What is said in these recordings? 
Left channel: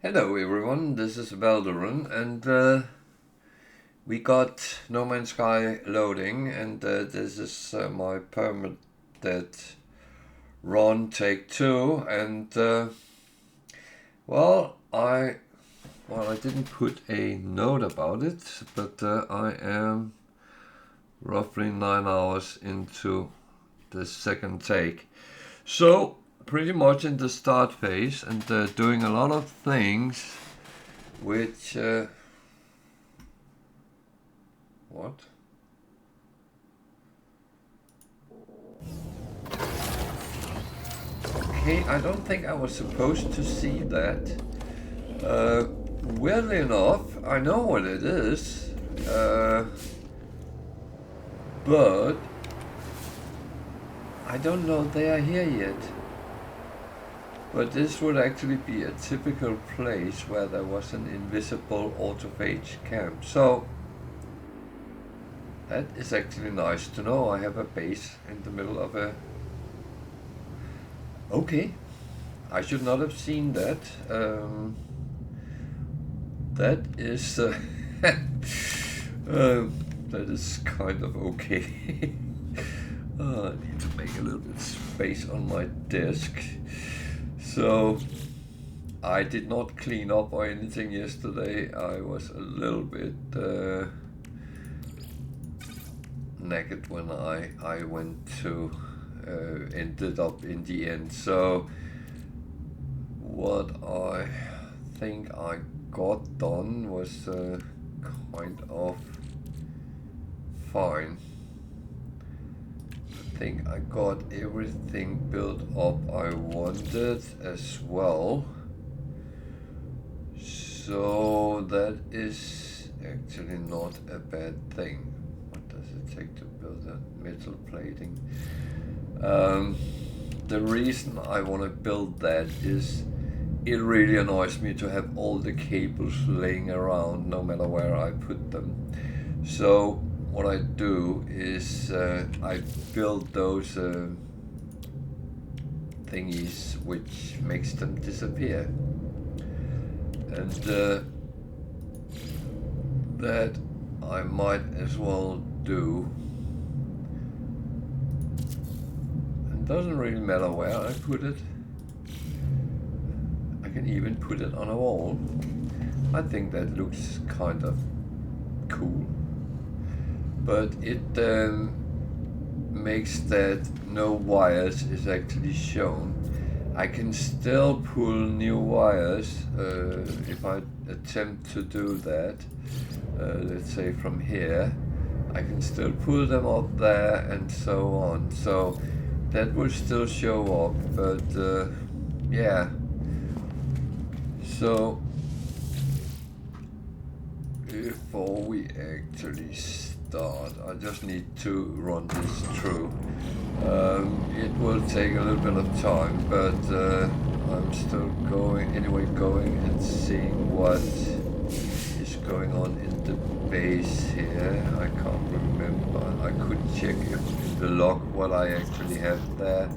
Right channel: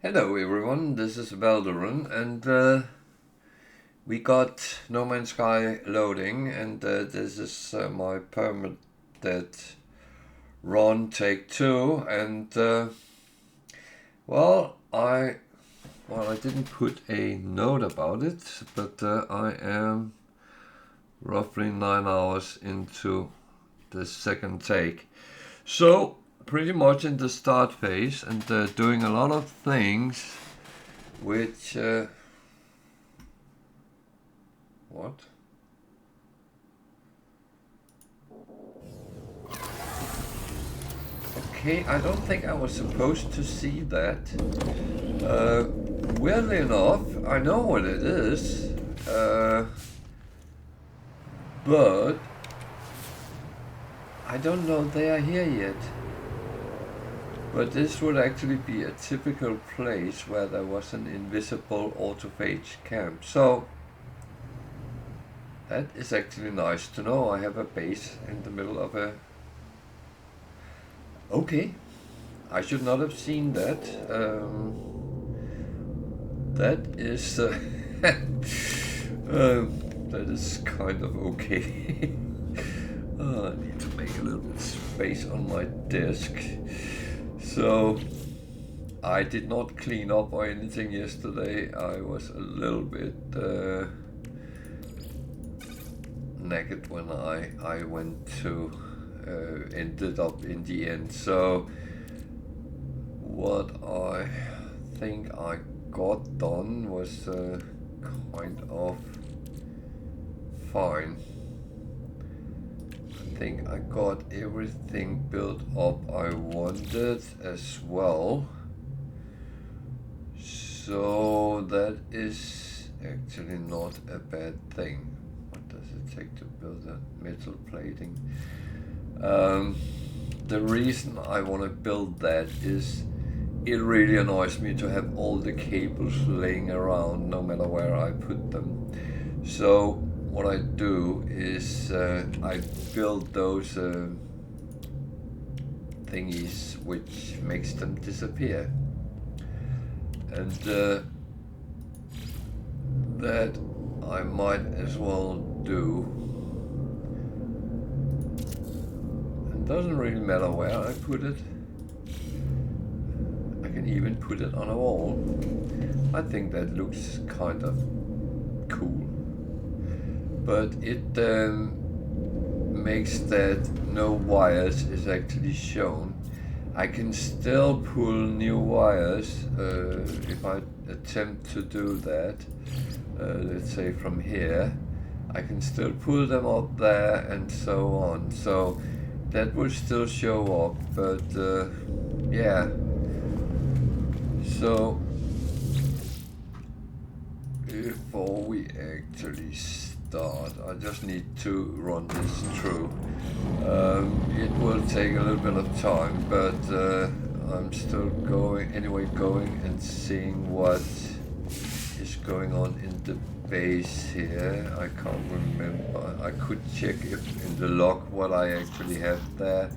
Hello everyone, this is Valderon, and we got No Man's Sky loading, and this is my Permadeath run take 2, and I didn't put a note about it, but I am roughly 9 hours into the second take. So pretty much in the start phase, and doing a lot of things which what? Okay, I don't think I was supposed to see that. Weirdly enough, I know what it is, but I don't know they are here yet. But this would actually be a typical place where there was an invisible autophage camp. So that is actually nice to know. I have a base in the middle of a... Okay, I should not have seen that. That is... that is kind of okay. I need to make a little bit of space on my desk. So, I did not clean up or anything yesterday. I was a little bit naked when I went to ended up in the end. So, what I think I got done was kind of fine. I think I got everything built up I wanted as well. So that is actually not a bad thing. What does it take to build a metal plating? The reason I want to build that is it really annoys me to have all the cables laying around no matter where I put them. So what I do is I build those thingies which makes them disappear, and that I might as well do. It doesn't really matter where I put it. I can even put it on a wall. I think that looks kind of cool. But it makes that no wires is actually shown. I can still pull new wires if I attempt to do that. Let's say from here, I can still pull them up there and so on. So that will still show up, but yeah. So before we actually start, I just need to run this through. It will take a little bit of time, but I'm still going and seeing what is going on in the base here. I can't remember. I could check if in the log what I actually have there,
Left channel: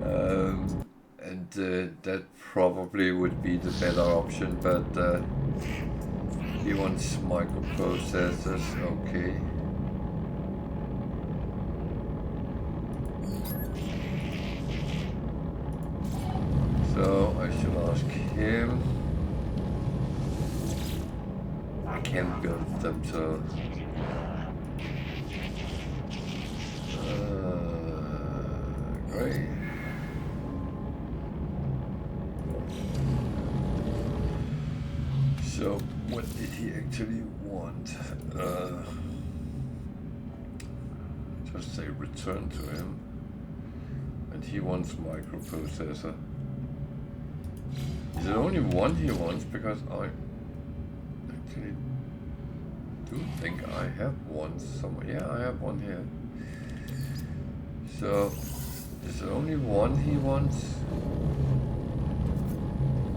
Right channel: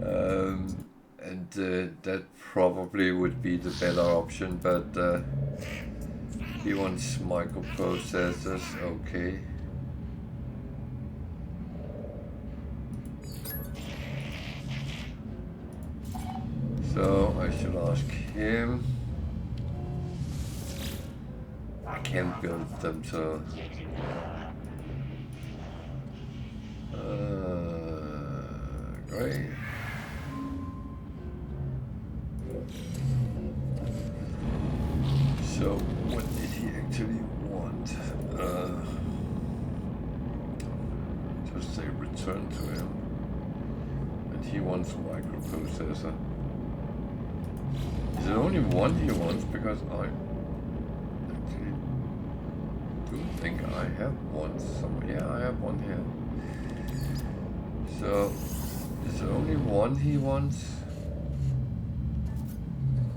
and that probably would be the better option, but he wants microprocessors. Okay. So I should ask him. I can't build them, so great. So what did he actually want? Just say return to him, and he wants microprocessor. Is there only one he wants? Because I actually do think I have one somewhere. Yeah, I have one here. So is there only one he wants?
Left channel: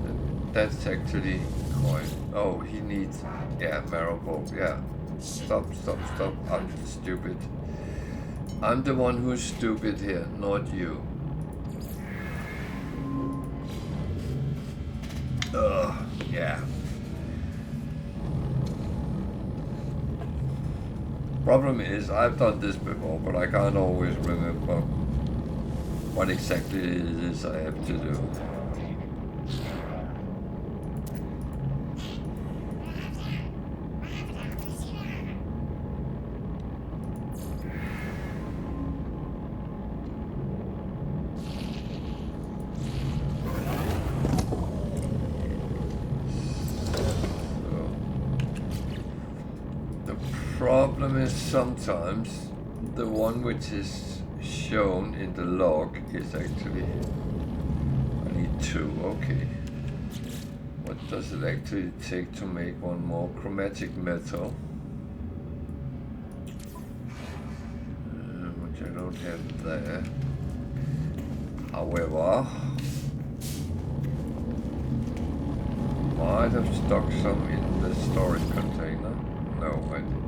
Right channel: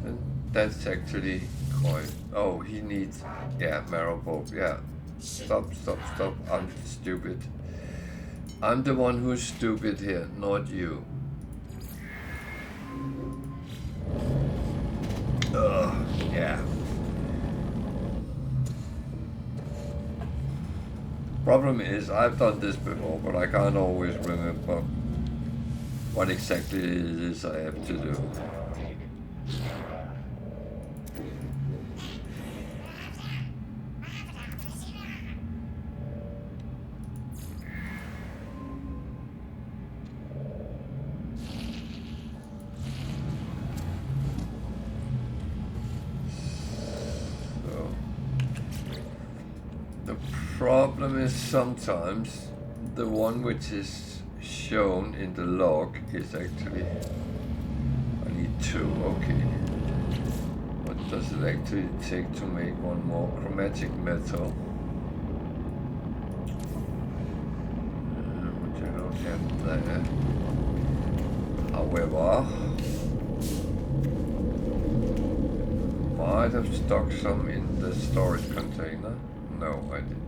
And that's actually quite... Oh, he needs... Yeah, marrow bulb. Yeah. Stop. I'm stupid. I'm the one who's stupid here, not you. Ugh. Yeah. Problem is, I've done this before, but I can't always remember what exactly it is I have to do. Problem is sometimes the one which is shown in the log is actually, I need 2, okay. What does it actually take to make one more chromatic metal? Which I don't have there. However, might have stuck some in the storage container. No, I didn't.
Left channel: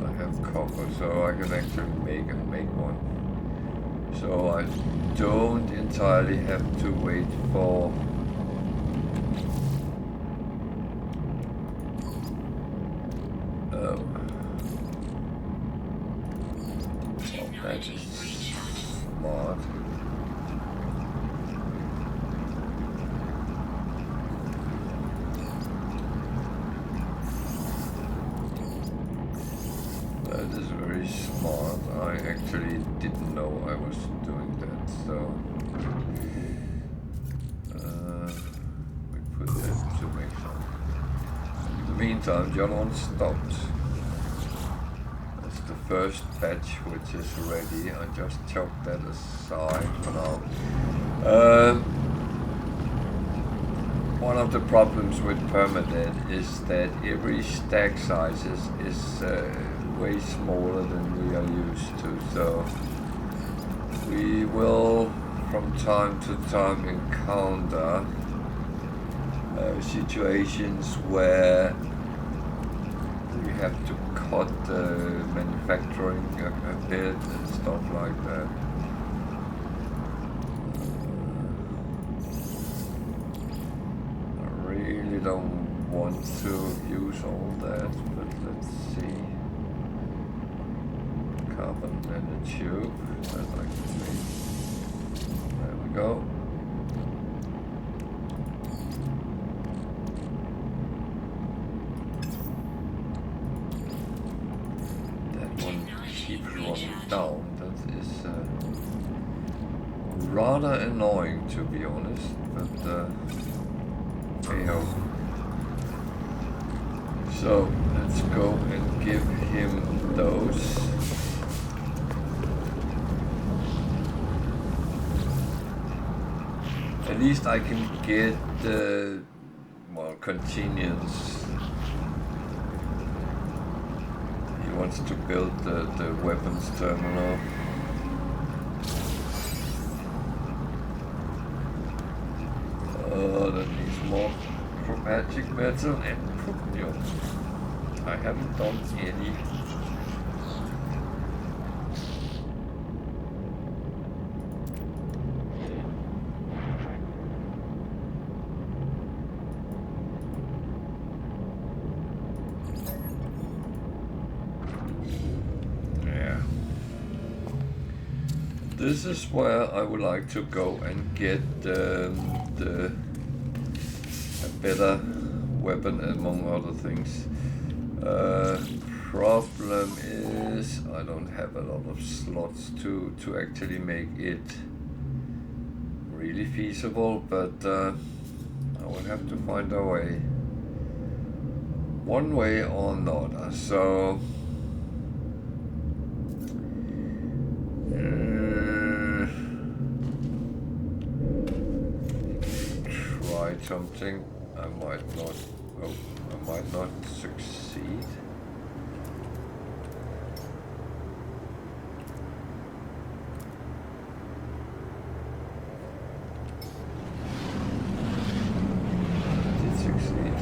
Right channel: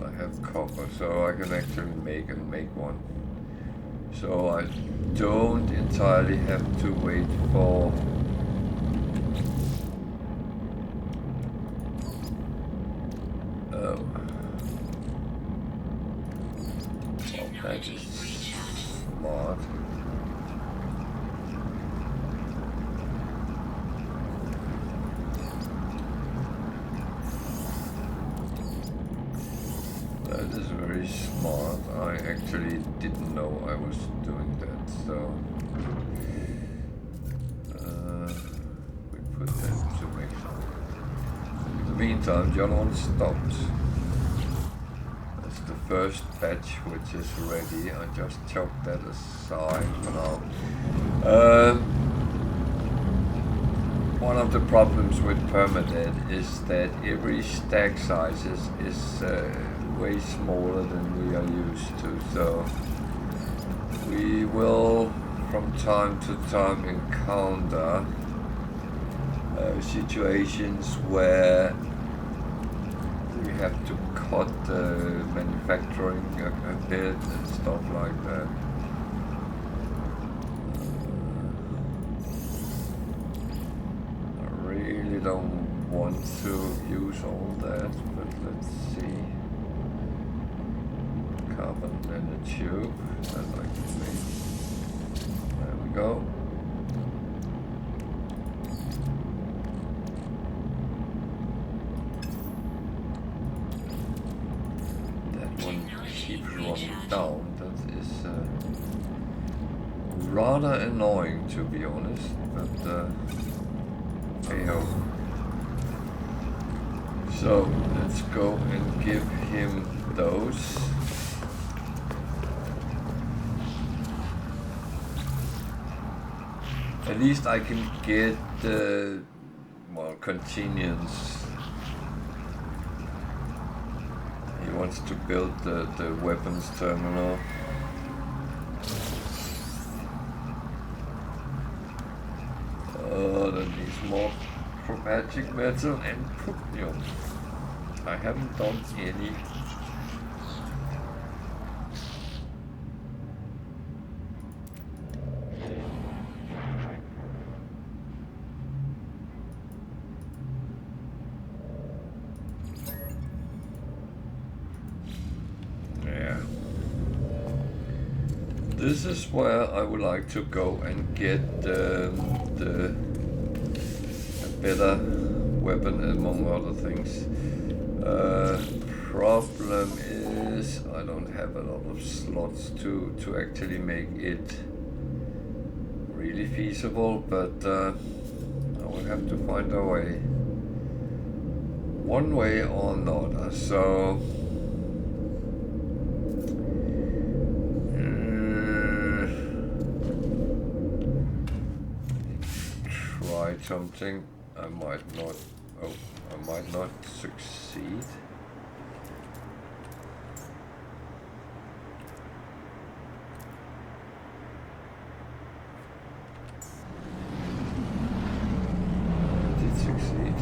I have copper, so I can actually make one. So I don't entirely have to wait for that is smart. That is very smart. I actually didn't know I was doing that, so we put that to make some. In the meantime, the other one stopped. That's the first batch which is ready. I just chucked that aside for now. One of the problems with Permadeath is that every stack size is way smaller than we are used to, so we will from time to time encounter situations where we have to cut the manufacturing a bit and stuff like that. I really don't want to use all that, but let's see. Carbon nanotube that I can make. There we go. That one keeps running down. That is rather annoying, to be honest, but hey ho. So let's go and give him those. At least I can get the, well, convenience. He wants to build the weapons terminal. Oh, that needs more chromatic metal and chromium. I haven't done any. This is where I would like to go and get a better weapon, among other things. Problem is I don't have a lot of slots to actually make it really feasible, but I will have to find a way, one way or another. So something. I might not succeed. I did succeed.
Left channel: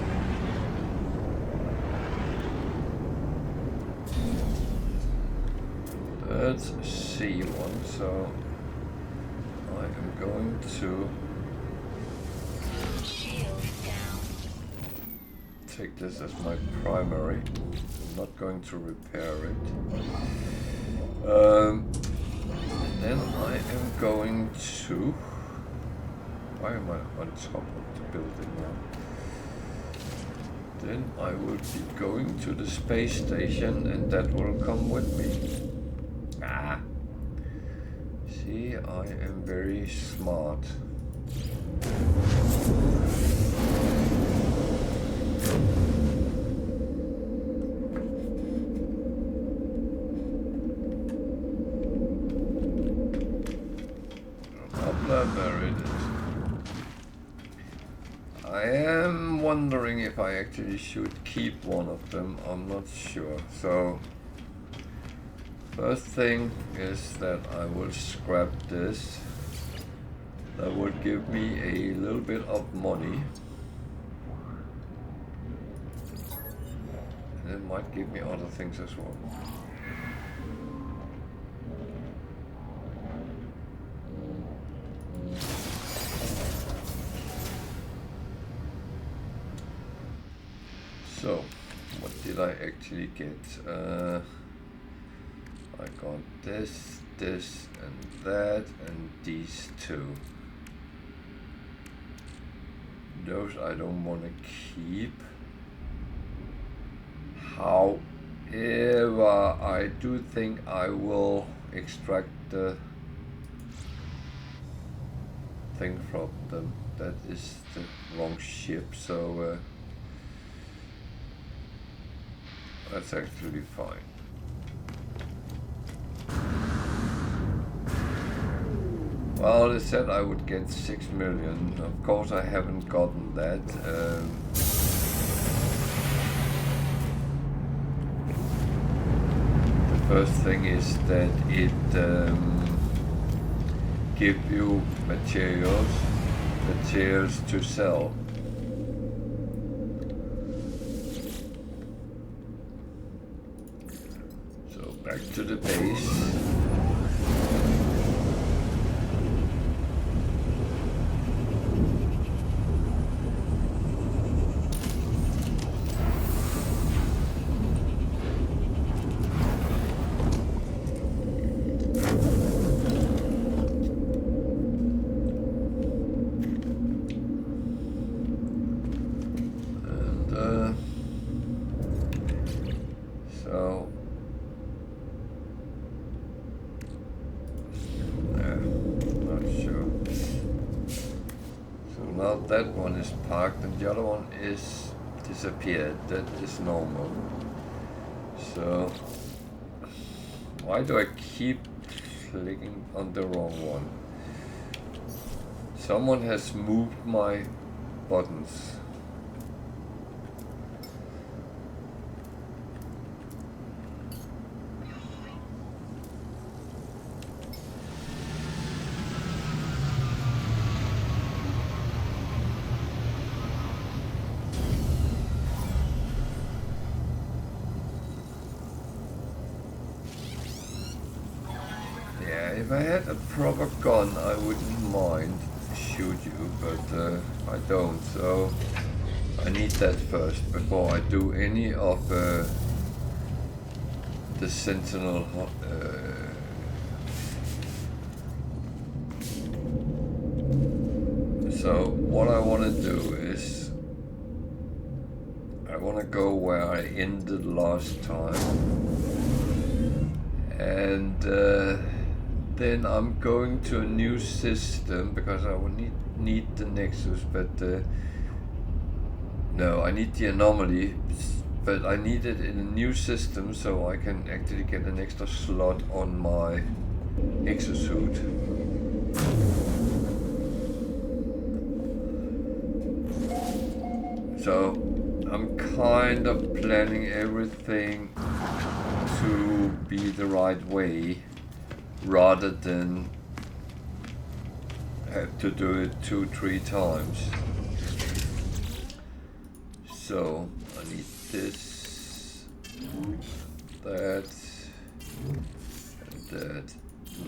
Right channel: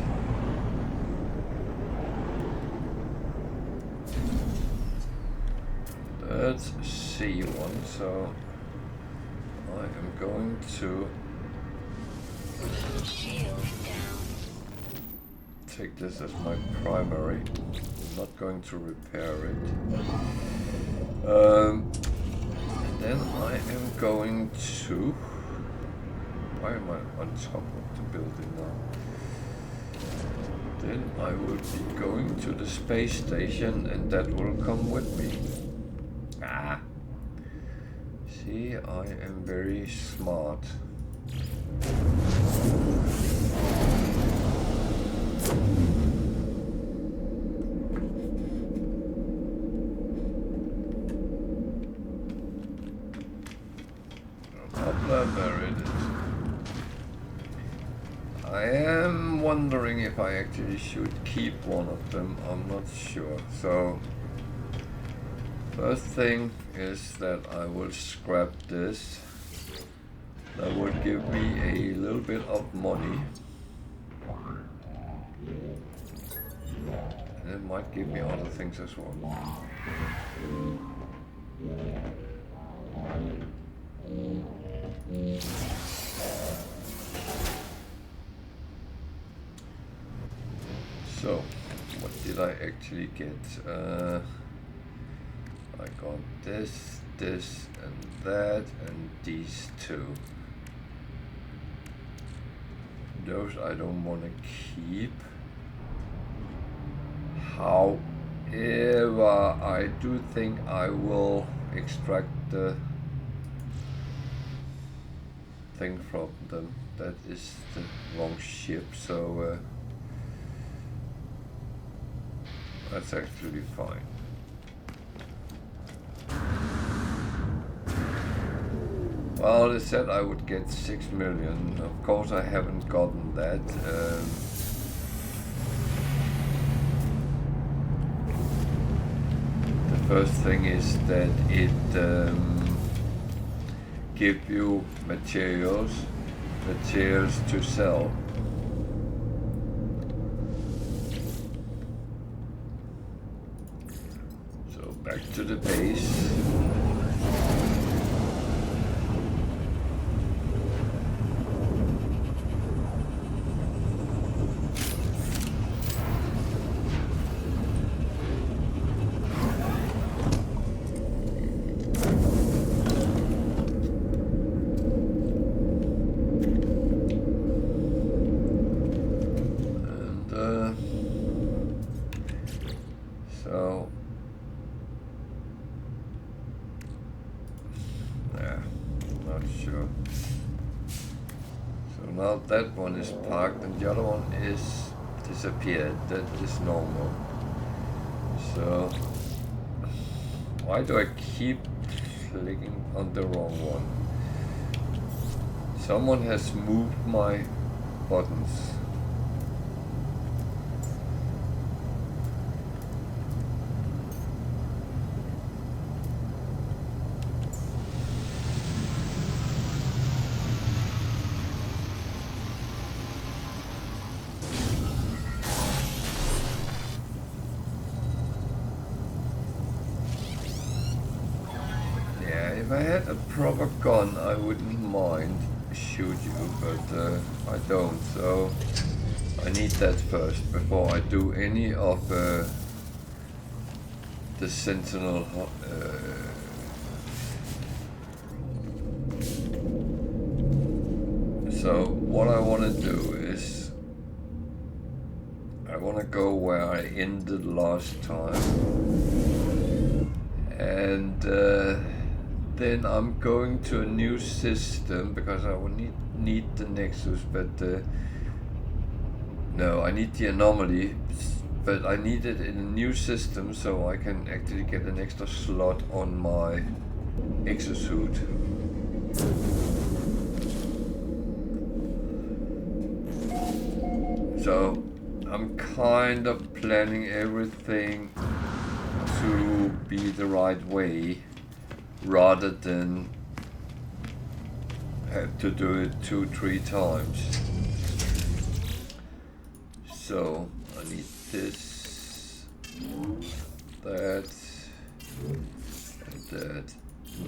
That's C1, so I am going to take this as my primary. I'm not going to repair it. And then I am going to... Why am I on top of the building now? Then I will be going to the space station and that will come with me. Ah! See, I am very smart. There it is. I am wondering if I actually should keep one of them. I'm not sure. So first thing is that I will scrap this. That would give me a little bit of money. And it might give me other things as well. So, what did I actually get? I got this, this, and that, and these two. Those I don't want to keep. However, I do think I will extract the thing from them. That is the wrong ship, so that's actually fine. Well, they said I would get 6 million. Of course, I haven't gotten that. The first thing is that it gives you materials to sell. So back to the base. That one is parked and the other one is disappeared. That is normal. So why do I keep clicking on the wrong one? Someone has moved my buttons. If I had a proper gun, I wouldn't mind shoot you, but I don't. So I need that first before I do any of the Sentinel. So what I want to do is I want to go where I ended last time, and then I'm going to a new system because I will need the Nexus, but no, I need the anomaly, but I need it in a new system so I can actually get an extra slot on my exosuit. So I'm kind of planning everything to be the right way, rather than have to do it 2-3 times. So I need this, that, and that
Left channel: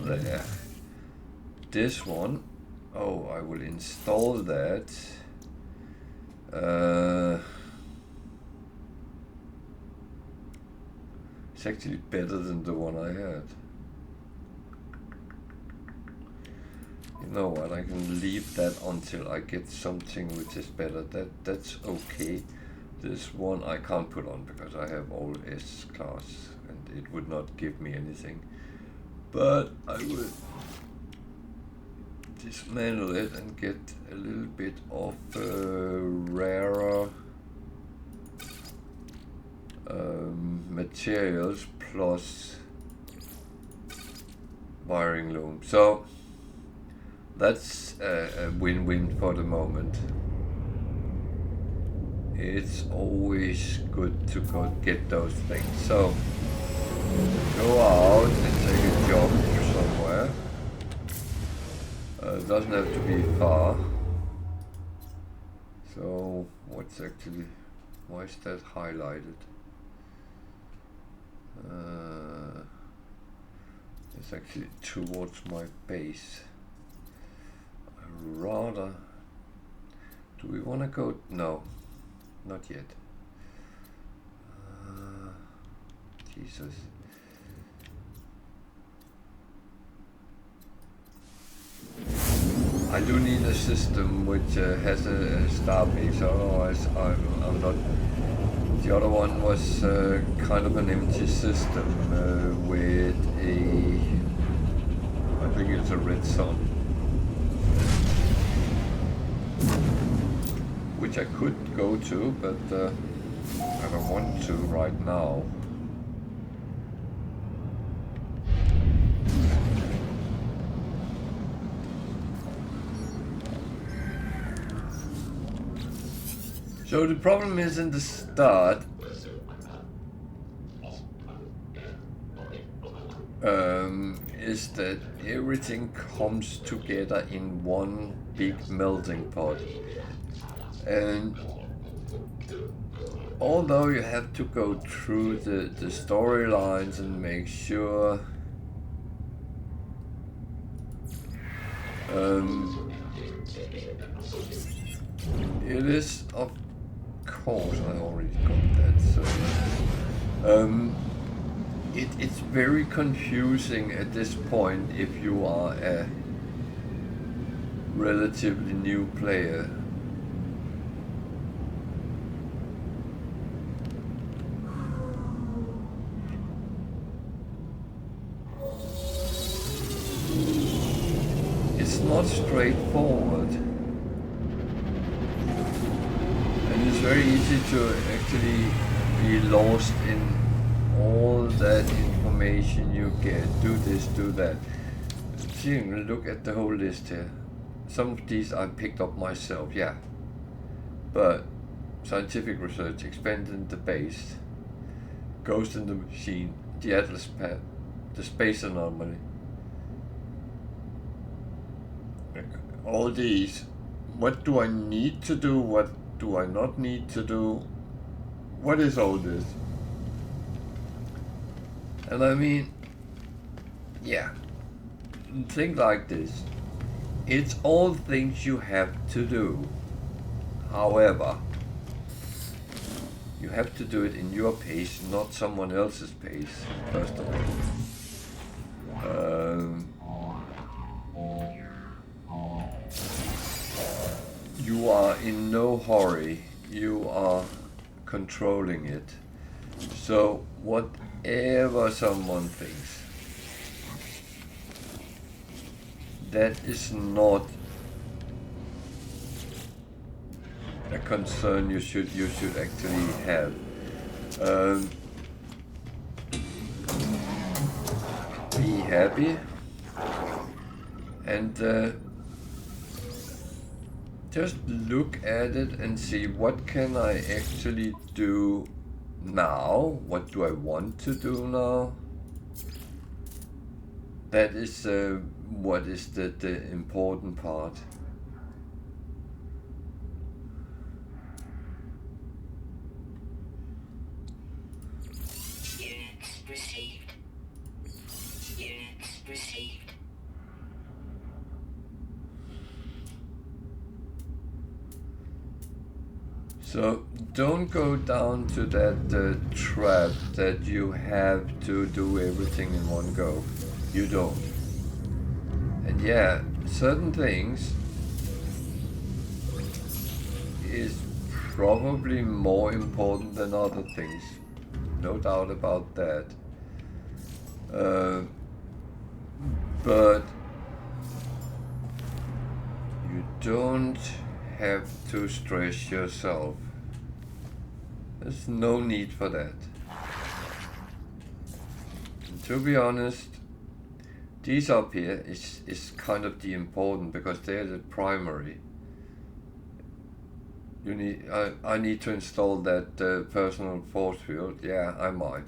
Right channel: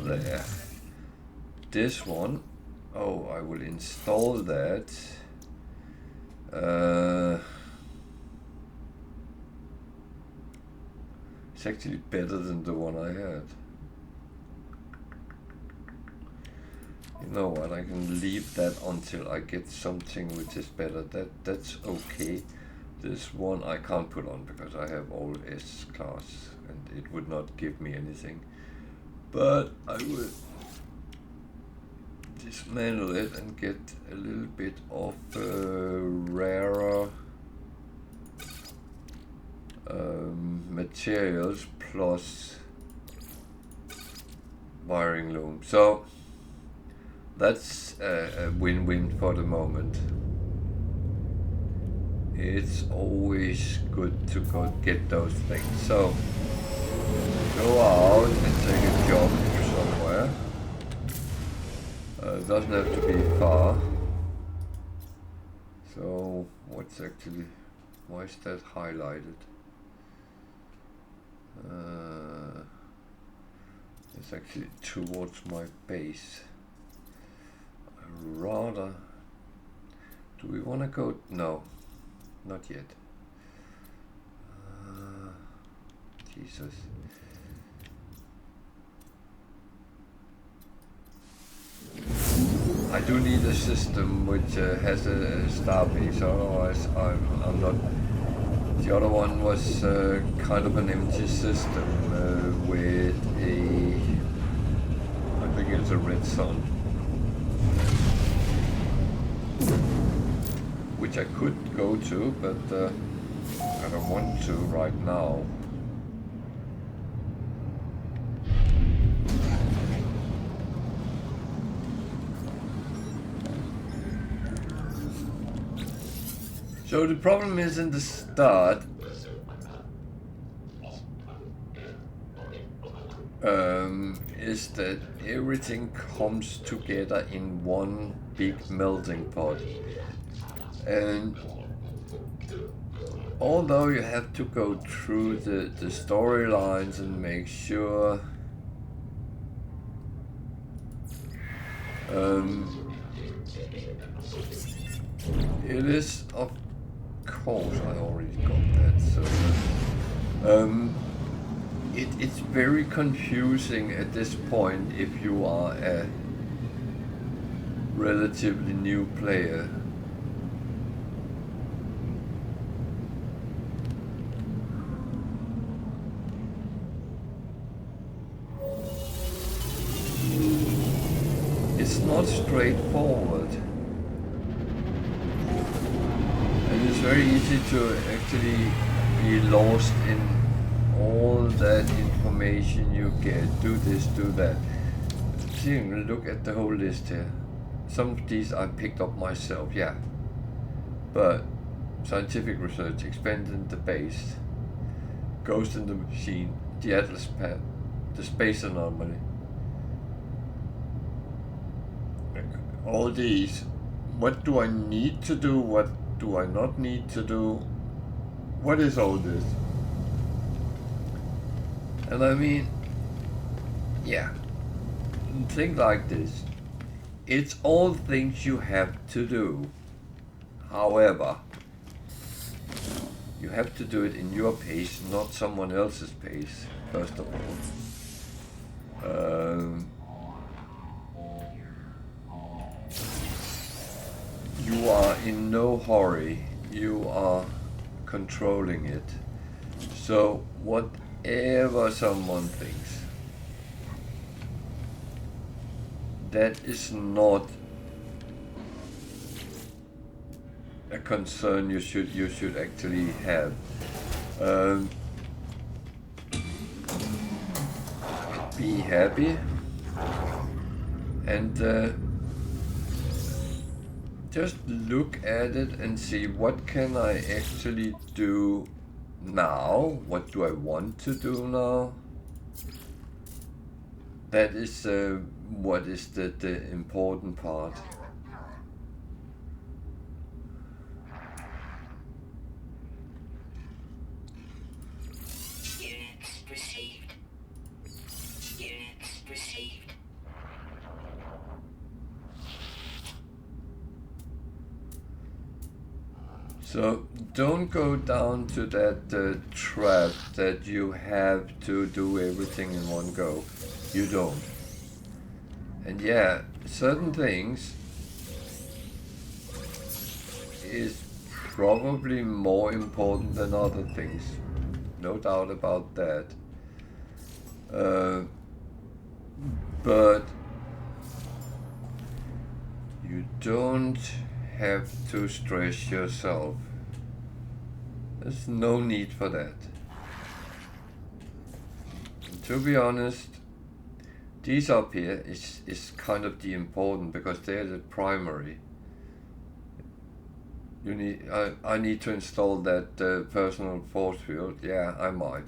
there. This one, oh, I will install that. It's actually better than the one I had. You know what, I can leave that until I get something which is better. That's okay. This one I can't put on because I have all S class and it would not give me anything. But I will dismantle it and get a little bit of rarer materials plus wiring loom. So that's a win-win for the moment. It's always good to go get those things. So go out and take a job somewhere. It doesn't have to be far. So what's actually, why is that highlighted? It's actually towards my base. Rather, do we want to go? No, not yet. Jesus. I do need a system which has a star base, otherwise I'm not. The other one was kind of an empty system with a, I think it's a red sun, which I could go to, but I don't want to right now. So the problem is in the start, is that everything comes together in one big melting pot. And although you have to go through the storylines and make sure it is, of course, I already got that, so it's very confusing at this point if you are a relatively new player. It's not straightforward. And it's very easy to actually be lost in all that information you get. Do this, do that. See, look at the whole list here. Some of these I picked up myself, yeah. But scientific research, expanding the base, ghost in the machine, the Atlas pad, the space anomaly. All these, what do I need to do? What do I not need to do? What is all this? And I mean, yeah, think like this. It's all things you have to do. However, you have to do it in your pace, not someone else's pace, first of all. You are in no hurry, you are controlling it. So whatever someone thinks, that is not a concern you should actually have. Be happy and just look at it and see what can I actually do now, what do I want to do now. That is what is the important part. So don't go down to that trap that you have to do everything in one go. You don't. And yeah, certain things is probably more important than other things. No doubt about that. But you don't have to stress yourself. There's no need for that. And to be honest, these up here is kind of the important, because they're the primary. You need. I need to install that personal force field. Yeah, I might.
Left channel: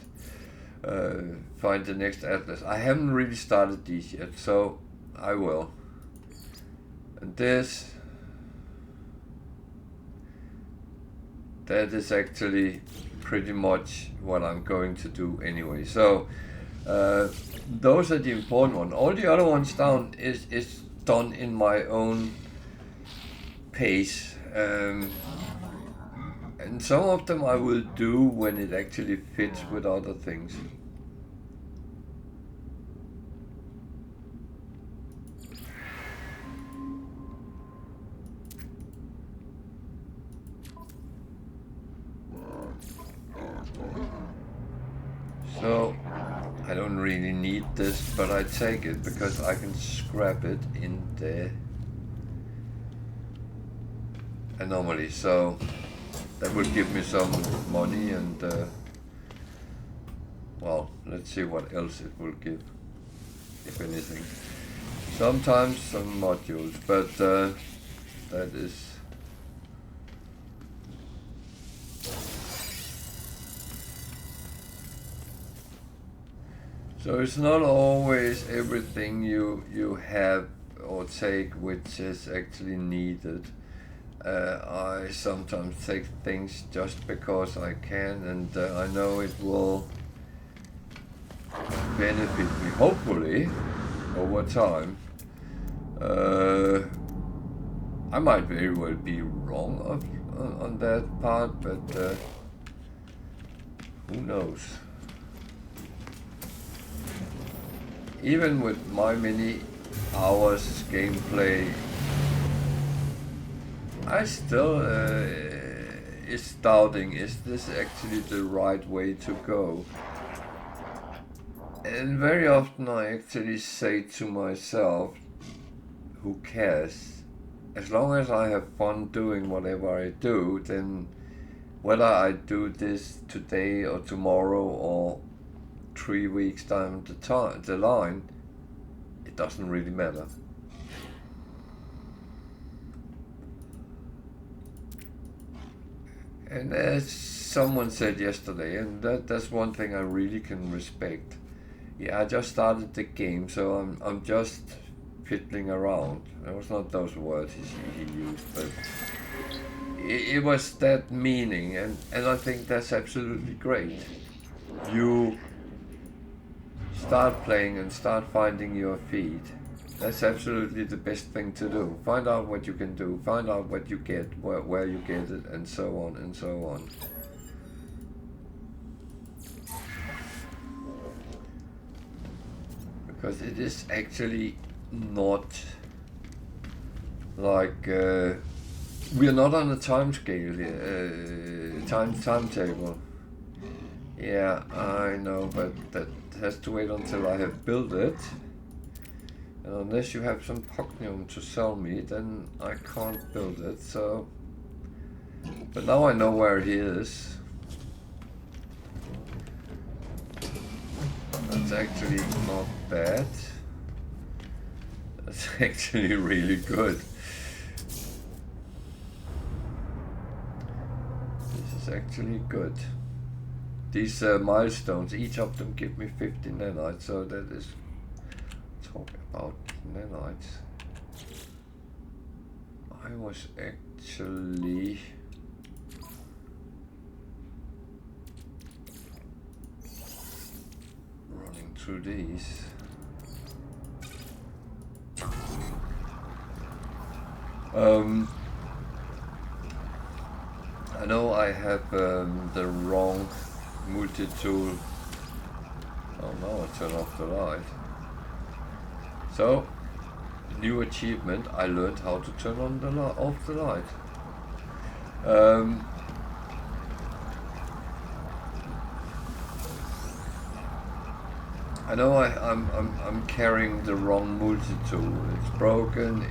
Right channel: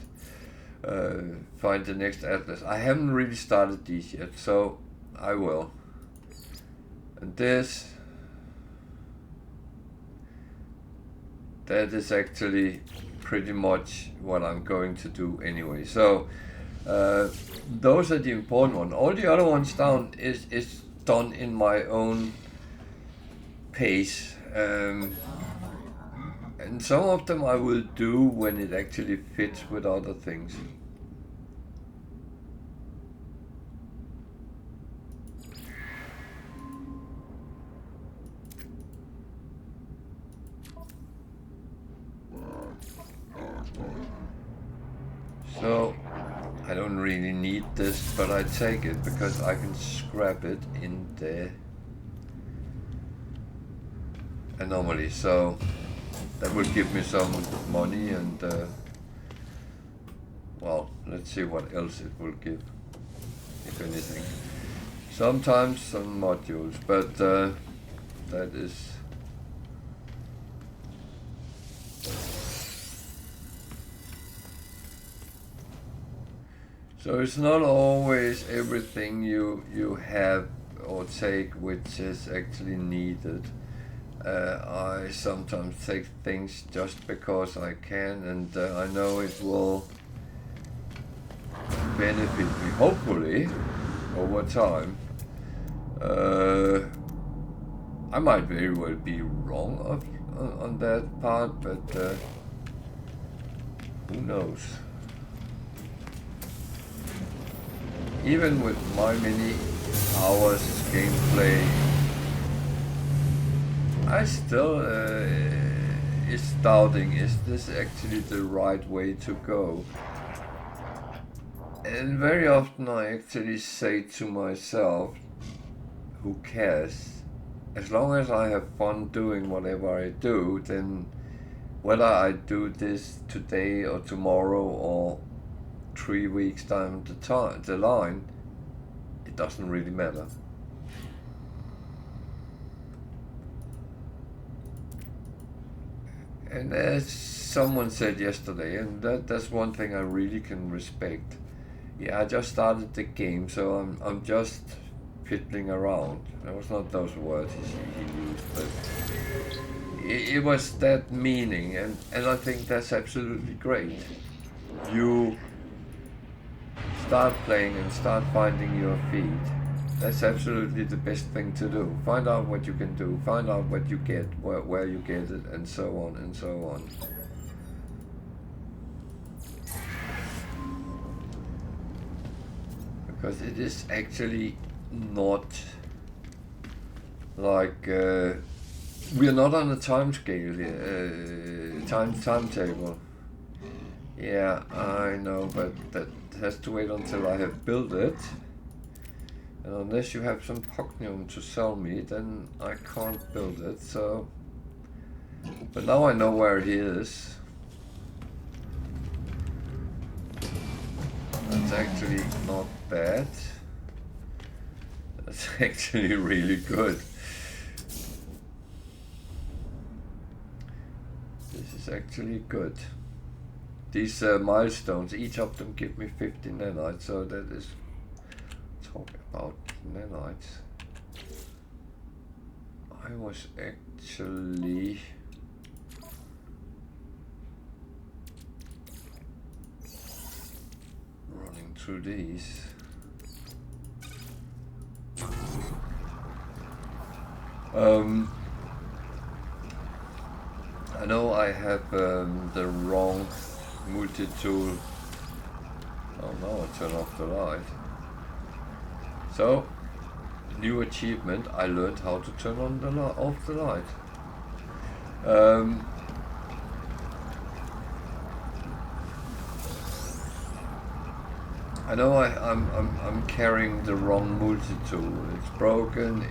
Find the next atlas. I haven't really started these yet, so I will. And this, that is actually pretty much what I'm going to do anyway. So those are the important ones. All the other ones down is done in my own pace. And some of them I will do when it actually fits with other things. So I don't really need this, but I take it because I can scrap it in the anomaly. So that will give me some money, and well, let's see what else it will give, if anything. Sometimes some modules, but that is... So it's not always everything you have or take which is actually needed. I sometimes take things just because I can, and I know it will benefit me, hopefully, over time. I might very well be wrong on that part, but who knows? Even with my many hours gameplay, I still is doubting, is this actually the right way to go? And very often I actually say to myself, who cares? As long as I have fun doing whatever I do, then whether I do this today or tomorrow or 3 weeks down the line, it doesn't really matter. And as someone said yesterday, and that's one thing I really can respect. Yeah, I just started the game, so I'm just fiddling around. It was not those words he used, but it was that meaning, and I think that's absolutely great. You start playing and start finding your feet. That's absolutely the best thing to do. Find out what you can do, find out what you get, where you get it, and so on and so on. Because it is actually not like we are not on a time scale here, timetable. Yeah, I know, but that has to wait until I have built it. And unless you have some Pocnium to sell me, then I can't build it, so... But now I know where he is. That's actually not bad. That's actually really good. This is actually good. These milestones, each of them give me 50 nanites, so that is... Talk about nanites. I was actually... running through these. I know I have the wrong multi-tool. Oh no, I turn off the light. So, new achievement, I learned how to turn on the off the light. I know I'm carrying the wrong multi-tool. It's broken.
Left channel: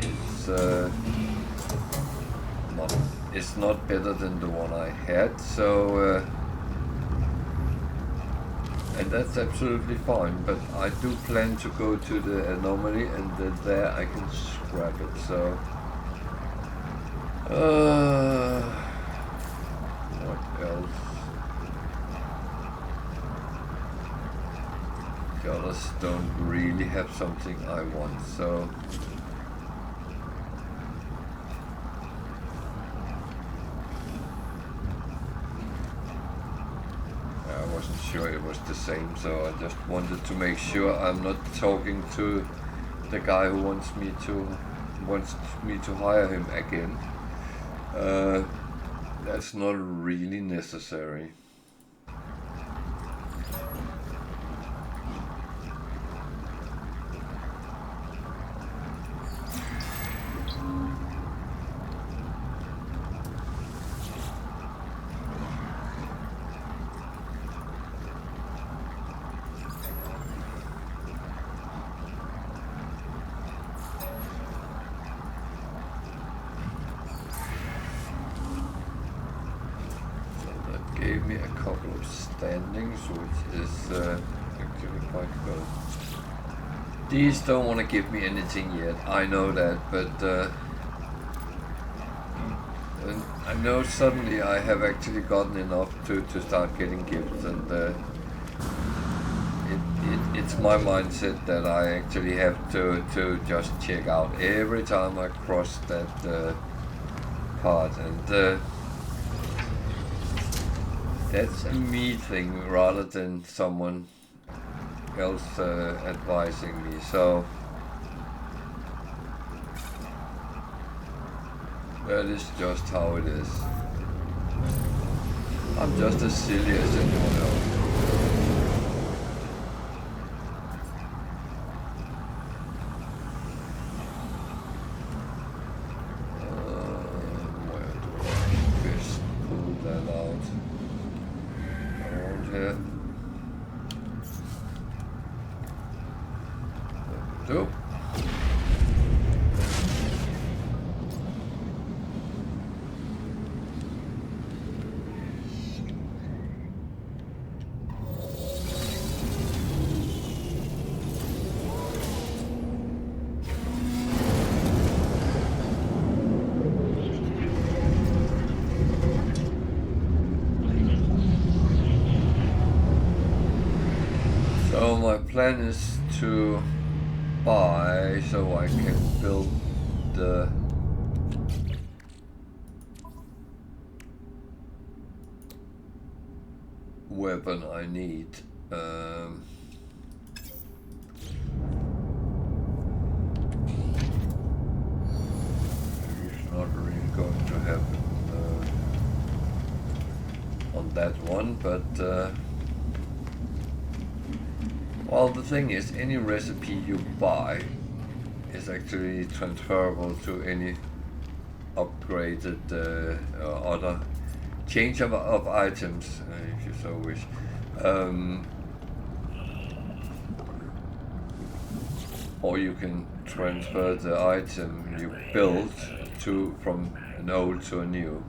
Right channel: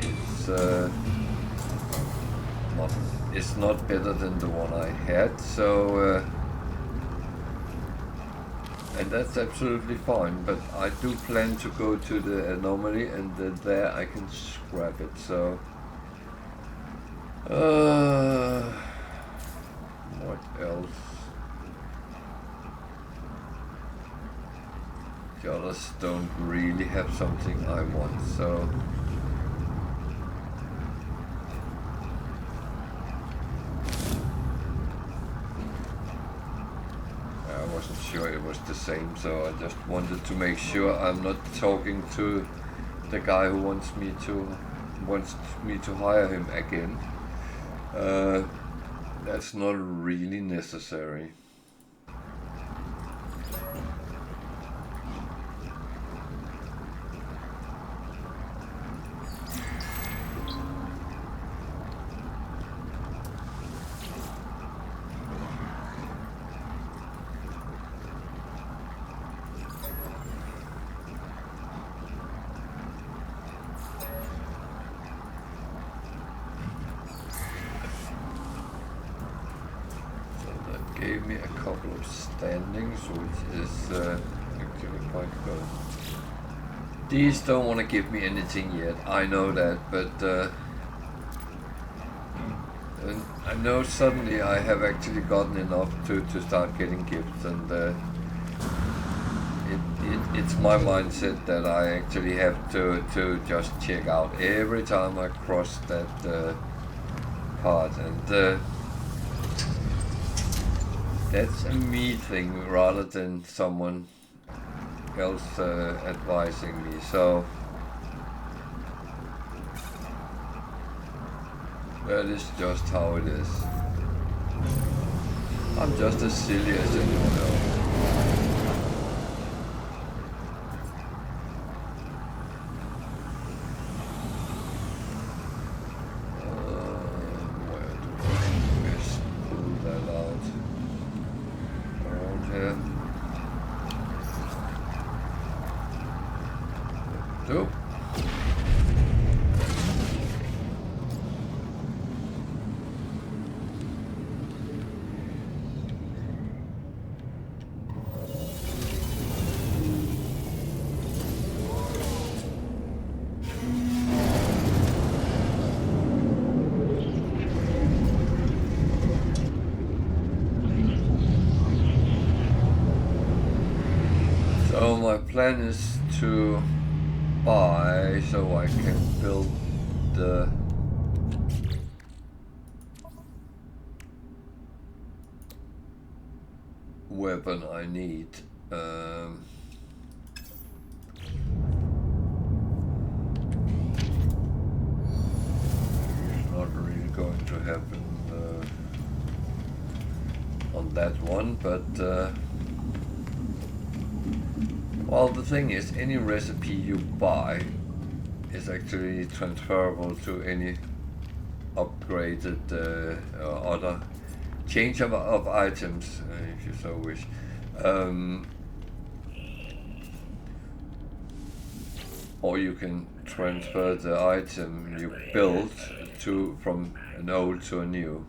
It's not better than the one I had. So and that's absolutely fine. But I do plan to go to the anomaly, and there I can scrap it. So what else? The others don't really have something I want, so I wasn't sure it was the same, so I just wanted to make sure I'm not talking to the guy who wants me to hire him again. That's not really necessary. Gave me a couple of standings, which is actually quite good. These don't want to give me anything yet, I know that, but I know suddenly I have actually gotten enough to start getting gifts, and it's my mindset that I actually have to just check out every time I cross that part, and that's a me thing rather than someone else advising me. So that is just how it is. I'm just as silly as anyone else. Where do I best pull that out? Around here. Do. So my plan is to buy so I can build the weapon I need. It's not really going to happen on that one, but well, the thing is, any recipe you buy is actually transferable to any upgraded other change of items, if you so wish. Or you can transfer the item you built from an old to a new.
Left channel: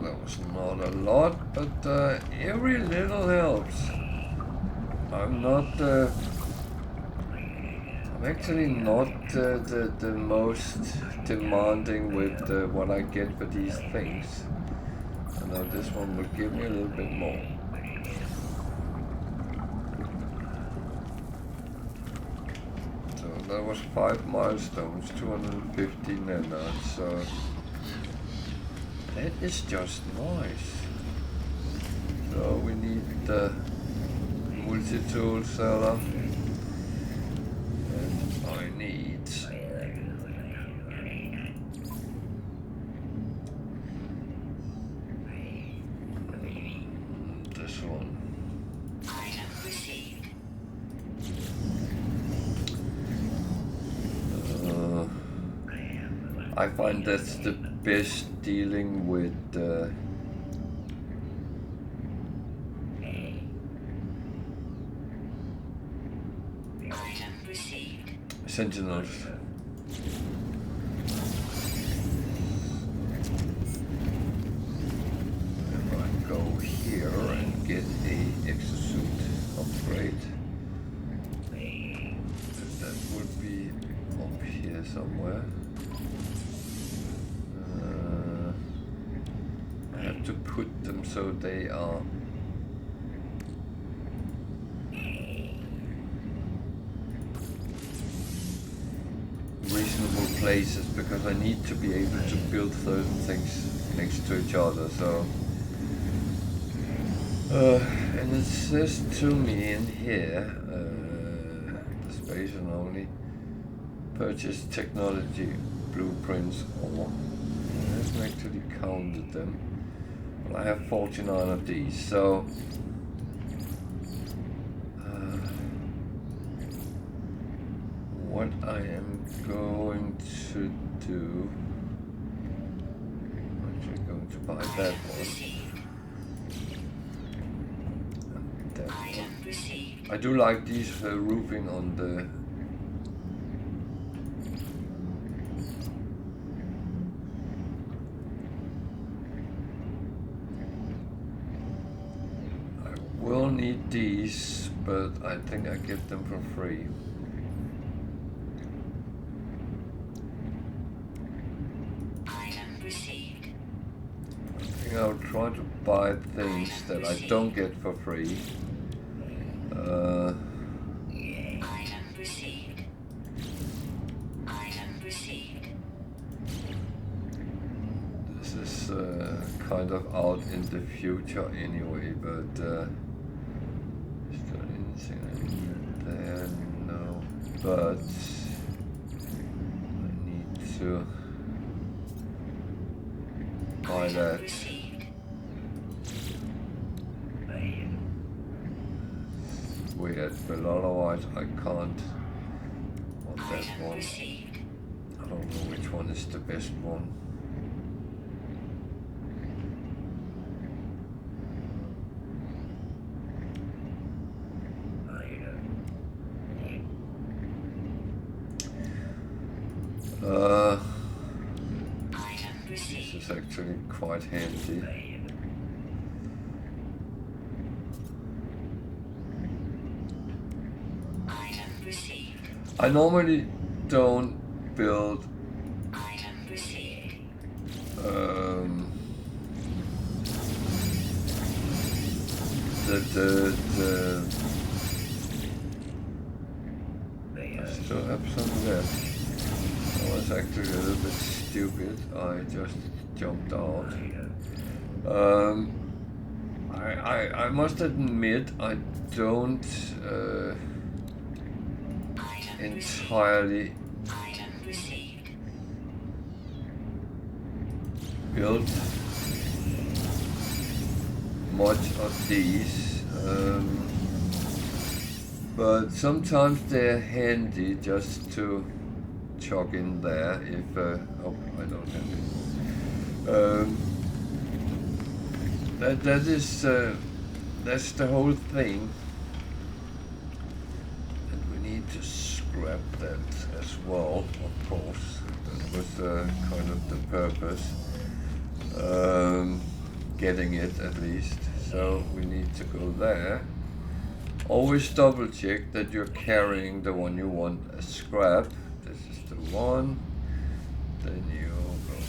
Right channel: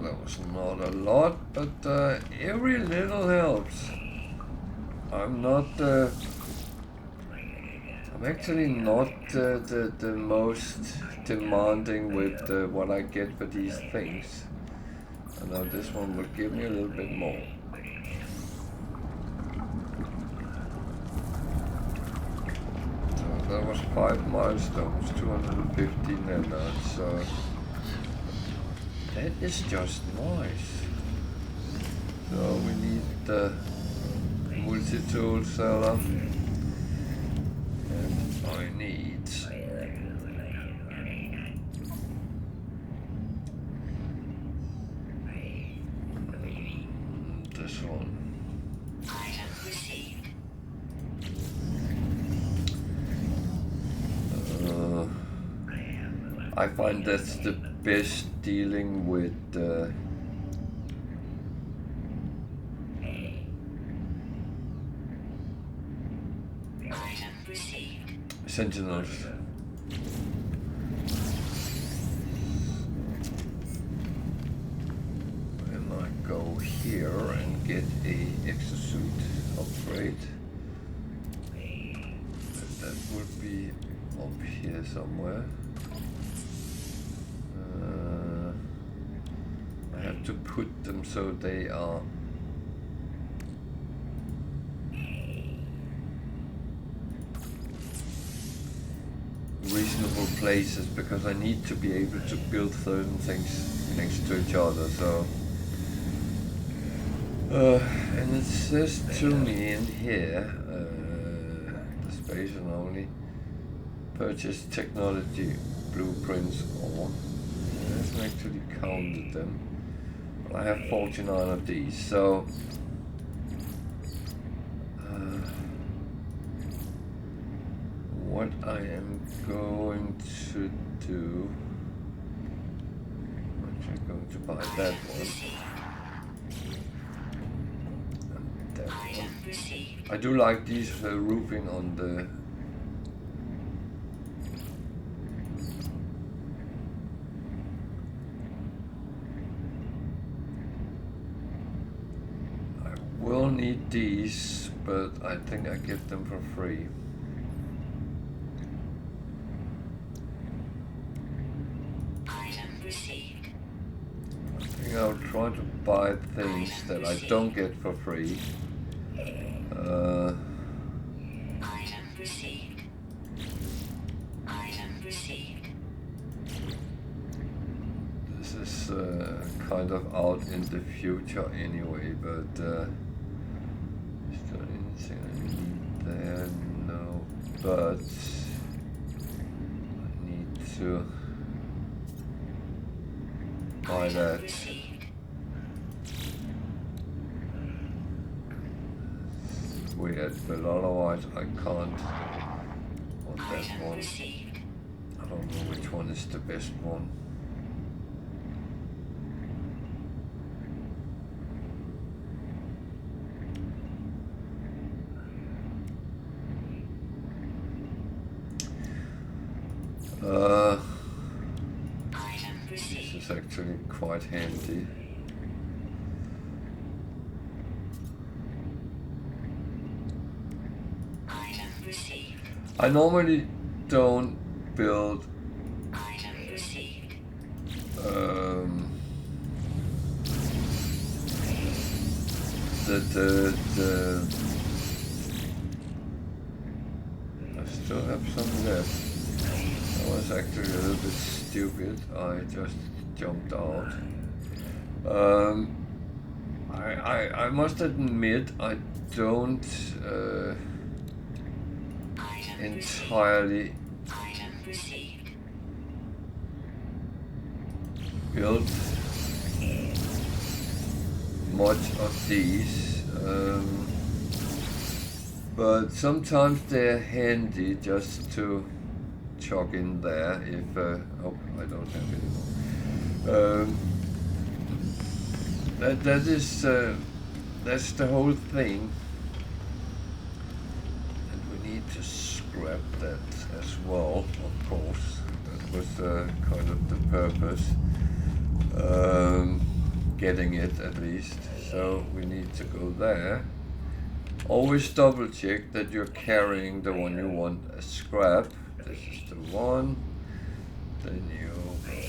That was not a lot, but every little helps. I'm actually not the most demanding with what I get for these things. I know this one will give me a little bit more. So that was 5 milestones, 250 nanites, so that is just nice. So we need the multi-tool seller. need this one. I find that's the best dealing with sentinels. And I go here and get a exosuit upgrade. That would be up here somewhere. I have to put them so they are reasonable places, because I need to be able to build certain things next to each other. So and it says to me in here the space and only purchase technology blueprints, or it hasn't actually counted them, but I have 49 of these. So what I am going to do, I'm actually going to buy that one and that one. I do like these roofing on the will need these, but I think I get them for free. I think I'll try to buy things that I don't get for free. This is kind of out in the future anyway, but is there anything I need there? No, but I need to buy that. Weird, but otherwise I can't want that one. I don't know which one is the best one. This is actually quite handy. I normally don't build I still have some left. I was actually a little bit stupid. I just jumped out. I must admit I don't entirely build much of these, but sometimes they're handy just to chuck in there if oh, I don't have any more. That's the whole thing, and we need to scrap that as well, of course. That was kind of the purpose, getting it at least. So we need to go there. Always double check that you're carrying the one you want as scrap. This is the one. Then you go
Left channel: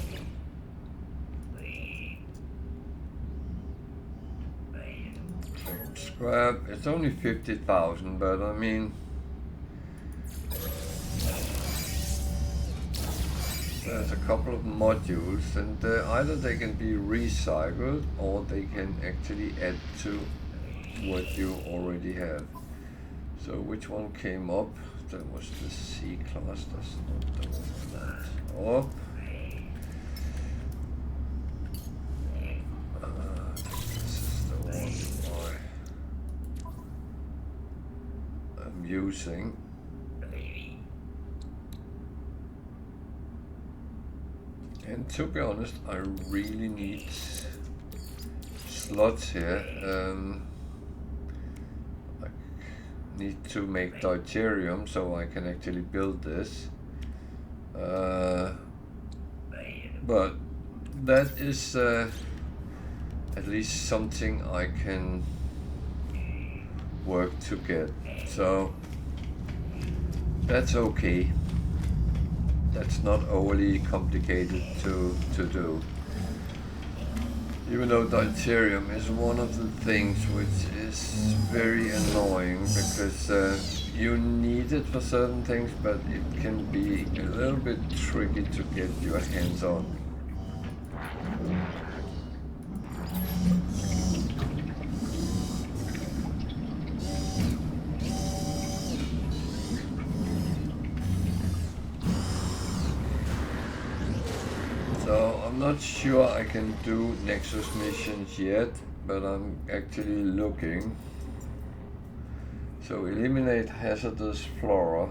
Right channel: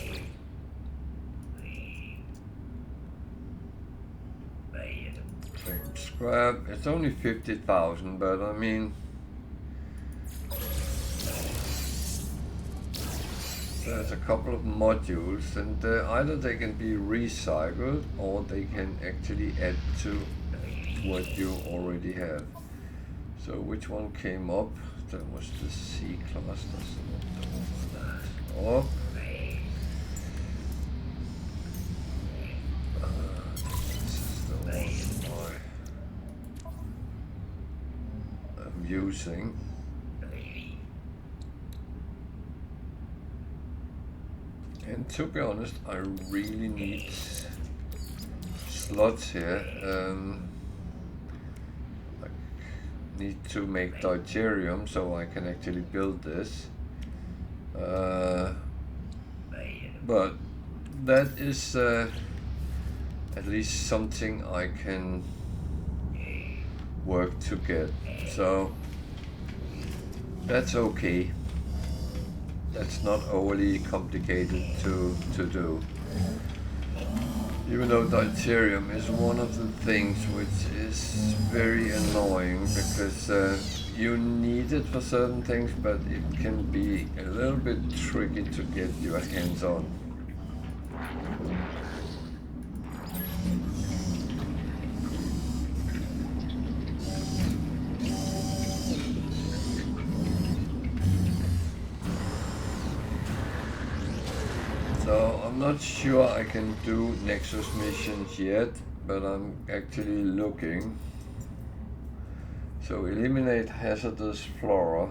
claim scrap. It's only 50,000, but I mean, there's a couple of modules, and either they can be recycled or they can actually add to what you already have. So which one came up? that was the C class, that's not the one I want. Oh. This is the one I'm using. And to be honest, I really need slots here. I need to make deuterium so I can actually build this. But that is at least something I can work to get. So that's okay. That's not overly complicated to do. Even though deuterium is one of the things which is very annoying because you need it for certain things, but it can be a little bit tricky to get your hands on. So I'm not sure I can do Nexus missions yet, but I'm actually looking. So eliminate hazardous flora.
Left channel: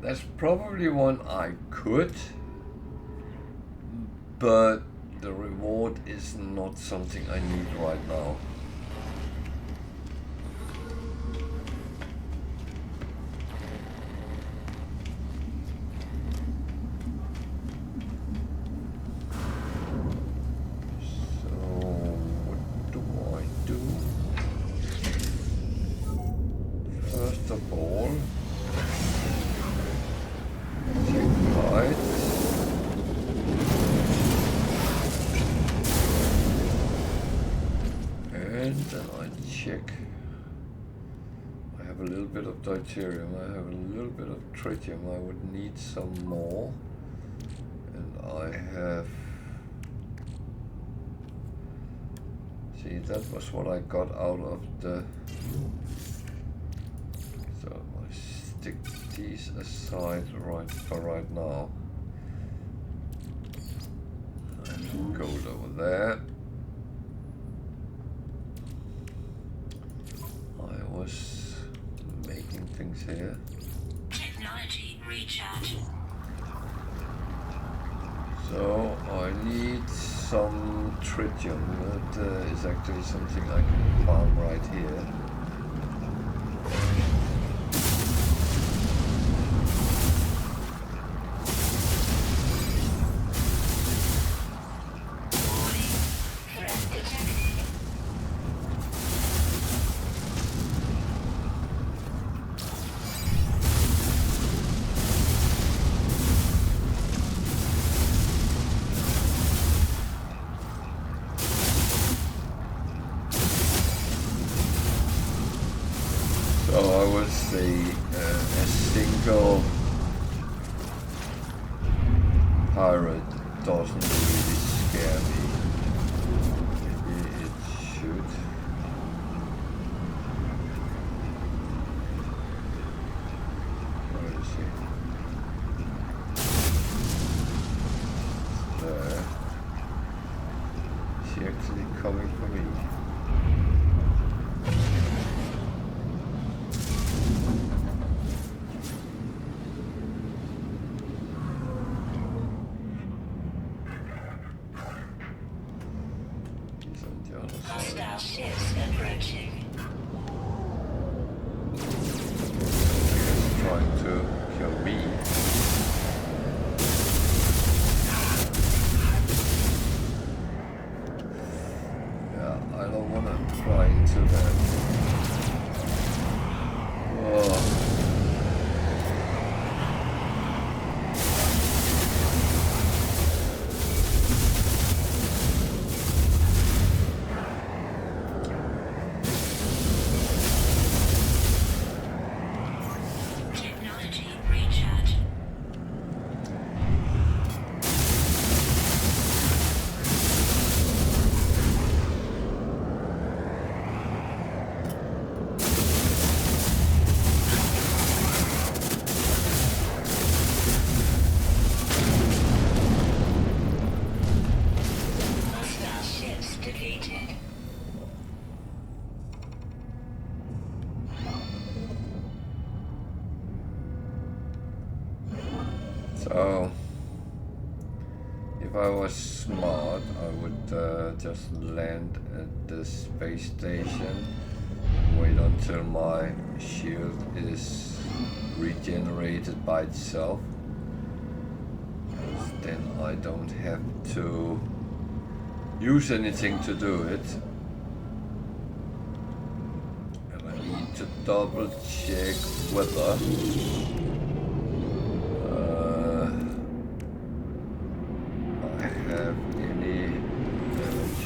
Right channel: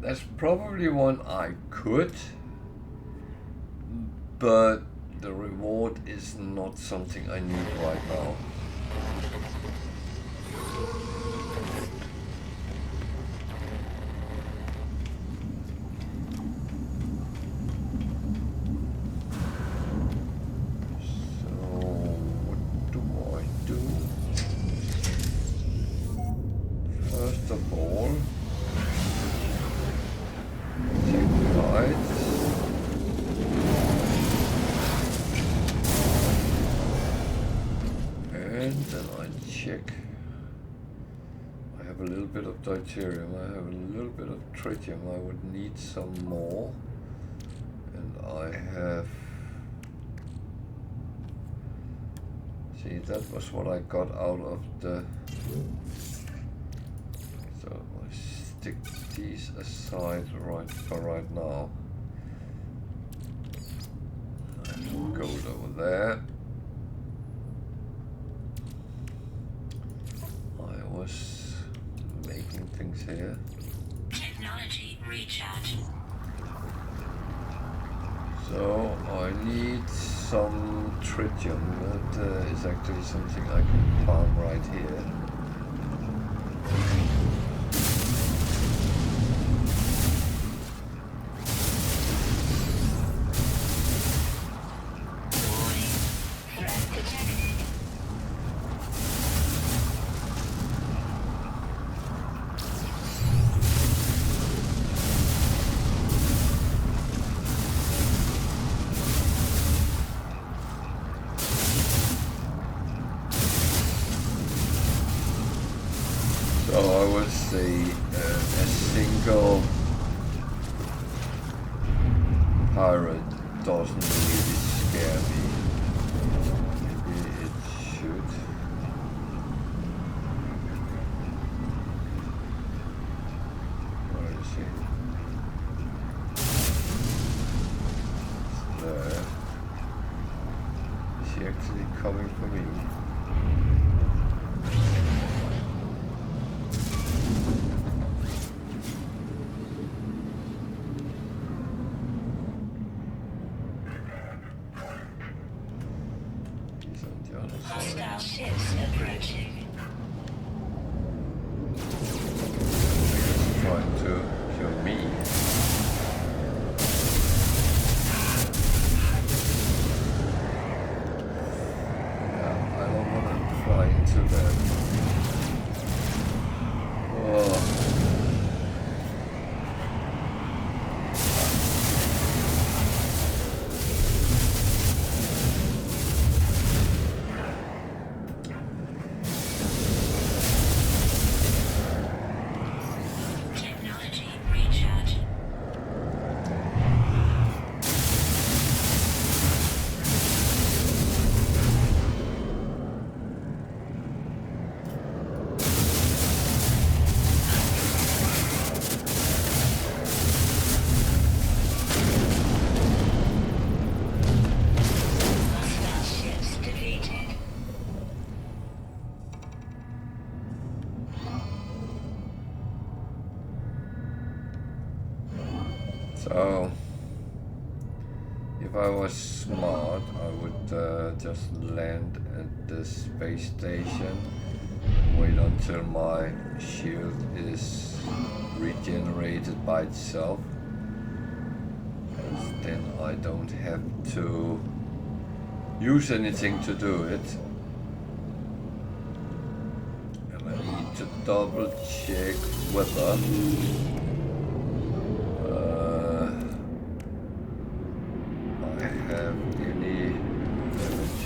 That's probably one I could, but the reward is not something I need right now. Deuterium. I have a little bit of tritium. I would need some more, and I have. See, that was what I got out of the. So I stick these aside right now. I have some gold over there. I was making things here. Technology recharge. So I need some tritium. That is actually something I can farm right here. So I would say a single pirate doesn't really scare me. Maybe it should. Where is he? It's there. Is he actually coming for me? So, if I was smart, I would just land at the space station and wait until my shield is regenerated by itself. Because then I don't have to use anything to do it. And I need to double check whether I have any damage.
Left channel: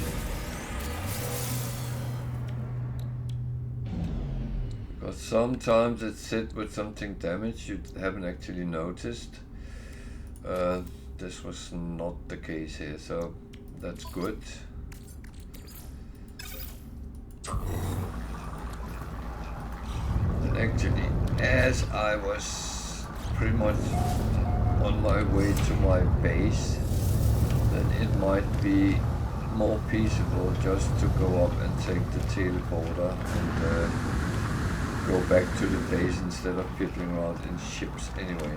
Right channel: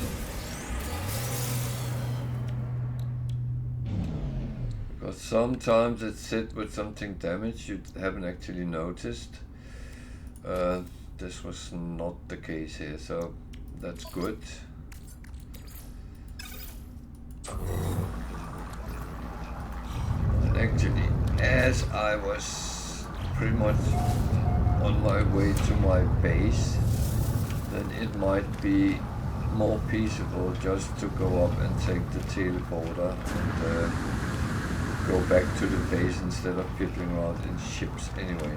Because sometimes it's hit with something damage you haven't actually noticed. This was not the case here, so that's good. And actually, as I was pretty much on my way to my base, then it might be more peaceable just to go up and take the teleporter and go back to the base instead of fiddling around in ships anyway.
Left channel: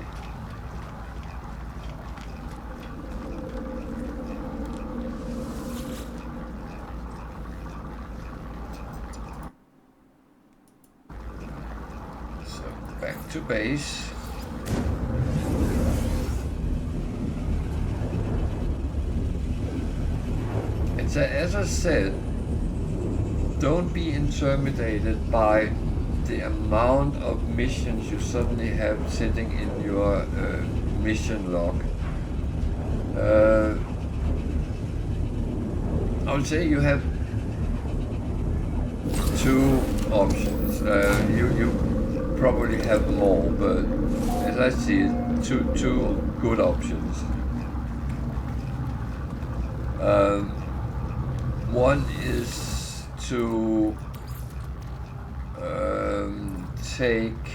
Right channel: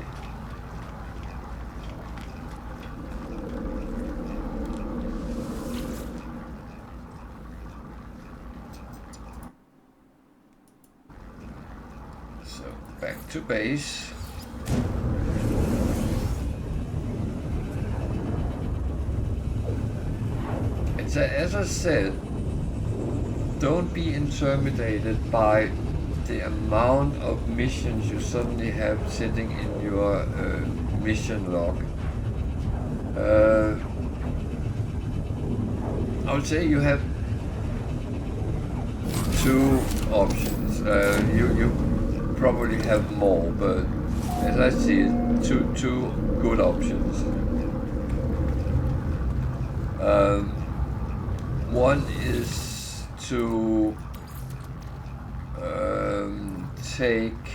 So back to base. And so, as I said, don't be intimidated by the amount of missions you suddenly have sitting in your mission log. I would say you have two options. You probably have more, but as I see it, two good options. One is to take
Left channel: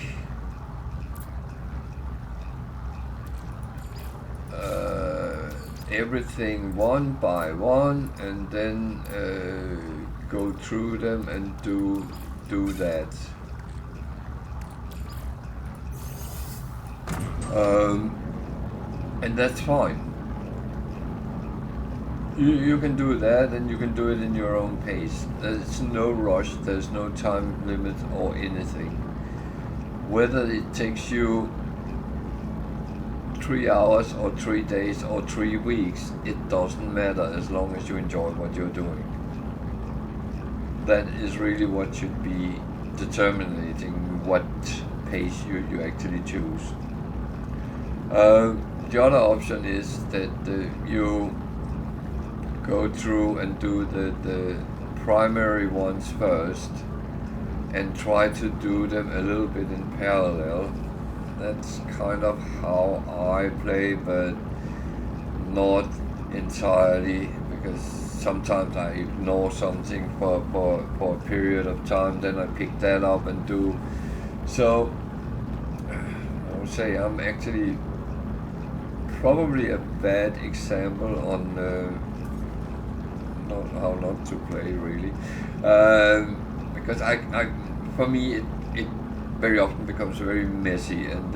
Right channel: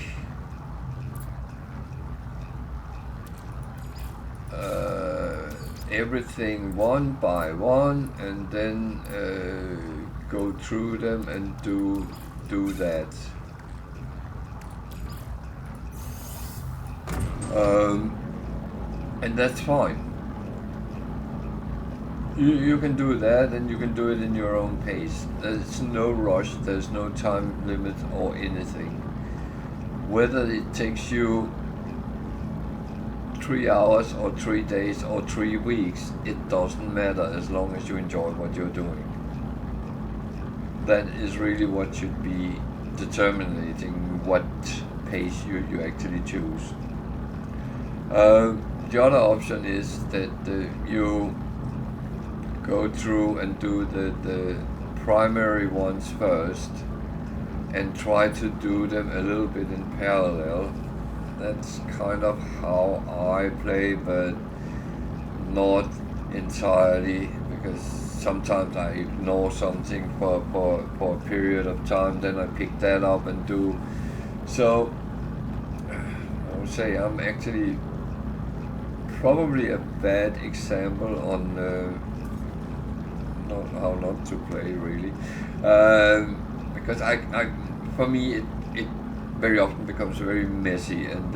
everything one by one and then go through them and do that. And that's fine. You can do that, and you can do it in your own pace. There's no rush, there's no time limit or anything. Whether it takes you 3 hours or 3 days or 3 weeks, it doesn't matter as long as you enjoy what you're doing. That is really what should be determining what pace you actually choose. The other option is that you go through and do the primary ones first and try to do them a little bit in parallel. That's kind of how I play, but not entirely, because sometimes I ignore something for a period of time, then I pick that up and do. So I would say I'm actually probably a bad example on how not to play, really, because I for me it very often becomes very messy, and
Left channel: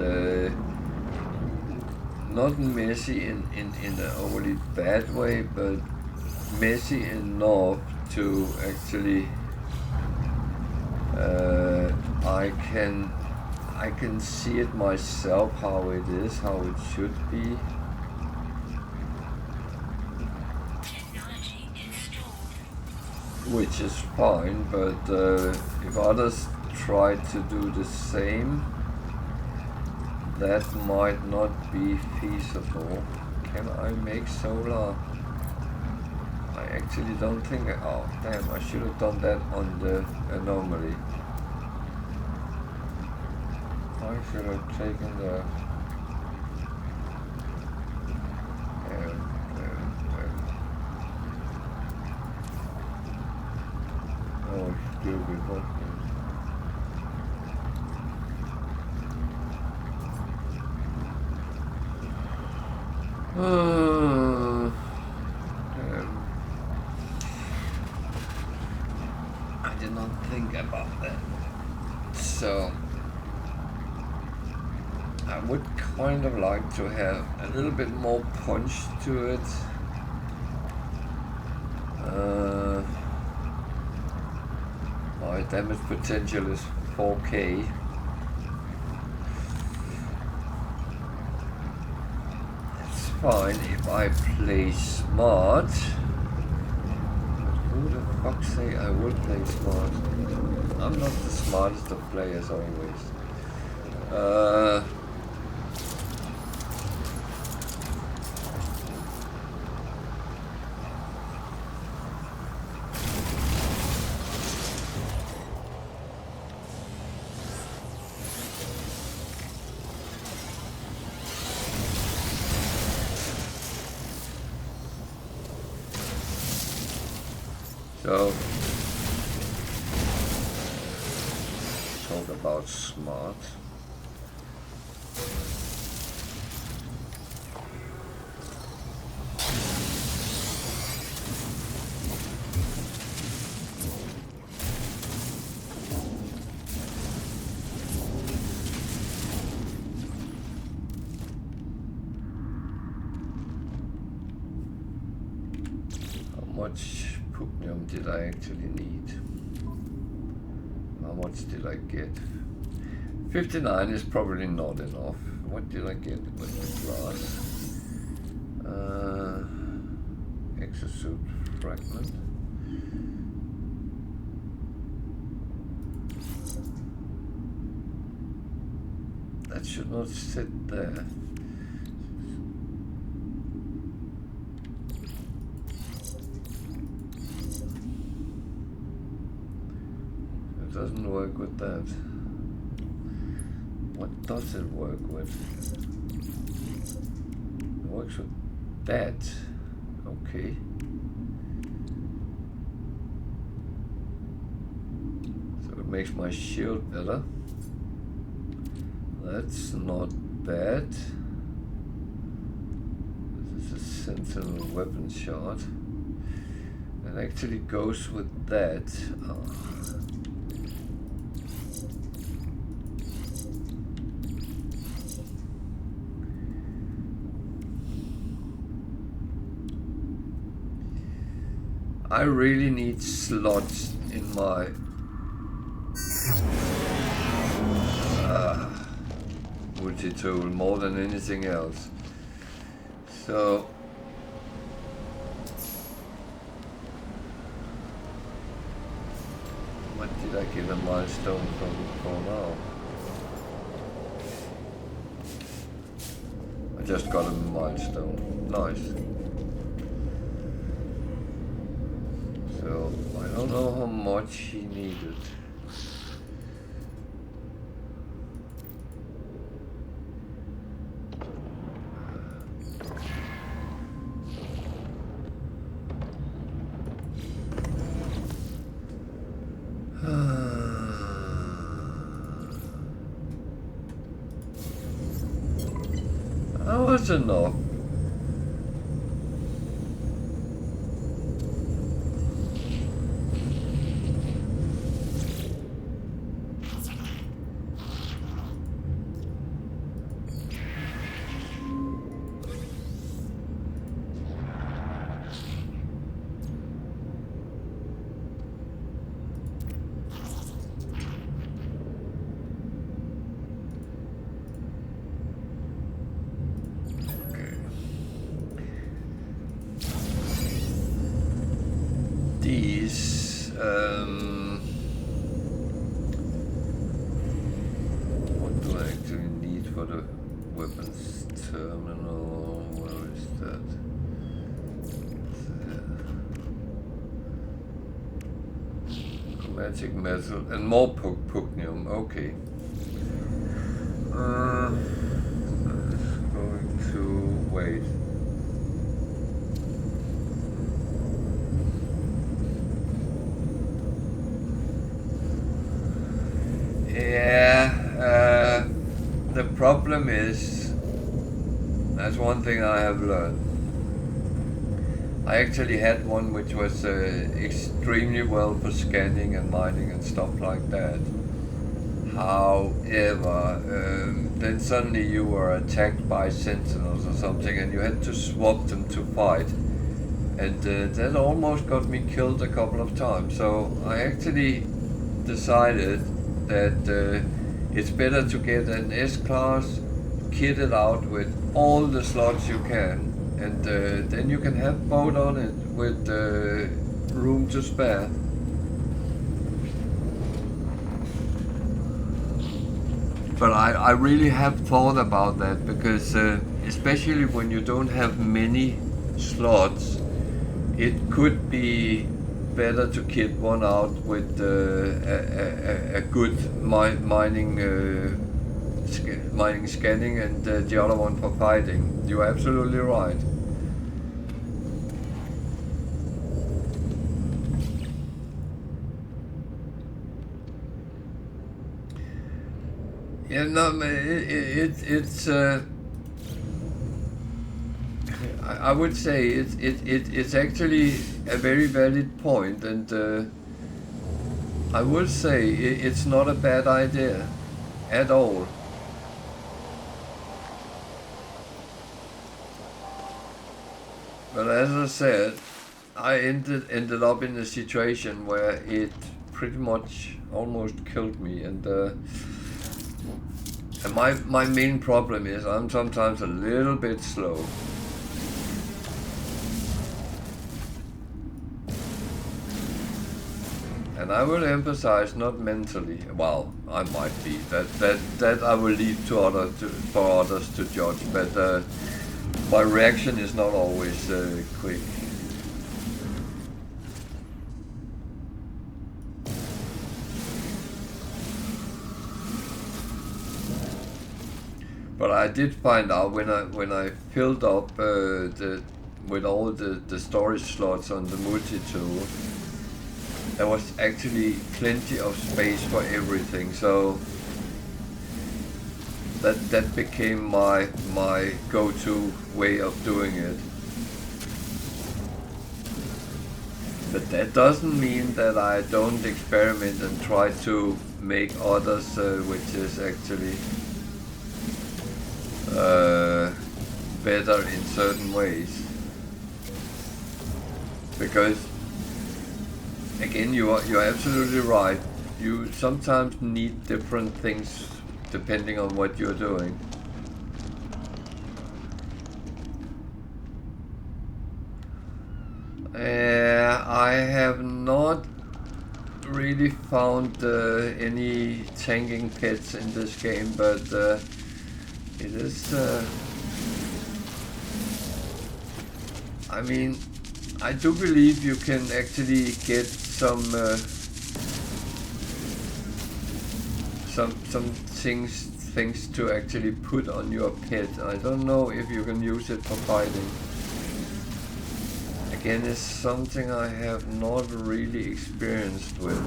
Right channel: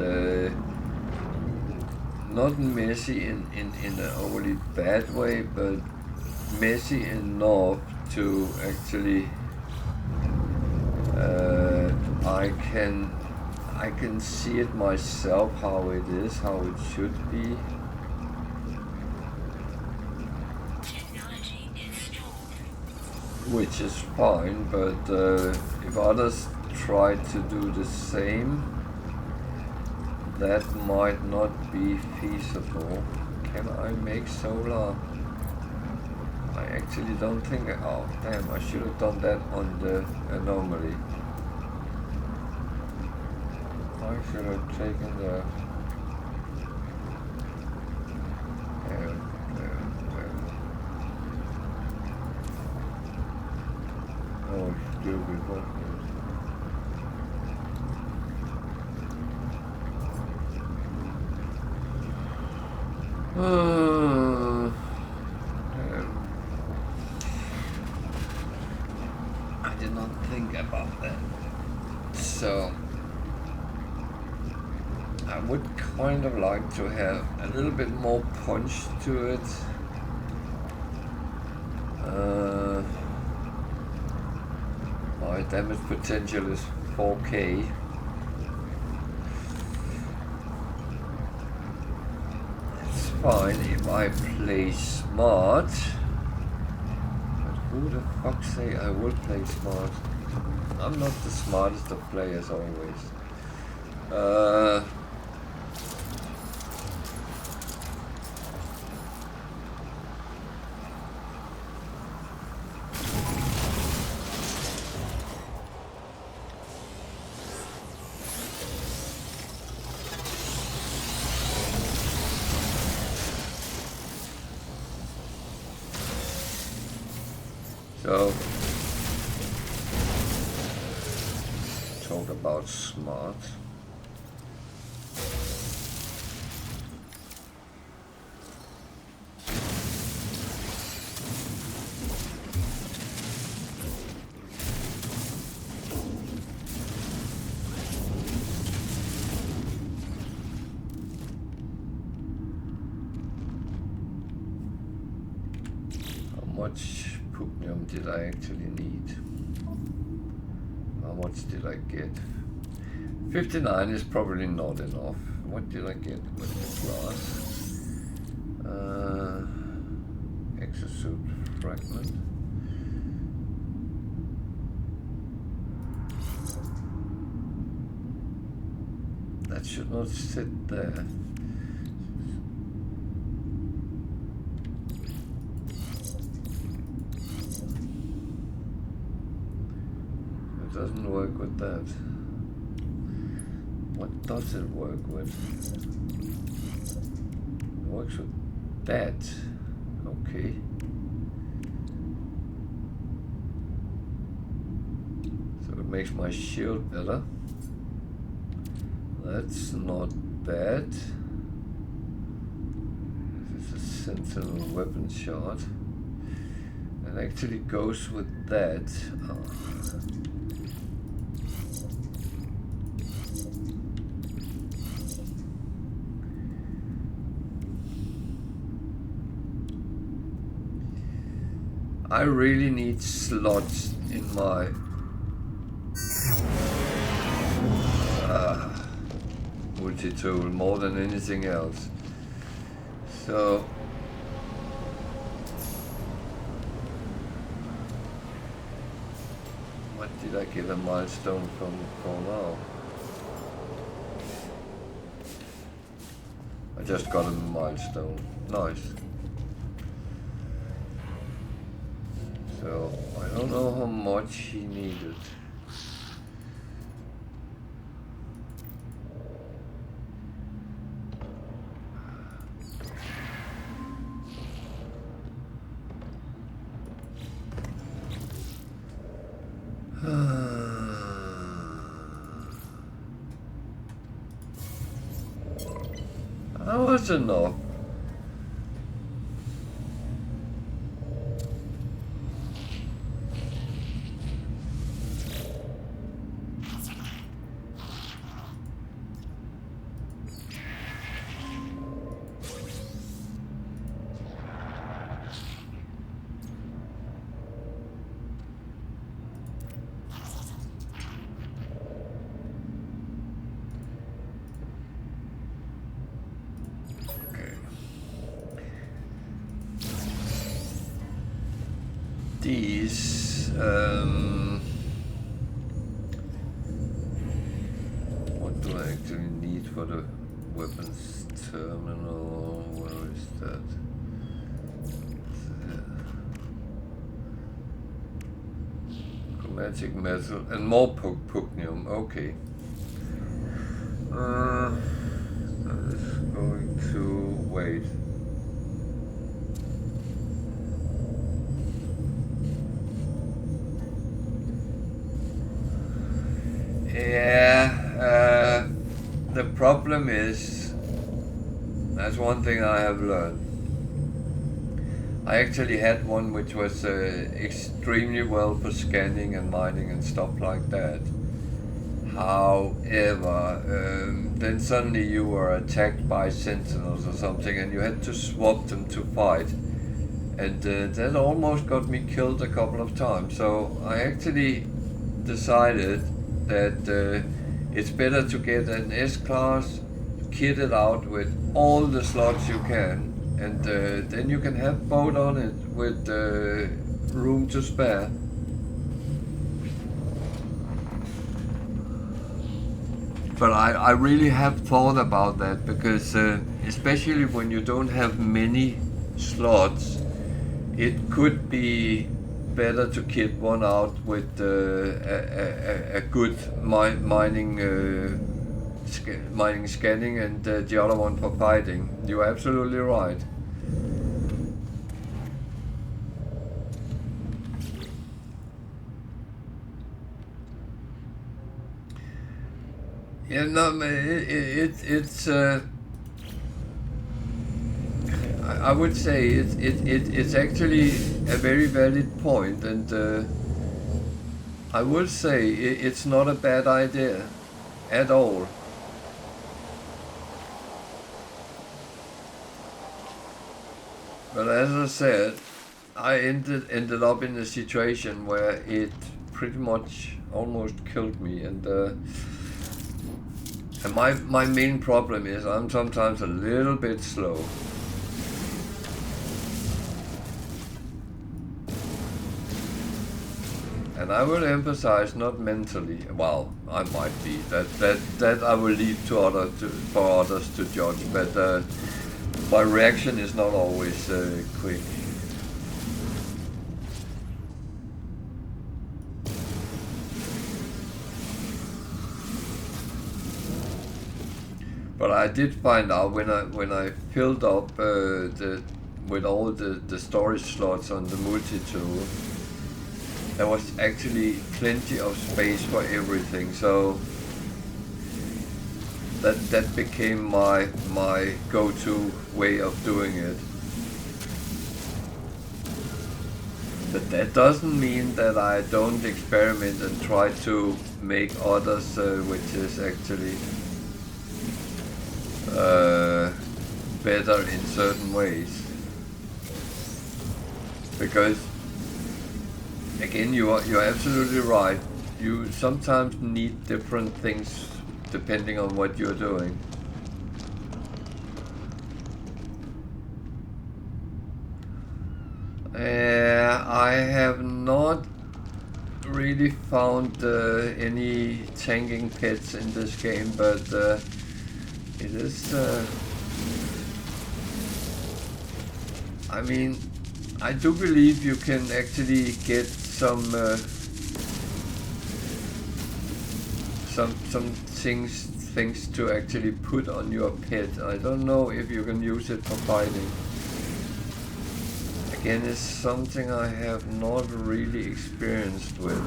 not messy in an overly bad way, but messy enough to actually I can see it myself how it is, how it should be. Which is fine, but if others try to do the same, that might not be feasible. Can I make solar? I actually don't think. Oh damn! I should have done that on the anomaly. I should have taken the. Oh, stupid, what I did not think about that. So, I would kind of like to have a little bit more punch to it. My damage potential is 4k. It's fine if I play smart. But who the fuck say I will play smart? I'm not the smartest of players always. So, talk about smart. How much did I actually need? How much did I get? 59 is probably not enough. What did I get with the glass? Exosuit fragment. That should not sit there. Doesn't work with that. What does it work with? It works with that. Okay. So it makes my shield better. That's not bad. This is a sentinel weapon shot. It actually goes with that. I really need slots in my multi-tool more than anything else. So what did I get a milestone from for now? I just got a milestone. Nice. So I don't know how much he needed. That was enough. These, what do I actually need for the weapons terminal? Where is that? Chromatic metal and more pugnium. Okay. It's going to wait. Yeah, the problem is, that's one thing I have learned. I actually had one which was extremely well for scanning and mining and stuff like that. However, then suddenly you were attacked by sentinels or something and you had to swap them to fight. And that almost got me killed a couple of times. So I actually decided that it's better to get an S-Class, kit it out with all the slots you can, and then you can have boat on it with room to spare. But I really have thought about that, because especially when you don't have many slots, it could be better to kit one out with a good mining scanning and the other one for fighting. You're absolutely right. Yeah, no, it's I would say it's actually a very valid point, and I would say it's not a bad idea at all. But as I said, I ended up in a situation where it pretty much almost killed me, and my main problem is I'm sometimes a little bit slow. And I will emphasize not mentally. Well, I might be. That I will leave to for others to judge. But my reaction is not always quick. But I did find out when I filled up with all the storage slots on the multi-tool, there was actually plenty of space for everything, so that became my go-to way of doing it. But that doesn't mean that I don't experiment and try to make others, which is actually better in certain ways. Because again, you're absolutely right. You sometimes need different things depending on what you're doing. I have not really found any tanking pets in this game, but it is. I mean, I do believe you can actually get some things to actually put on your pet. I don't know if you can use it for fighting. Again, it's something I have not really experimented with.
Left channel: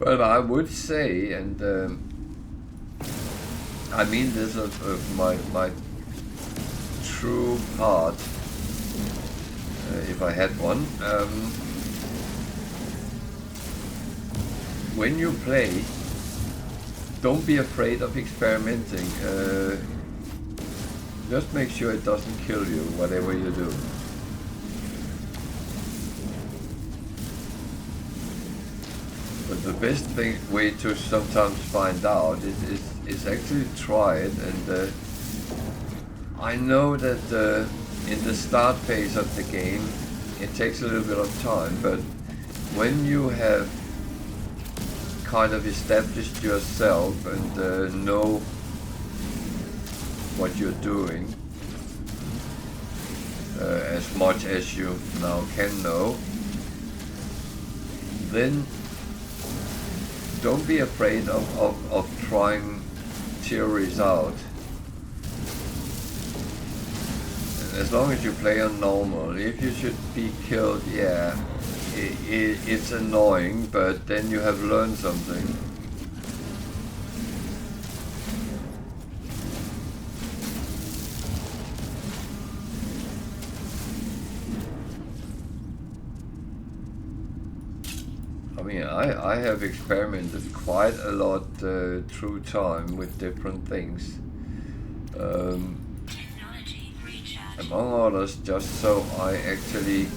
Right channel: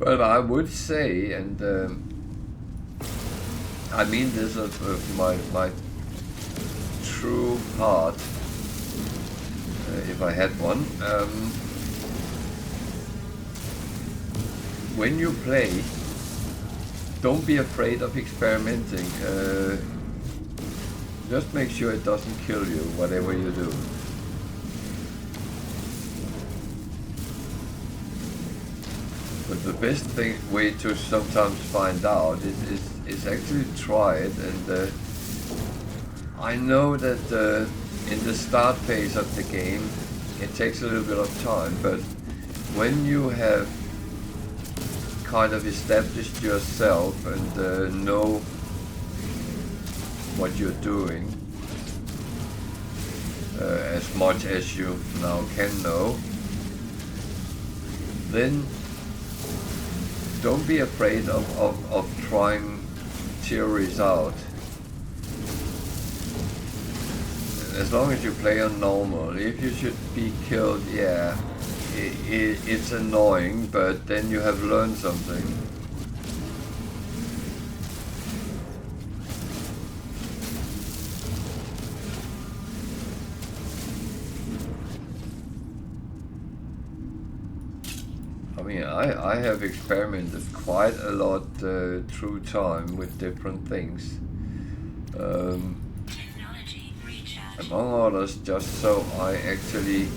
But I would say, and I mean this of my true heart, if I had one, when you play, don't be afraid of experimenting. Just make sure it doesn't kill you, whatever you do. But the best way to sometimes find out is actually try it, and I know that in the start phase of the game it takes a little bit of time, but when you have kind of established yourself and know what you're doing, as much as you now can know, then don't be afraid of trying theories out. As long as you play on normal, if you should be killed, yeah, it's annoying, but then you have learned something. I mean, I have experimented quite a lot through time with different things. Among others, just so I actually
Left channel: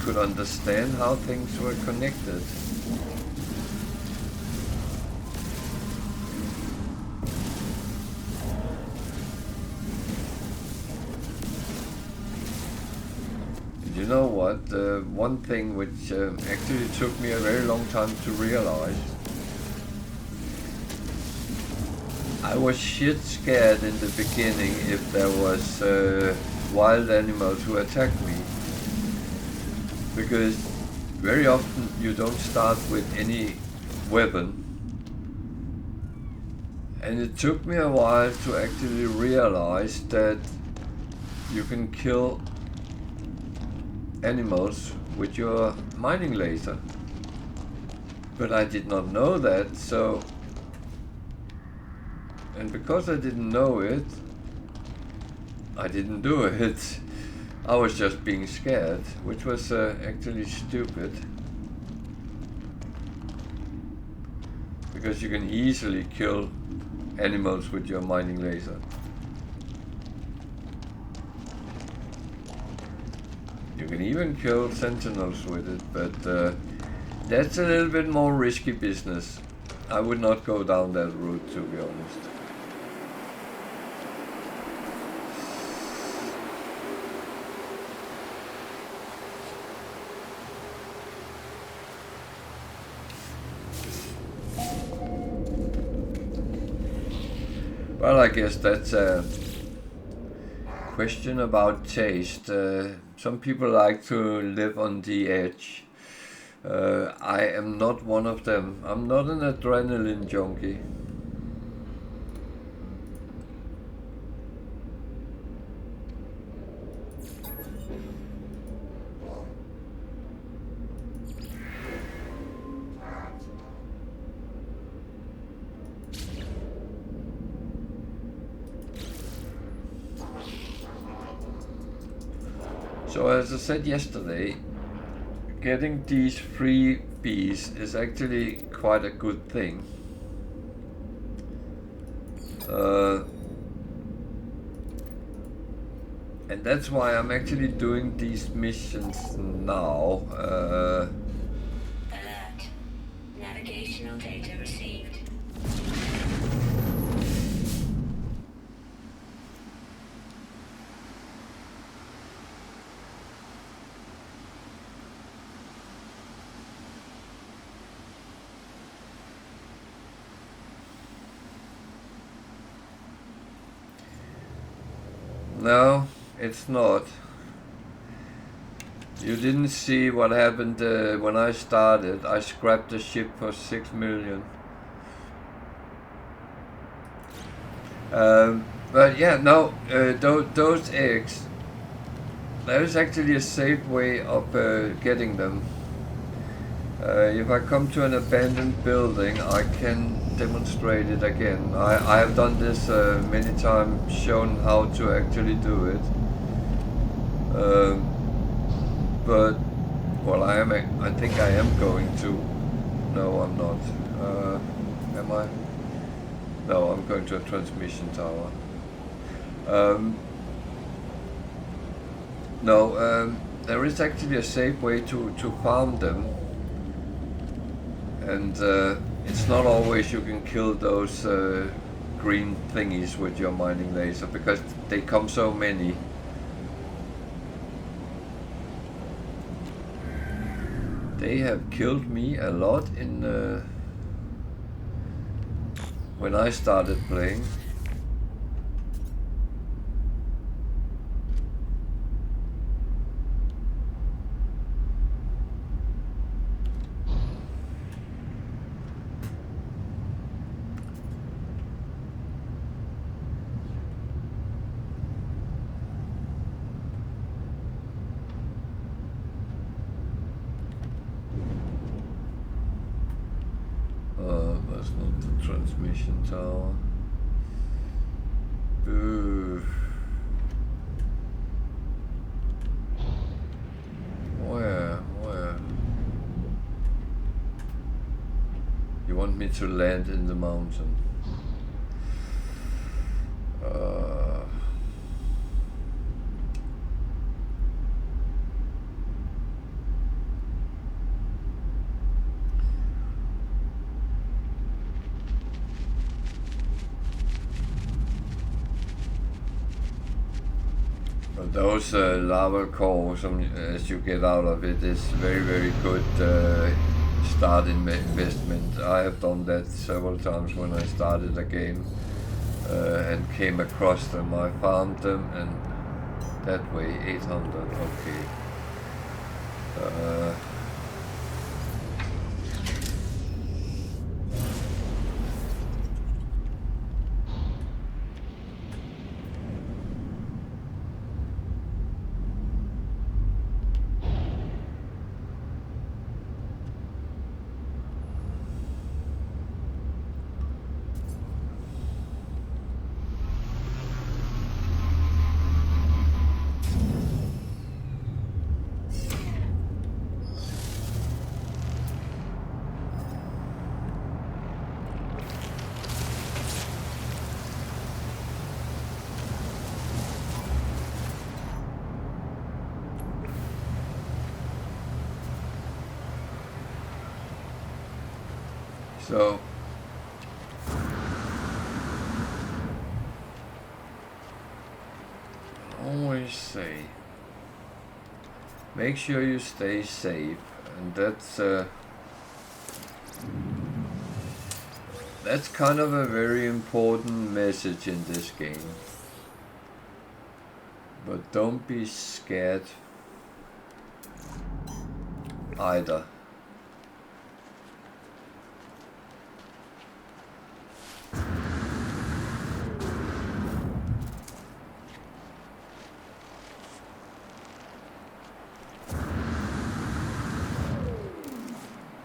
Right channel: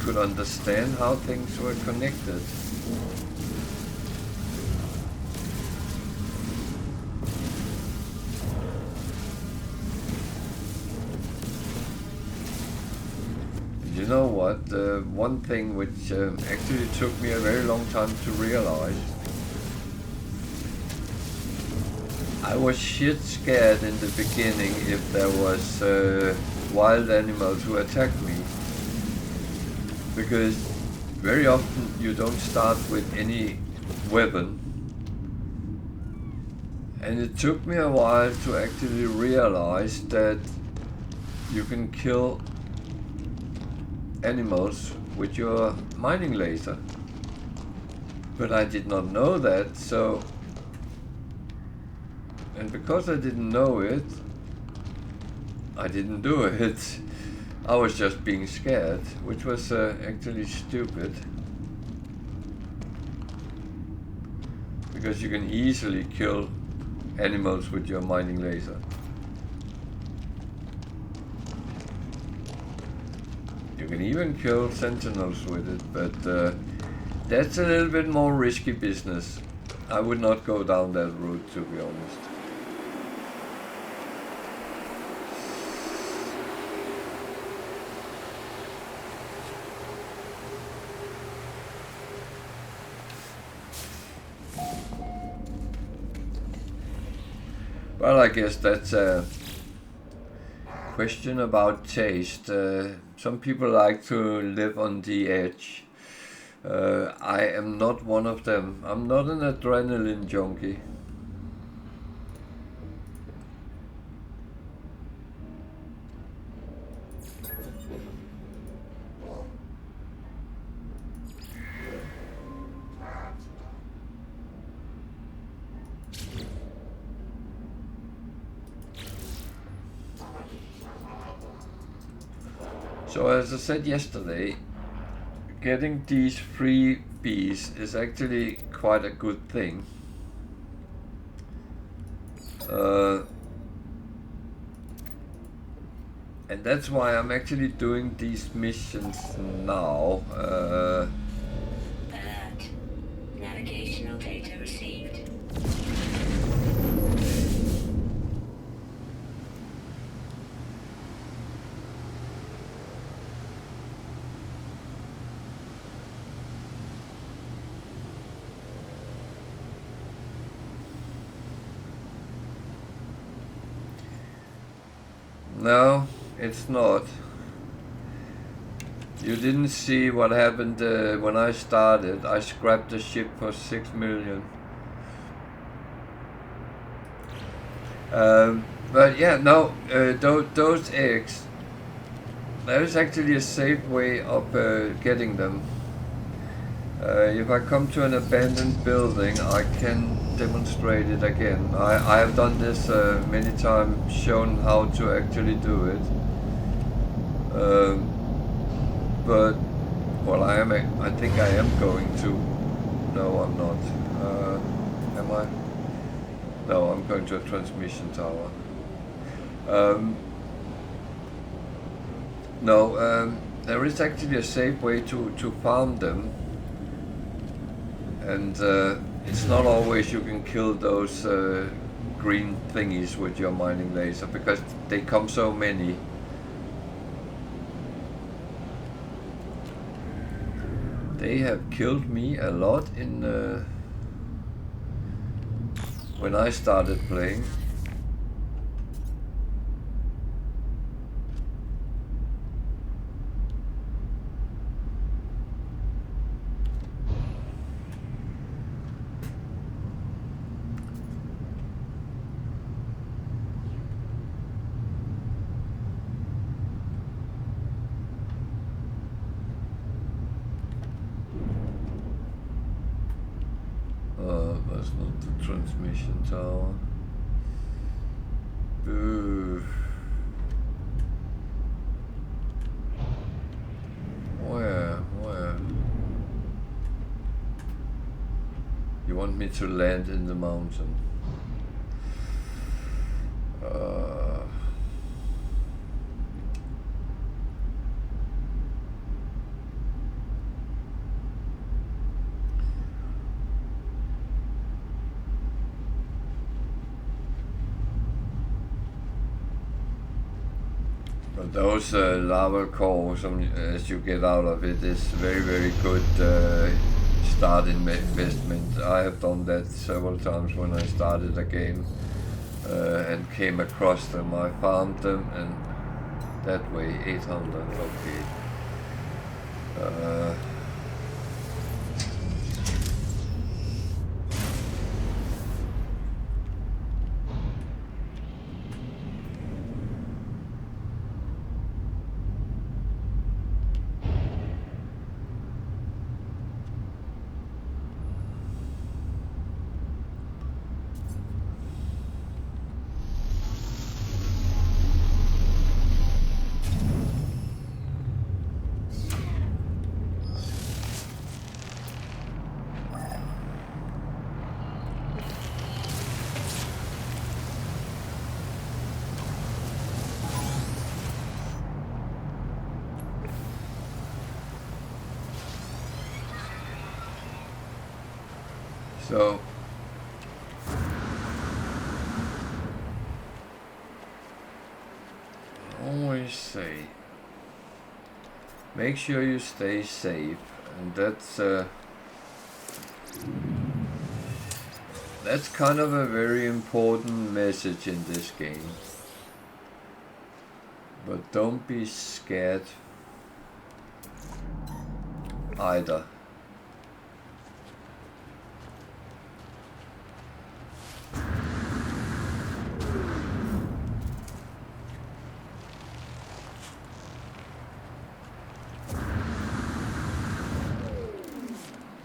could understand how things were connected. And you know what? One thing which actually took me a very long time to realize, I was shit scared in the beginning if there was wild animals who attacked me, because very often you don't start with any weapon, and it took me a while to actually realize that you can kill animals with your mining laser, but I did not know that. So, and because I didn't know it, I didn't do it. I was just being scared, which was actually stupid. Because you can easily kill animals with your mining laser. You can even kill sentinels with it, but that's a little bit more risky business. I would not go down that route, to be honest. Well, I guess that's a question about taste. Some people like to live on the edge. I am not one of them. I'm not an adrenaline junkie. So as I said yesterday, getting these freebies is actually quite a good thing. And that's why I'm actually doing these missions now. Alert. Navigational data received. No, it's not. You didn't see what happened when I started. I scrapped the ship for 6 million. But yeah, no, those eggs, there is actually a safe way of getting them. If I come to an abandoned building, I can demonstrate it again. I have done this many times, shown how to actually do it. But well, I think I am going to. No, I'm not. Am I? No, I'm going to a transmission tower. No, there is actually a safe way to farm them. And it's not always you can kill those green thingies with your mining laser, because they come so many. They have killed me a lot in when I started playing. That's not the transmission tower. Ooh. Where? You want me to land in the mountain? But those lava cores, as you get out of it, is very good start investment. I have done that several times when I started a game and came across them. I farmed them, and that way 800. Okay. So I always say, make sure you stay safe, and that's kind of a very important message in this game. But don't be scared either.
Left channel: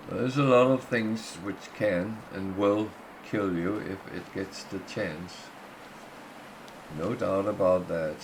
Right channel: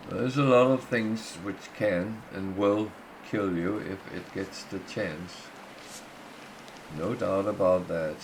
There's a lot of things which can and will kill you if it gets the chance. No doubt about that.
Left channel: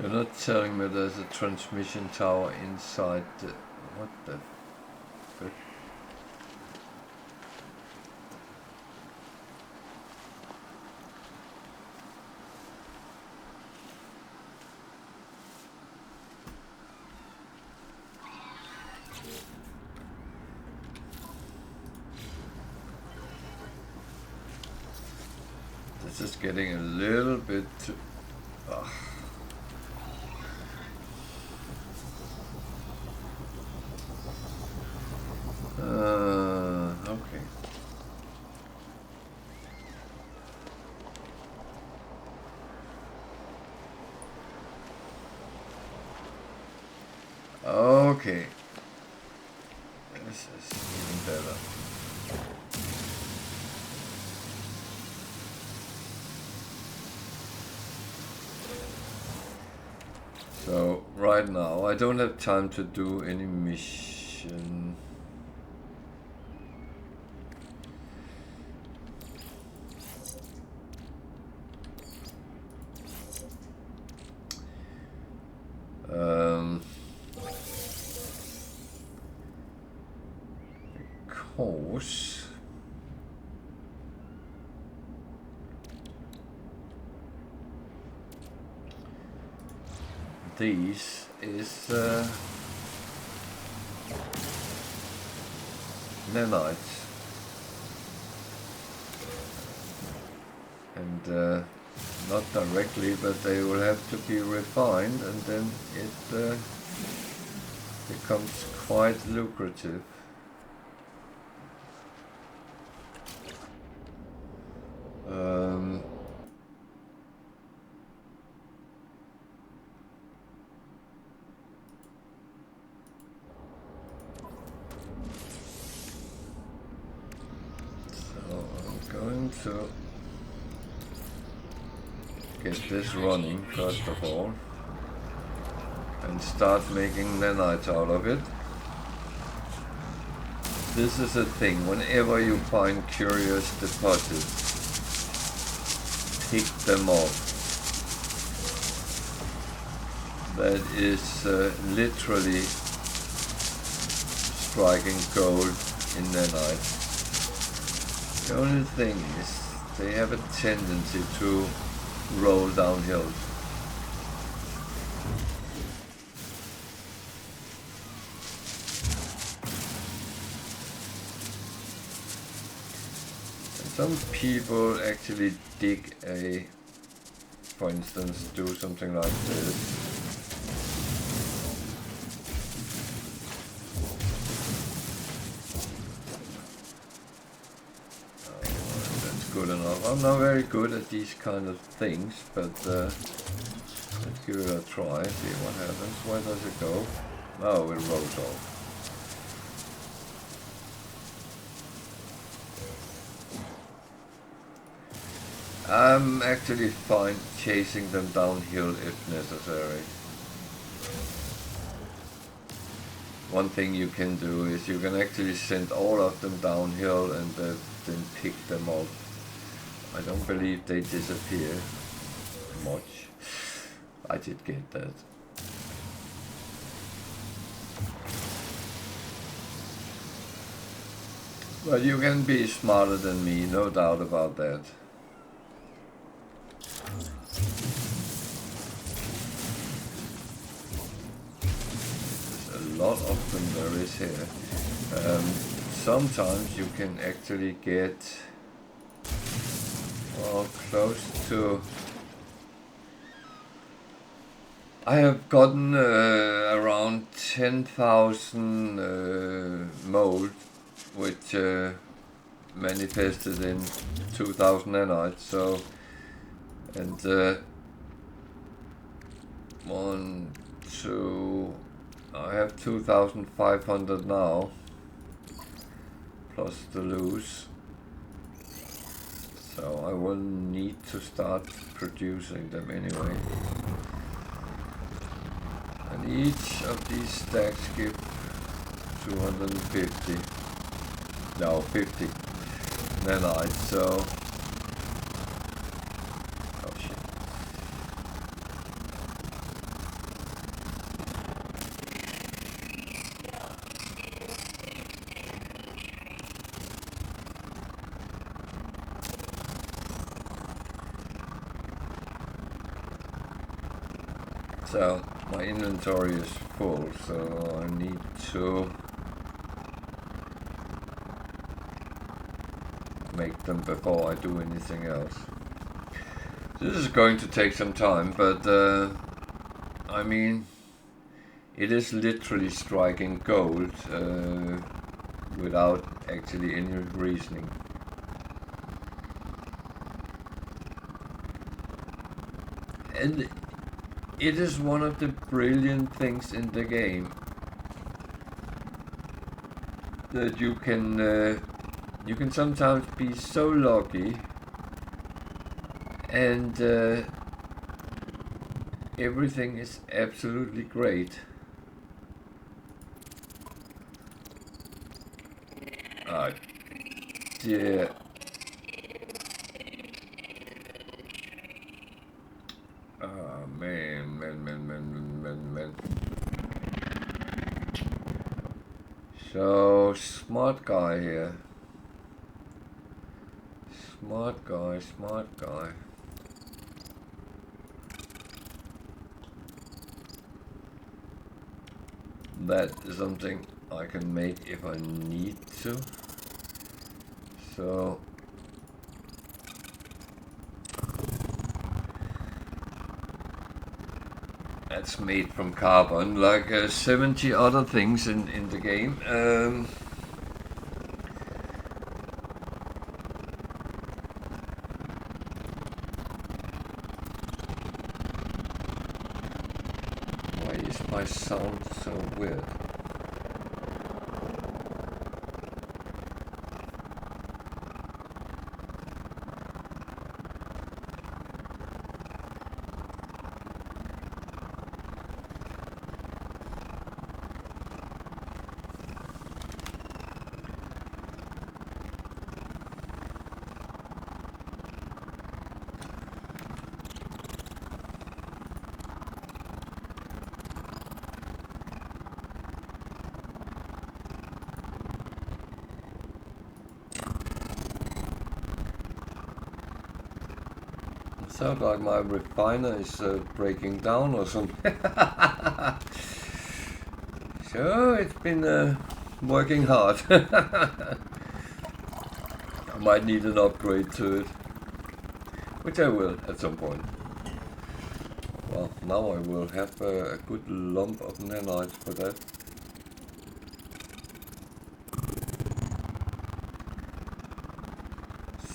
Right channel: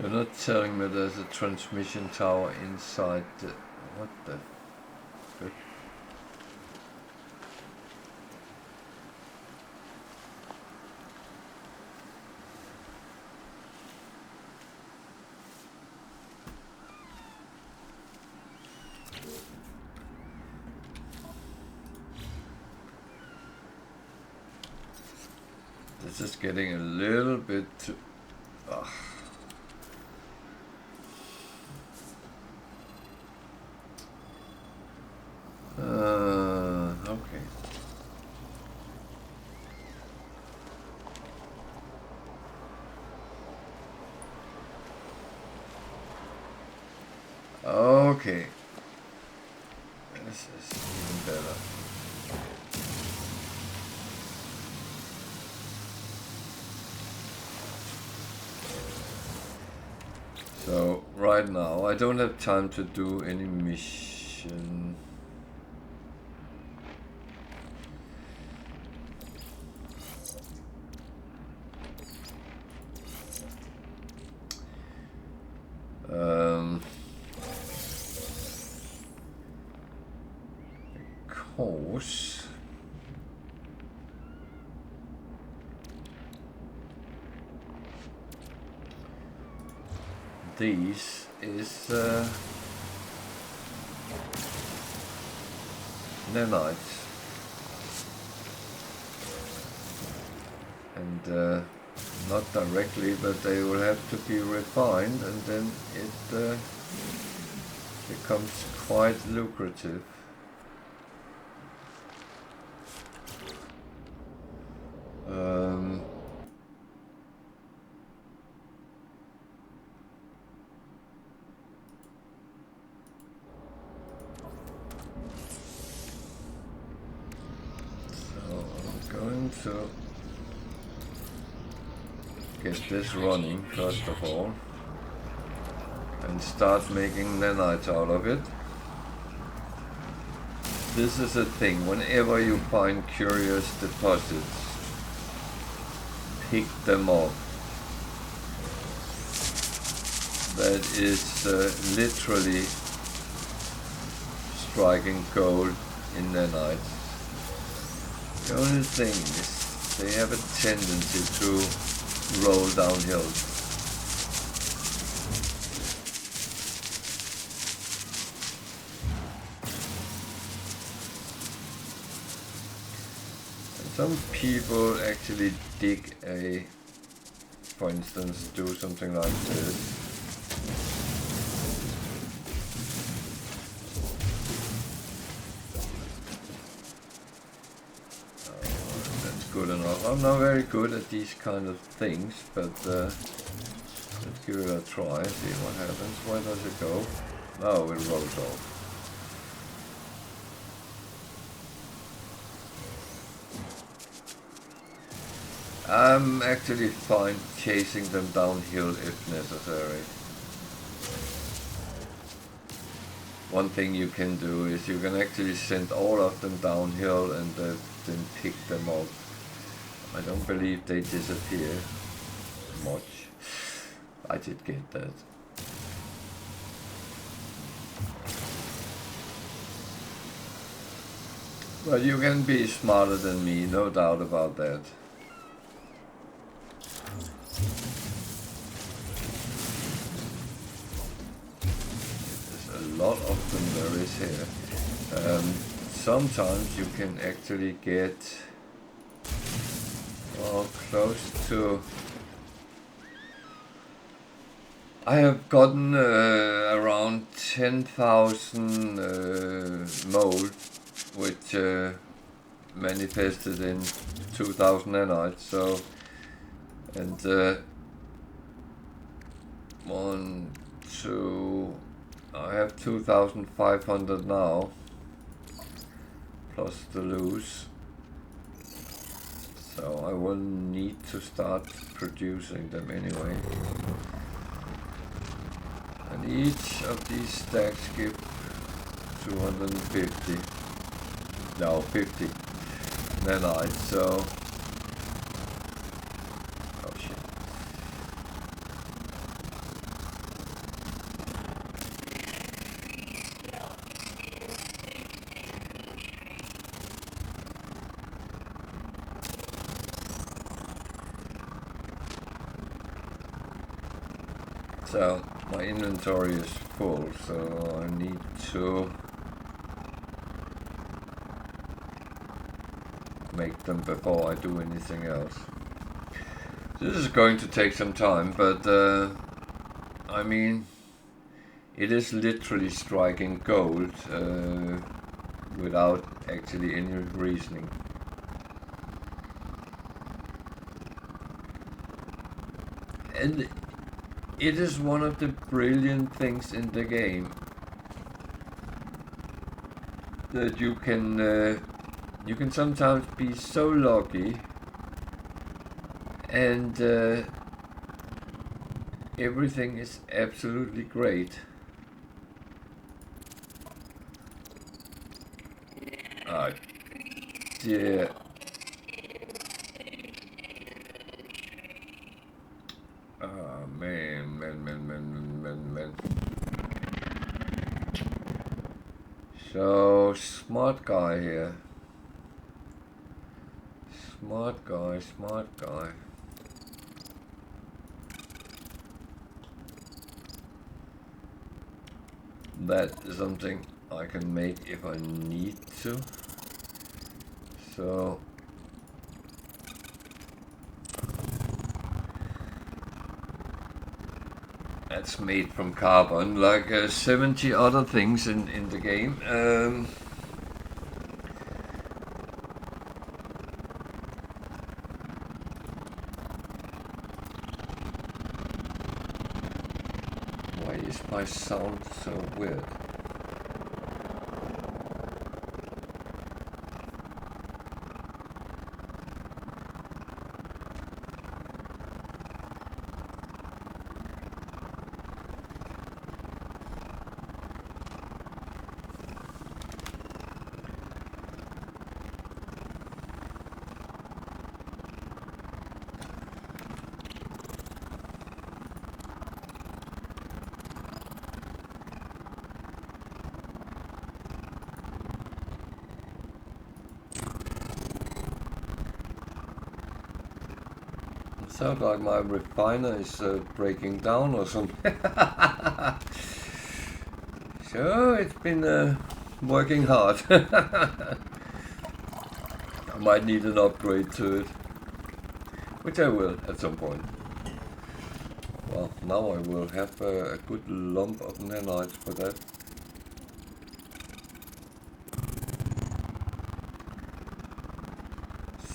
You're not telling me there's a transmission tower inside the... What the frick? This is getting a little bit too... Ugh. Okay. Okay. This is even better. So, right now, I don't have time to do any mission. Because these is nanites. And not directly, but they will have to be refined, and then it becomes quite lucrative. So I'm going to get this running first of all and start making nanites out of it. This is a thing, whenever you find curious deposits, pick them up. That is literally striking gold in nanites. The only thing is they have a tendency to roll downhill. And some people actually dig for instance, do something like this. Good enough. I'm not very good at these kind of things, but let's give it a try, see what happens. Where does it go? Oh, it rolls off. I'm actually fine chasing them downhill if necessary. One thing you can do is you can actually send all of them downhill and then pick them up. I don't believe they disappear much. I did get that. But you can be smarter than me, no doubt about that. There's a lot of them there is here. Sometimes you can actually get close to... I have gotten around 10,000 mold, which manifested in 2,000 nanites. So, and 1, 2, I have 2,500 now, plus the loose. So I will need to start producing them anyway. And each of these stacks give 250, no 50 nanites, so, oh shit. So my inventory is full, so I need to make them before I do anything else. This is going to take some time, but I mean, it is literally striking gold without actually any reasoning. And it is one of the brilliant things in the game that you can sometimes be so lucky and everything is absolutely great. Oh dear. Oh man. So, smart guy here. Smart guy. that is something I can make if I need to. So that's made from carbon, like 70 other things in the game. Why is my sound so weird? Sounds like my refiner is breaking down or something. So it's been working hard. I might need an upgrade to it, which I will at some point. Well, now I will have a good lump of nanite for that.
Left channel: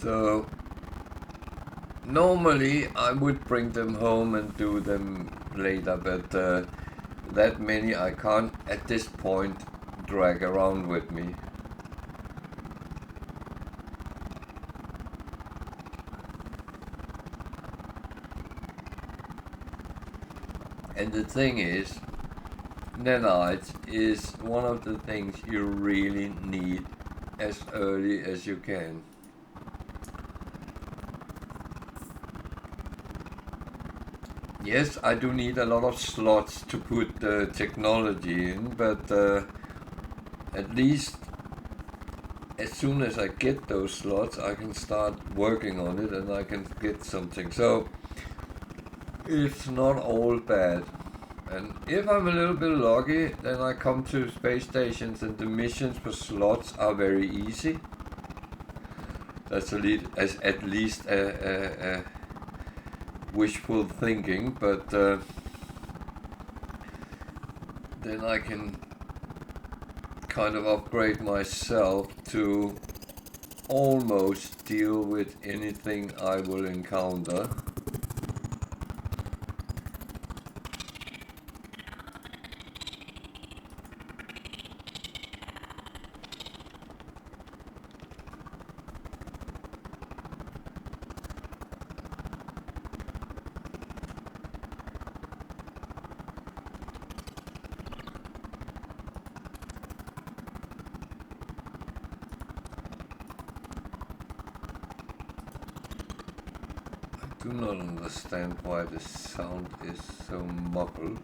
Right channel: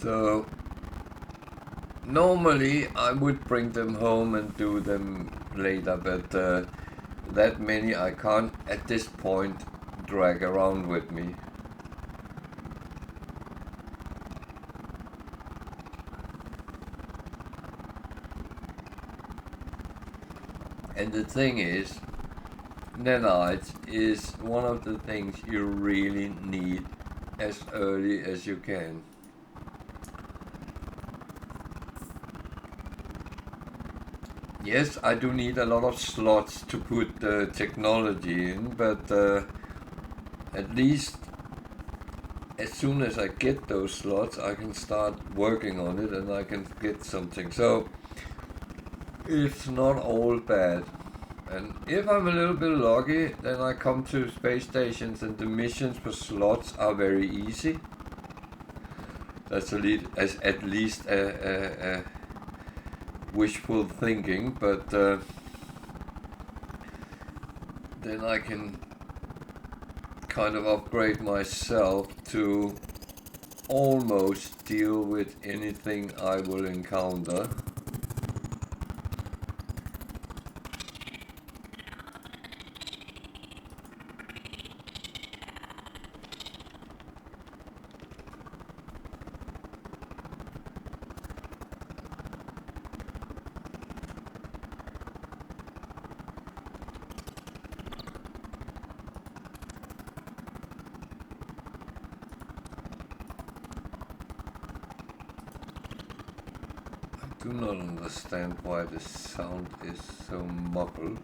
So normally I would bring them home and do them later, but that many I can't at this point drag around with me. And the thing is, nanite is one of the things you really need as early as you can. Yes, I do need a lot of slots to put the technology in, but at least as soon as I get those slots, I can start working on it and I can get something. So it's not all bad. And if I'm a little bit lucky, then I come to space stations and the missions for slots are very easy. That's at least a wishful thinking, but then I can kind of upgrade myself to almost deal with anything I will encounter. I do not understand why the sound is so muffled.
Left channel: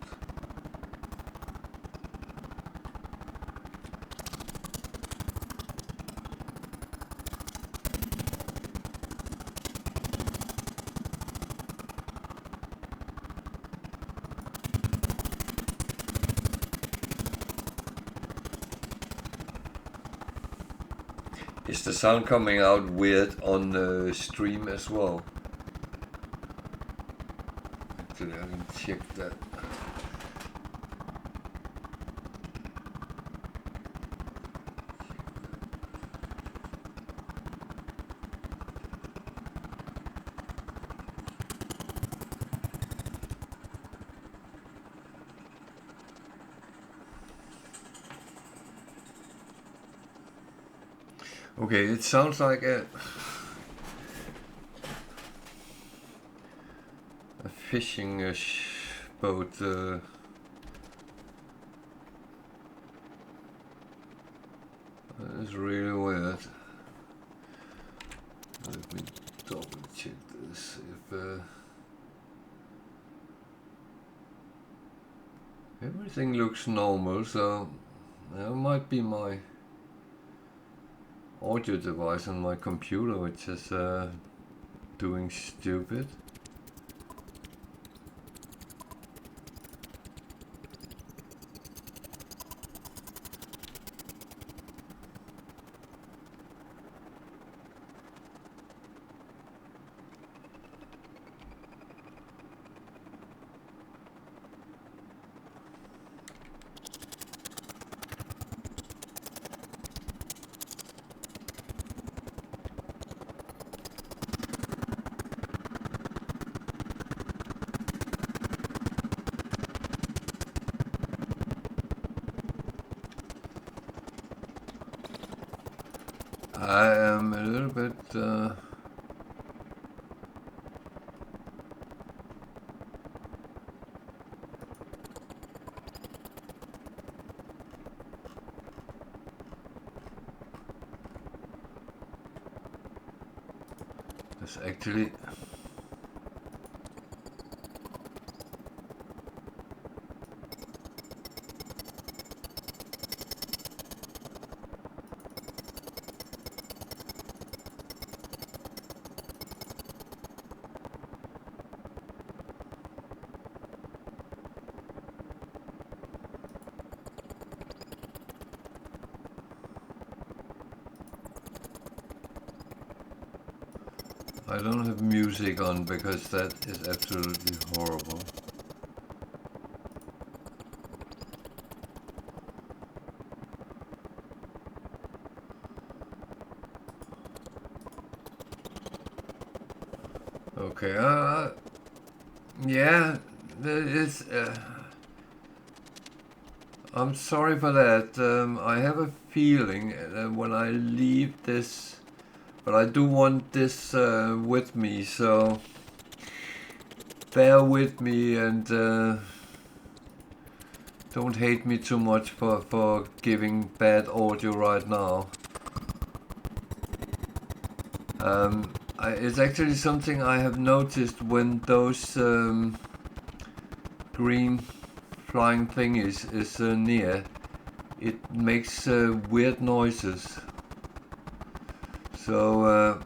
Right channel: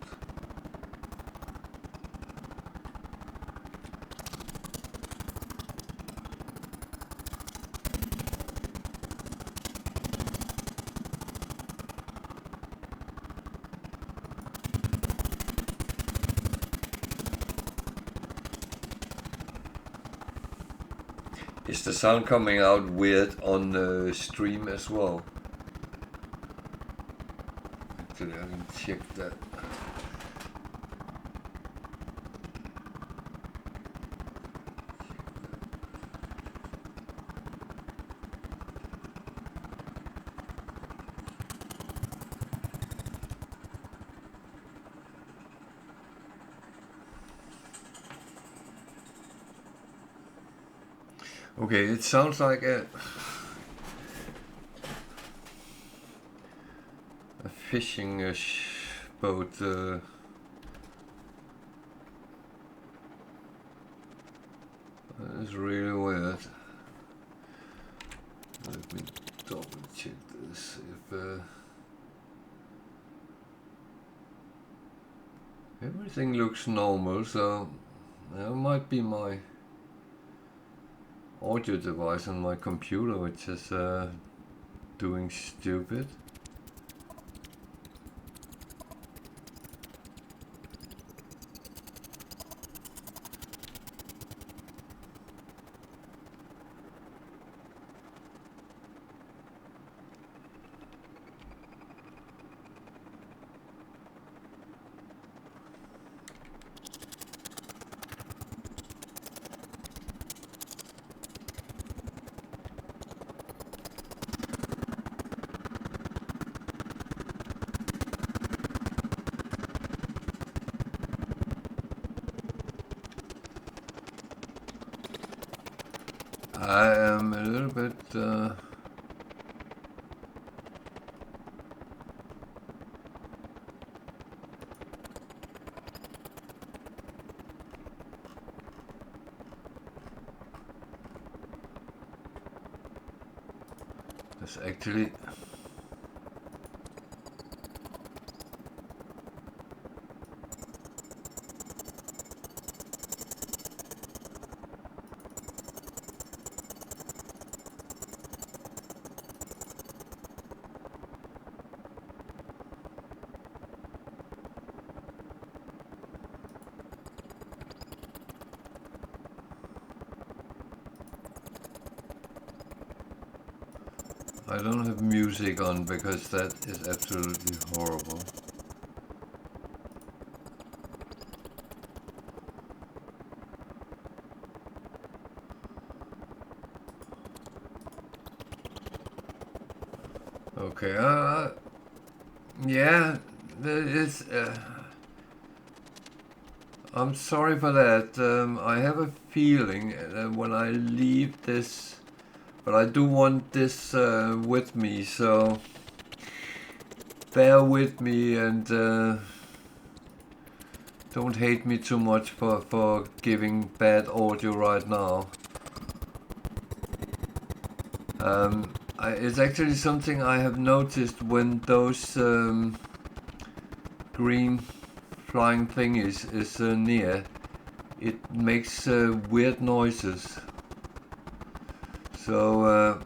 Is the sound coming out weird on the stream as well? Actually, I can check that. Okay, it sounds like a fishing boat. That is really weird. Let me double check this. If everything looks normal, so that might be my audio device on my computer which is doing stupid. I am a little bit there's actually I don't have music on because that is absolutely horrible. Okay, yeah, there is. I'm sorry for that. I have a feeling that when I leave this. But I do want this with me, so bear with me and don't hate me too much for giving bad audio right now. It's actually something I have noticed when those green flying thing is near. It makes weird noises. So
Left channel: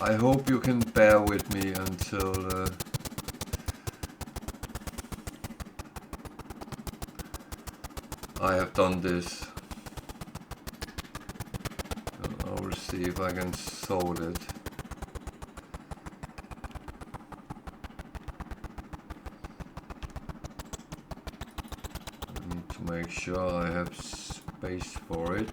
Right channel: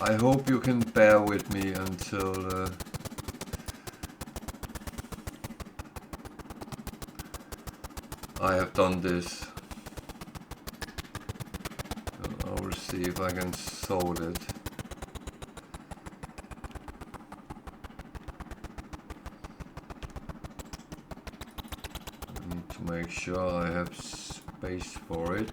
I hope you can bear with me until I have done this. I will see if I can solve it. I need to make sure I have space for it.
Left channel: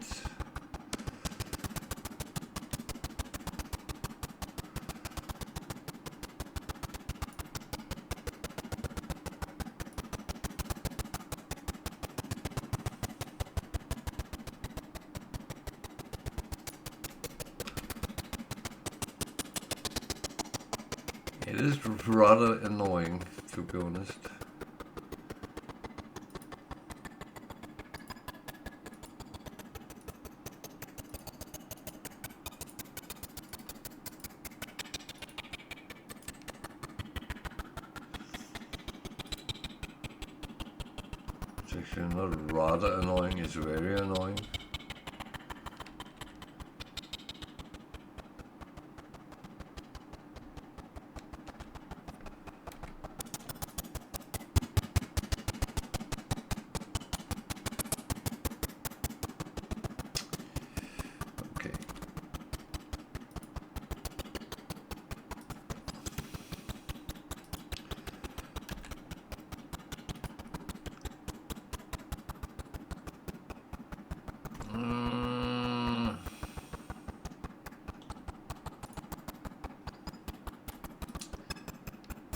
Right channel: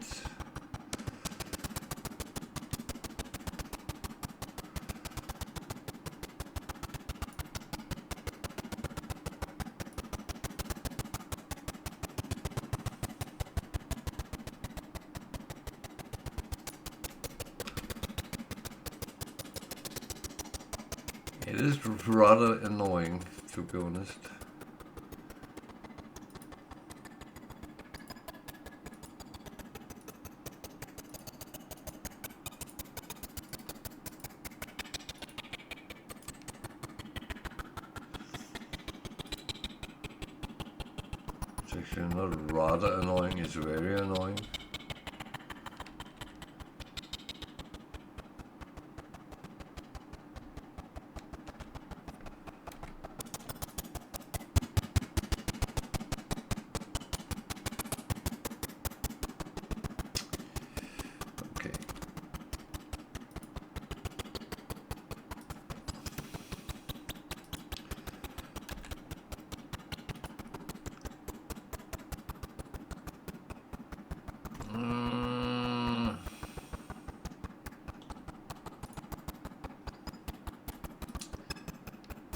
It is rather annoying, to be honest. It's actually not rather annoying, it's very annoying.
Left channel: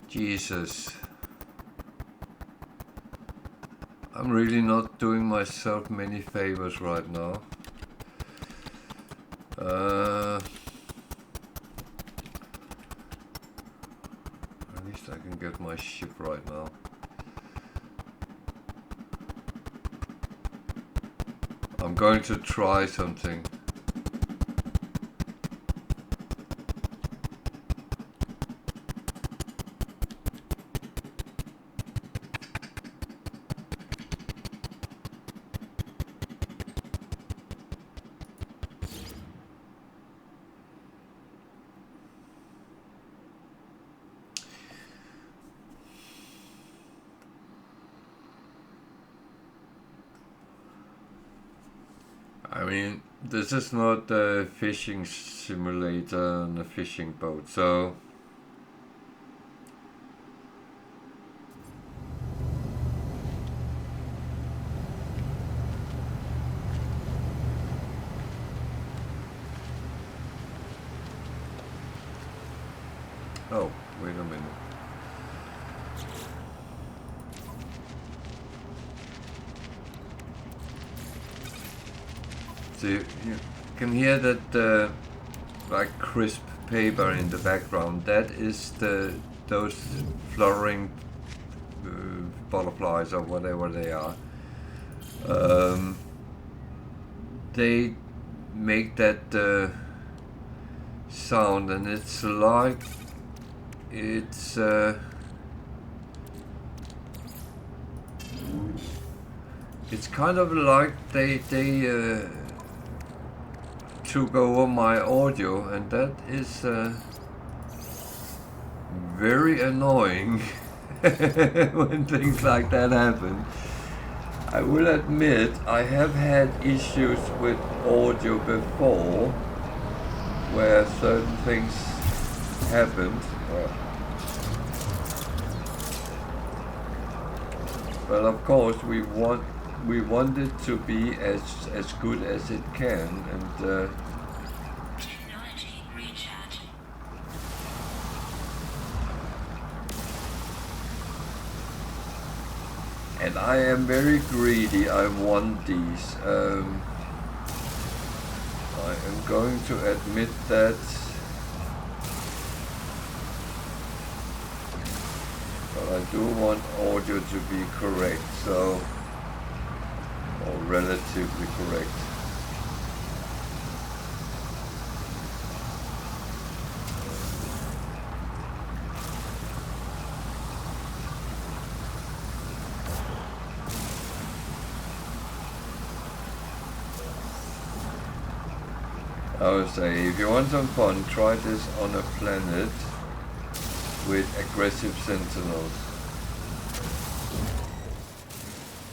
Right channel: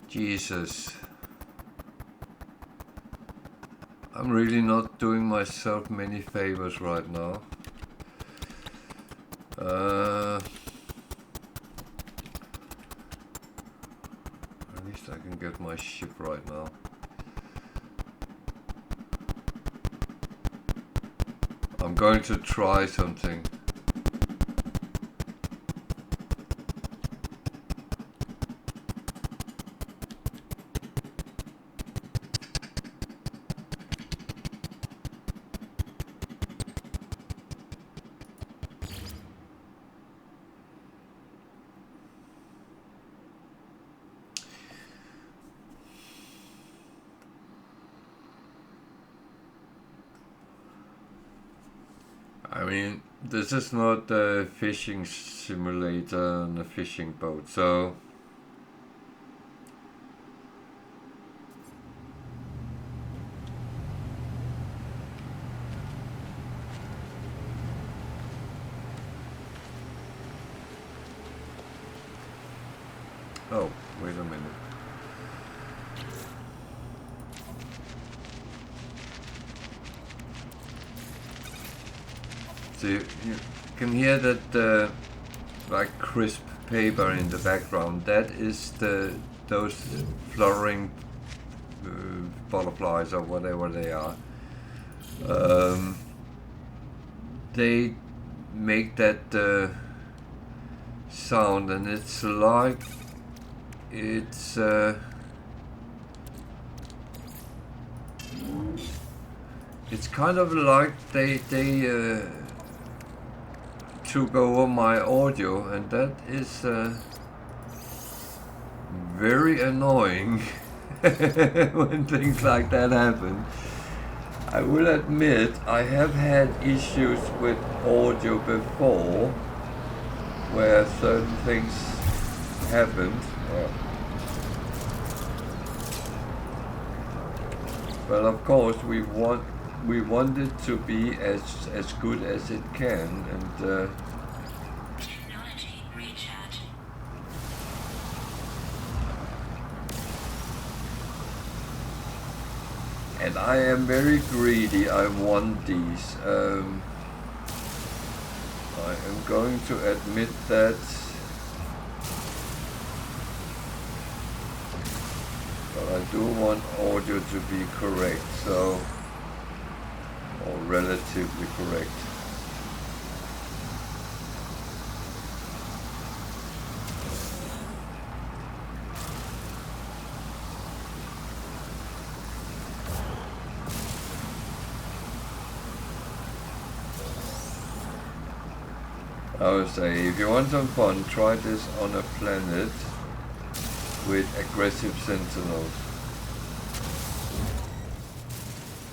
Jesus. I'm really not doing myself many favors right now. At least I can get my ship right now. I'm going to try something. I mean, this is not a fishing simulator and a fishing boat, so Oh, wait a minute. So you can hear that like crisp paper in the background. That is those fluttering butterflies or whatever they are. They make that sound, and it's like it's kind of like they took over my audio, and that is very annoying when things like that happen. I will admit I have had issues with audio before where certain things happened. But of course we want it to be as good as it can, and and I am very greedy. I want these. I am going to admit that. But I do want audio to be correct, so, or relatively correct. I would say, if you want some fun, try this on a planet with aggressive sentinels.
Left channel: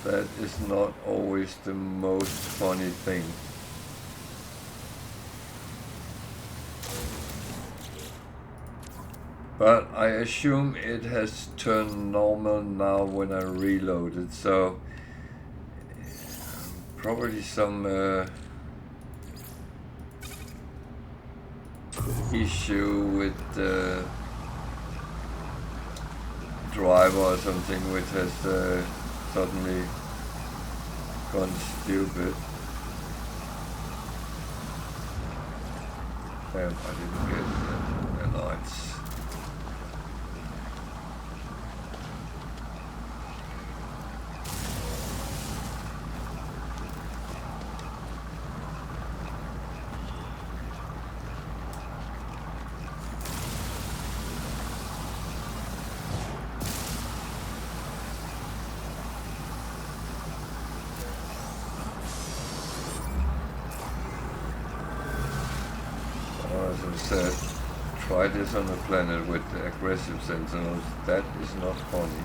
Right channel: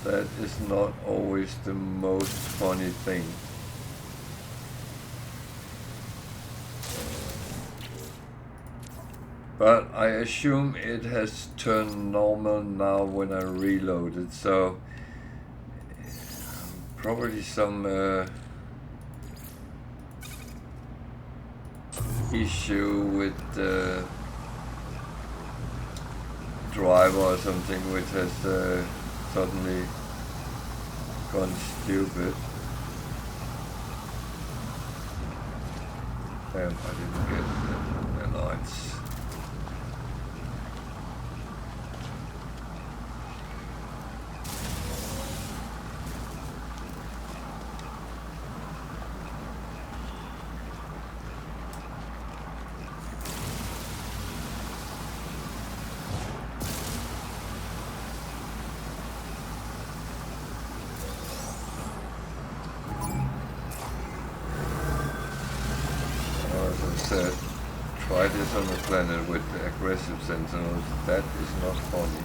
That is not always the most funny thing. But I assume it has turned normal now when I reloaded, so probably some issue with the driver or something, which has suddenly gone stupid. Damn, I didn't get the lights. Said, try this on a planet with the aggressive sentinels. That is not funny.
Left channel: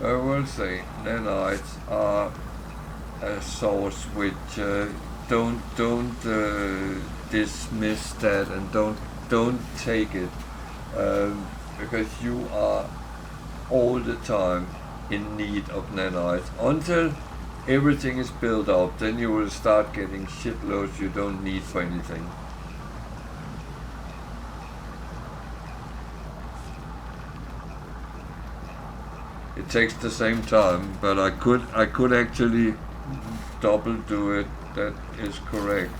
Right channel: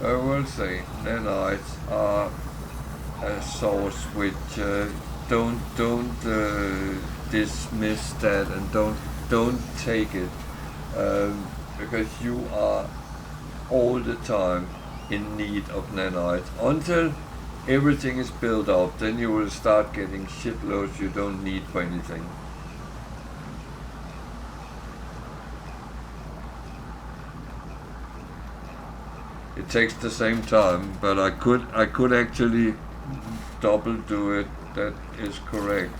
I will say nanites are a source which don't dismiss that, and don't take it because you are all the time in need of nanites until everything is built up. Then you will start getting shitloads you don't need for anything. It takes the same time, but I could actually double do it. That is correct.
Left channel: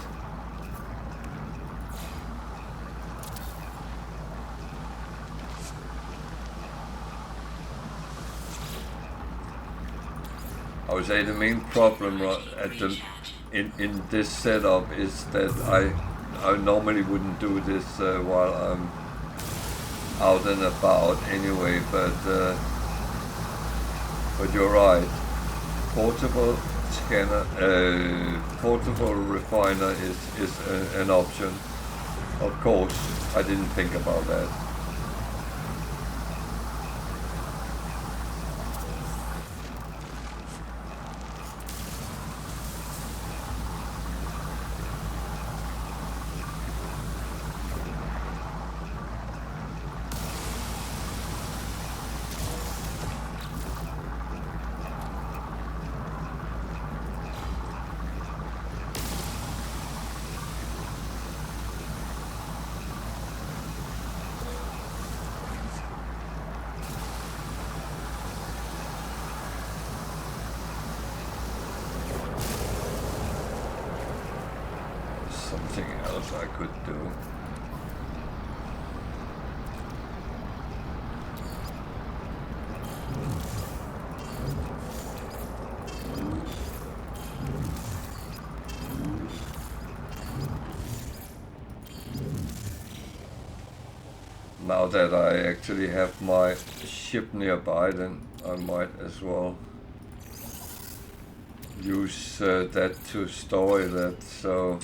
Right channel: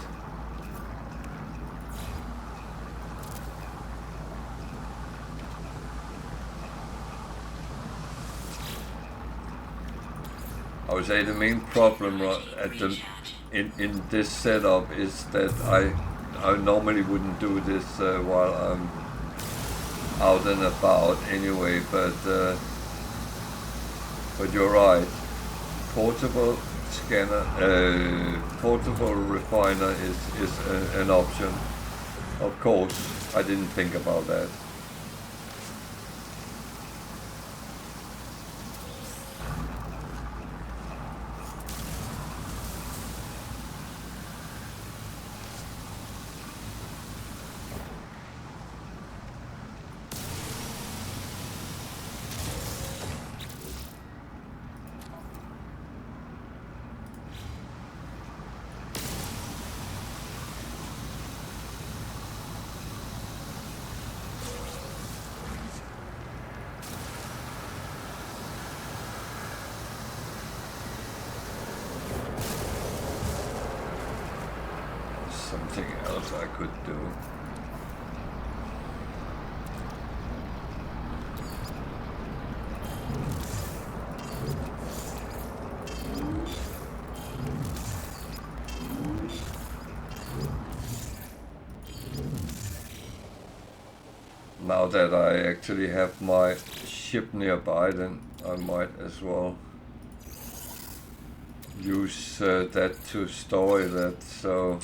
I would say the main problem in this setup is that I normally wouldn't do this while I'm out and about anyway, but you're right. Portable scanner, portable refiner is an option. Of course, I didn't think about that. Something else I could do. Now that I actually have my ship nearby, then I might as well use that to store that, so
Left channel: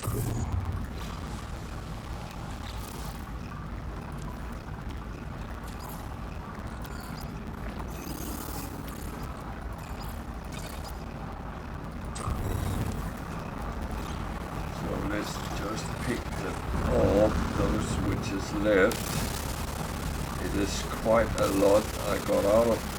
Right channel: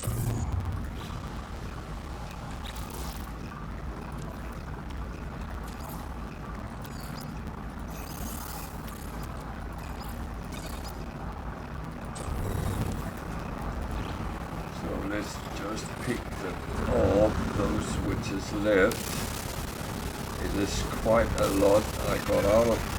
let's just pick off those which is left. It is quite a lot I got out of.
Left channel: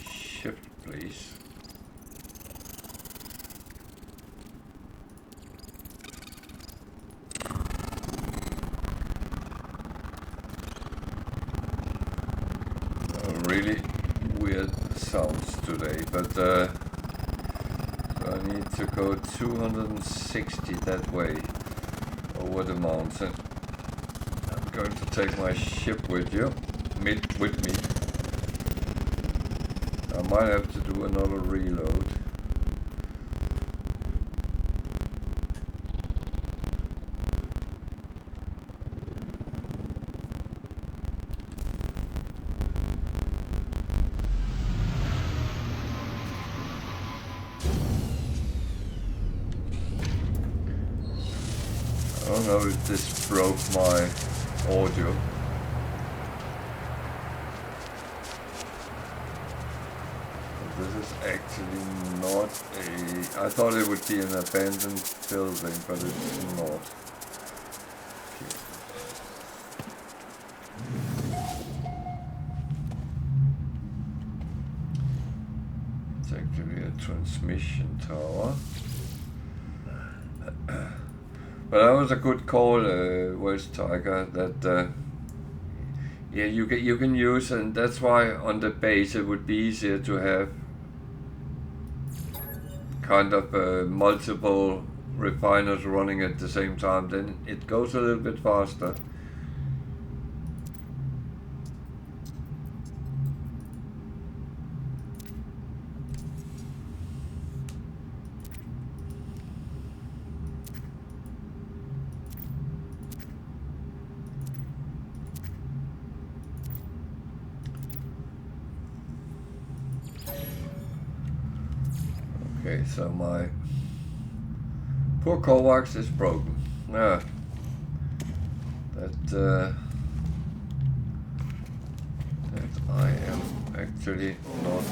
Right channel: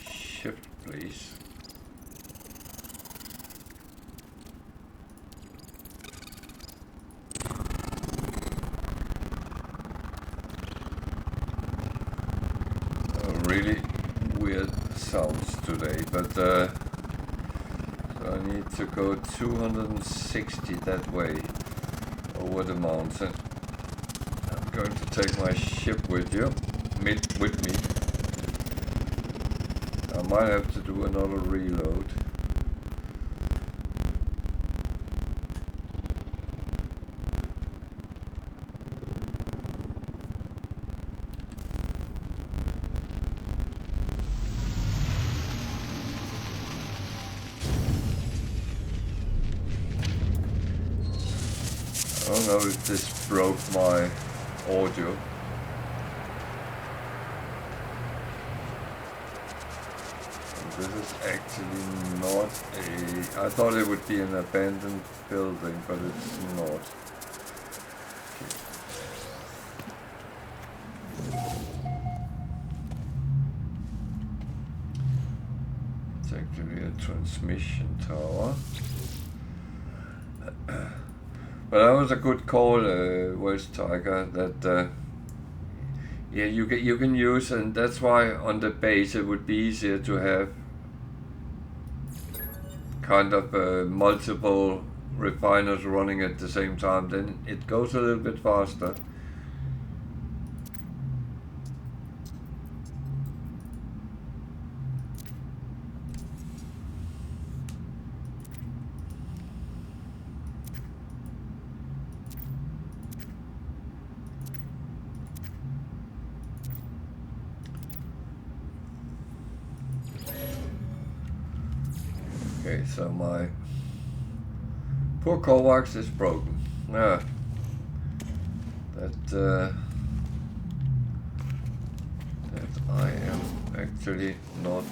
Shift, please. Really weird sounds today, but so I need to go 260 that way over the mountain. I'm going to take my ship with me. I might have to do another reload. I don't know if this broke my audio. This is actually not a... I thought it would be an abandoned building, but it's not. Okay. It's actually a transmission tower. But that was a good call, West Tiger, that yeah, you can use, and that's why on the base it would be easier to have kind of multiple refiners running at the same time. Then it goes a little bit faster. Okay, so my poor Kovacs is broken. Yeah. That I am actually not.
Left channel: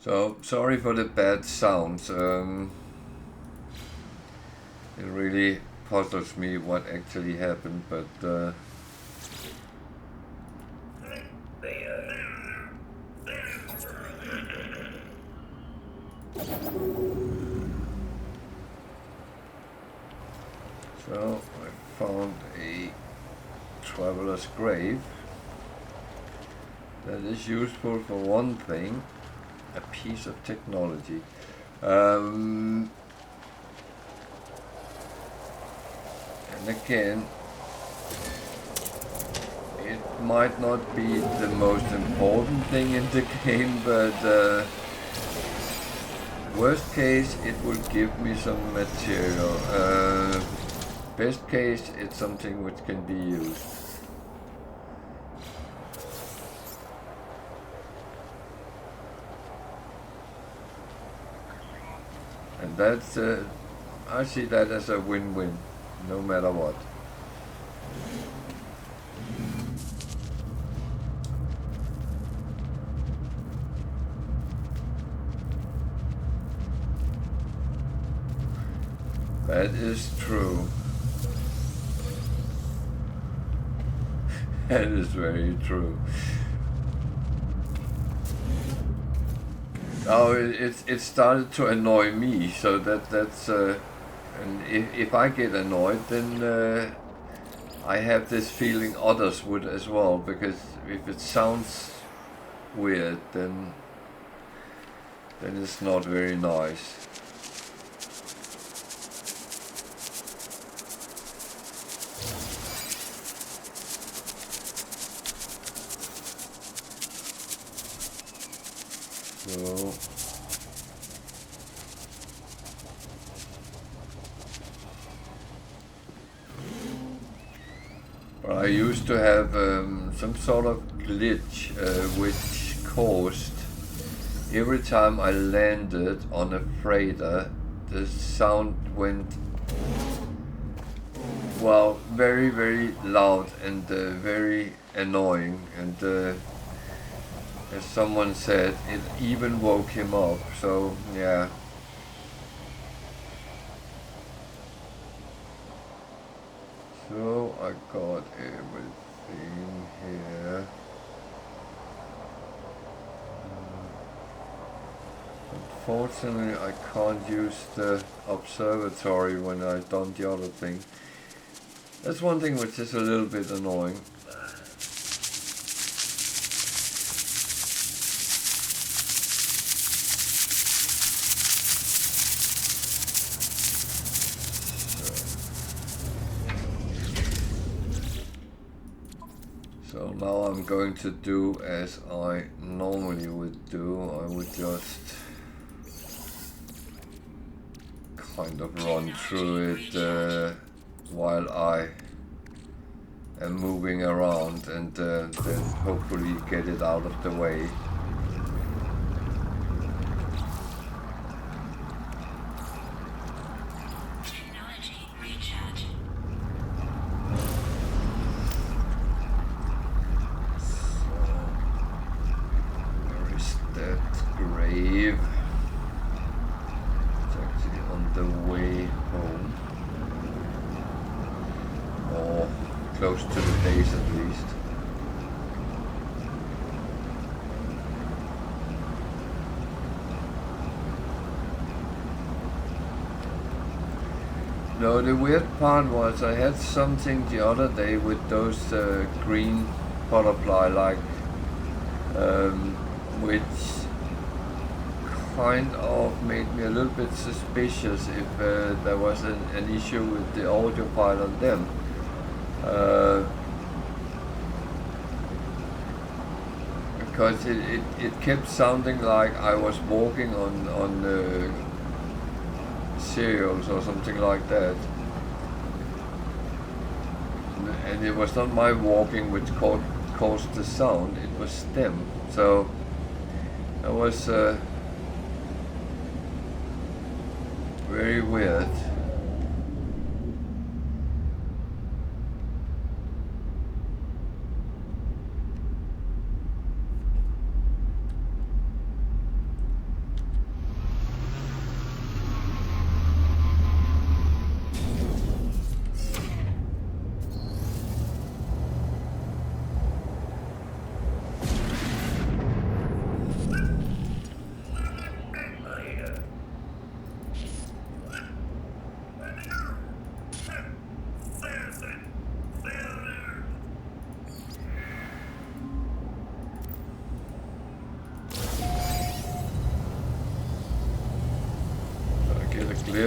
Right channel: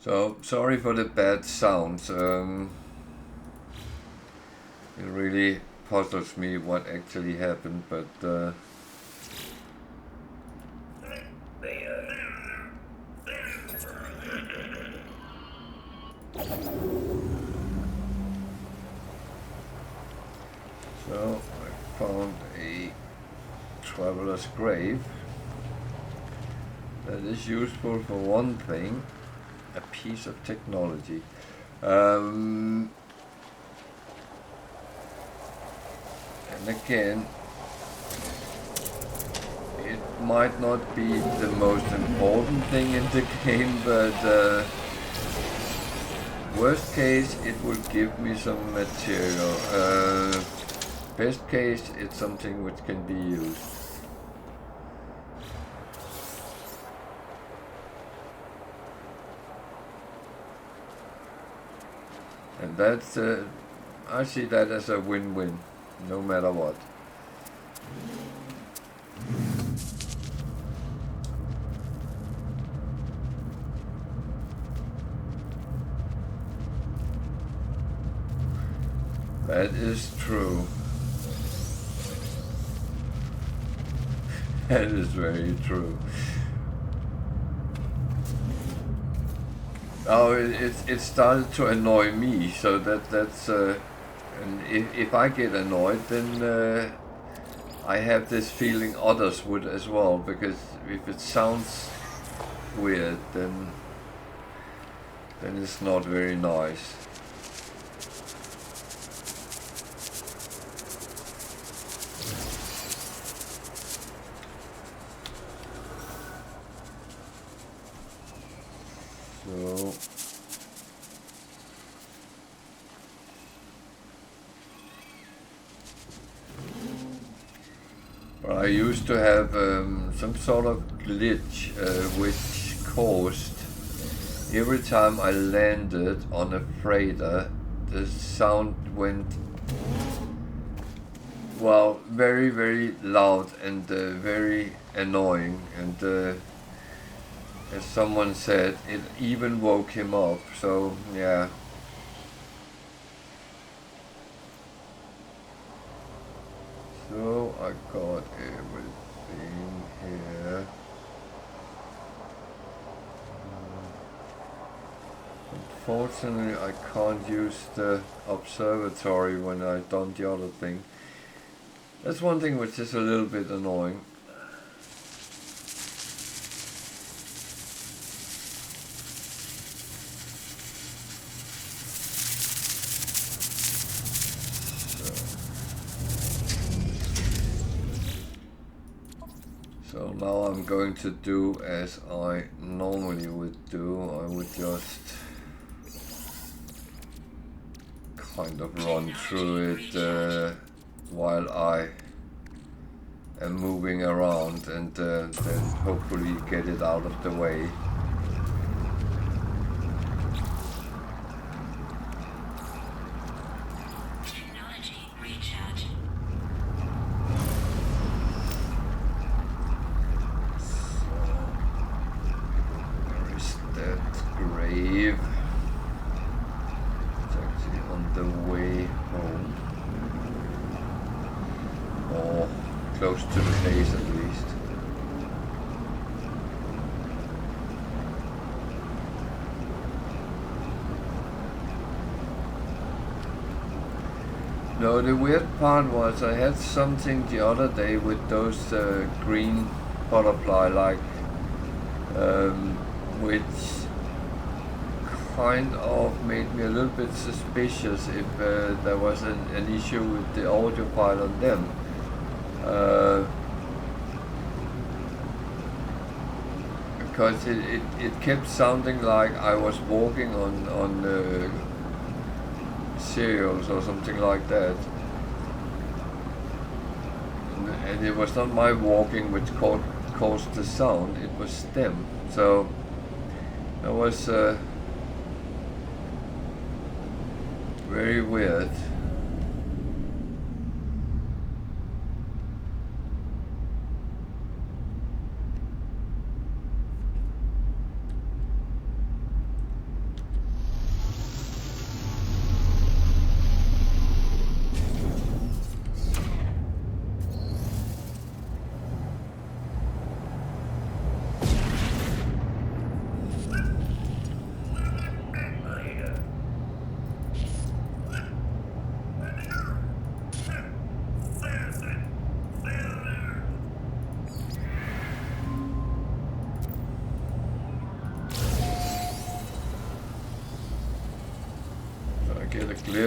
So sorry for the bad sounds. It really puzzles me what actually happened, but so I found a traveler's grave that is useful for one thing. A piece of technology. And again, it might not be the most important thing in the game, but worst case, it will give me some material. Best case, it's something which can be used. And that's, I see that as a win-win, no matter what. That is true. That is very true. Oh, it started to annoy me, so that's and if I get annoyed, then I have this feeling others would as well, because if it sounds weird, then it's not very nice. So but I used to have some sort of glitch which caused every time I landed on a freighter, the sound went, well, very, very loud and very annoying, and as someone said, it even woke him up, so yeah. So I got everything here. Unfortunately, I can't use the observatory when I've done the other thing. That's one thing which is a little bit annoying. So now I'm going to do as I normally would do. I would just kind of run through it while I am moving around, and then hopefully get it out of the way. Close to the base at least. No, the weird part was I had something the other day with those green butterfly like which kind of made me a little bit suspicious if there was an issue with the audio file on them. Because it kept sounding like I was walking on cereals or something like that. And it was not my walking which caused the sound, it was them. So that was very weird.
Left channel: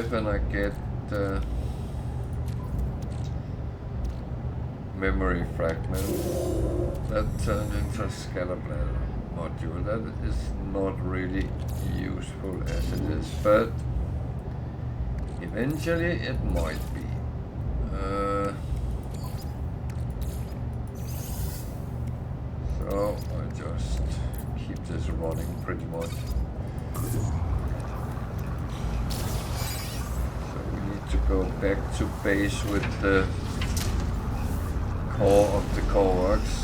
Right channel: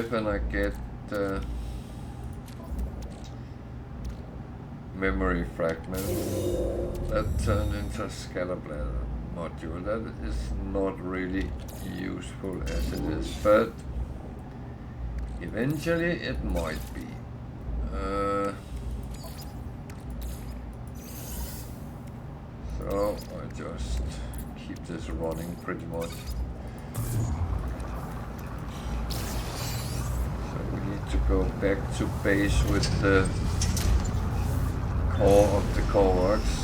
And I get memory fragment that turned into a scatterblader module. That is not really useful as it is, but eventually it might be. So I just keep this running pretty much. To go back to base with the core of the core works.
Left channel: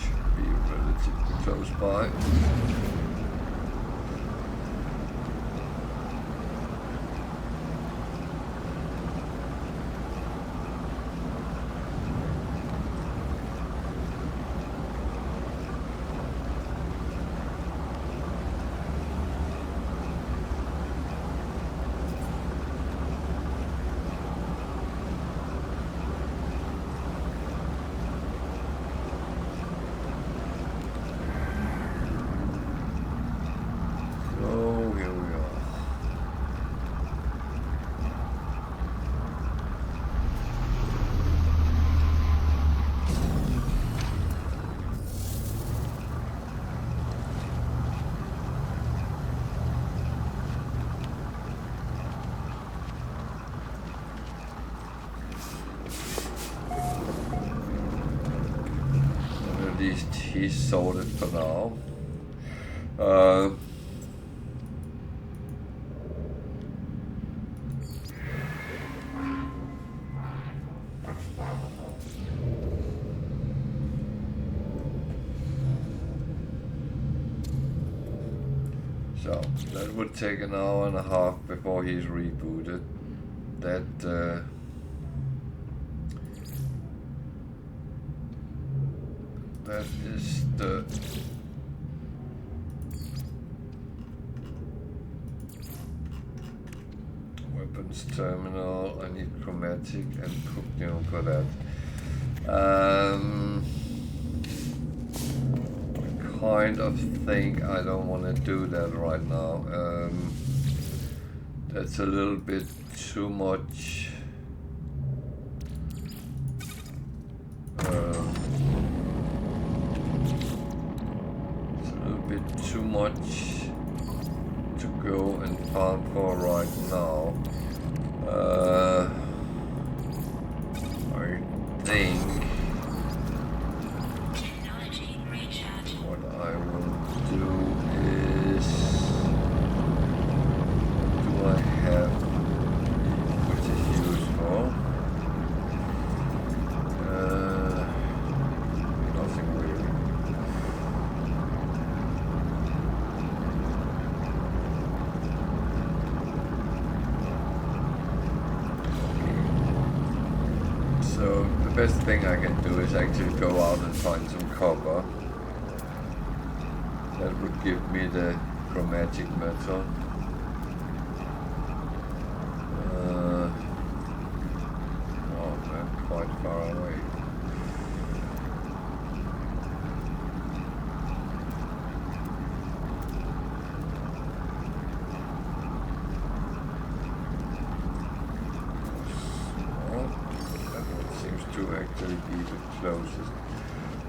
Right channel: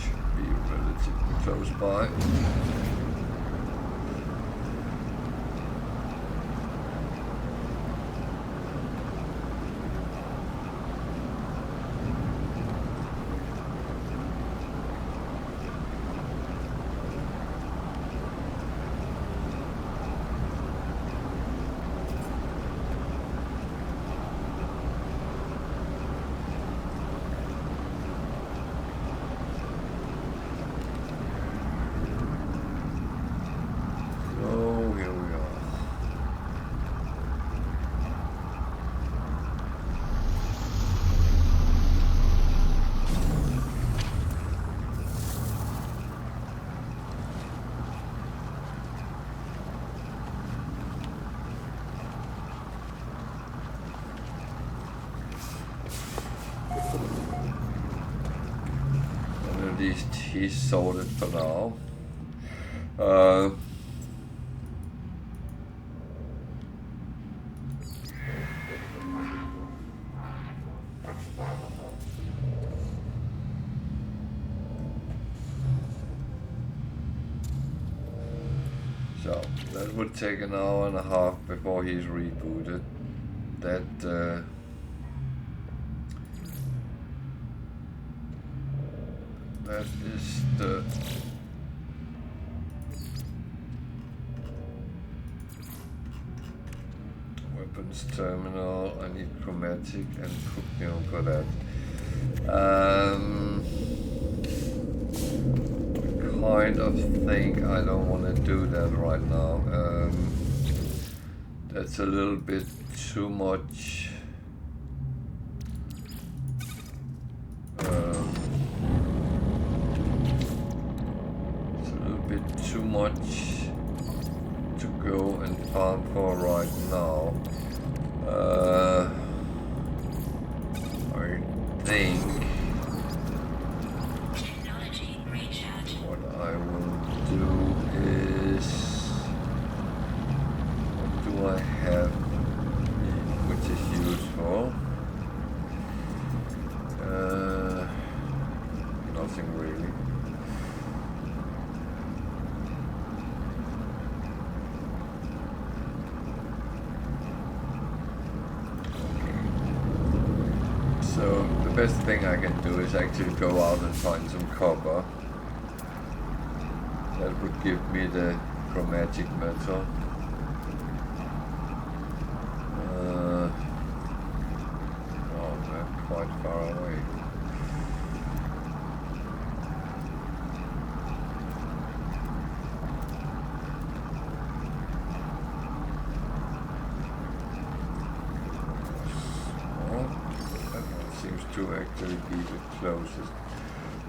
Should be relatively close by. He's sorted for now. So that would take an hour and a half before he's rebooted. That is the weapons terminal. I need chromatic and cooking for that. I kind of think I don't want to do that right now. That's a little bit too much. Too much to go and farm for right now. I think what I will do is, what do I have which is useful? Nothing really. So the best thing I can do is actually go out and find some copper. That would give me the chromatic metal. Oh, they're quite far away. to actually be the closest.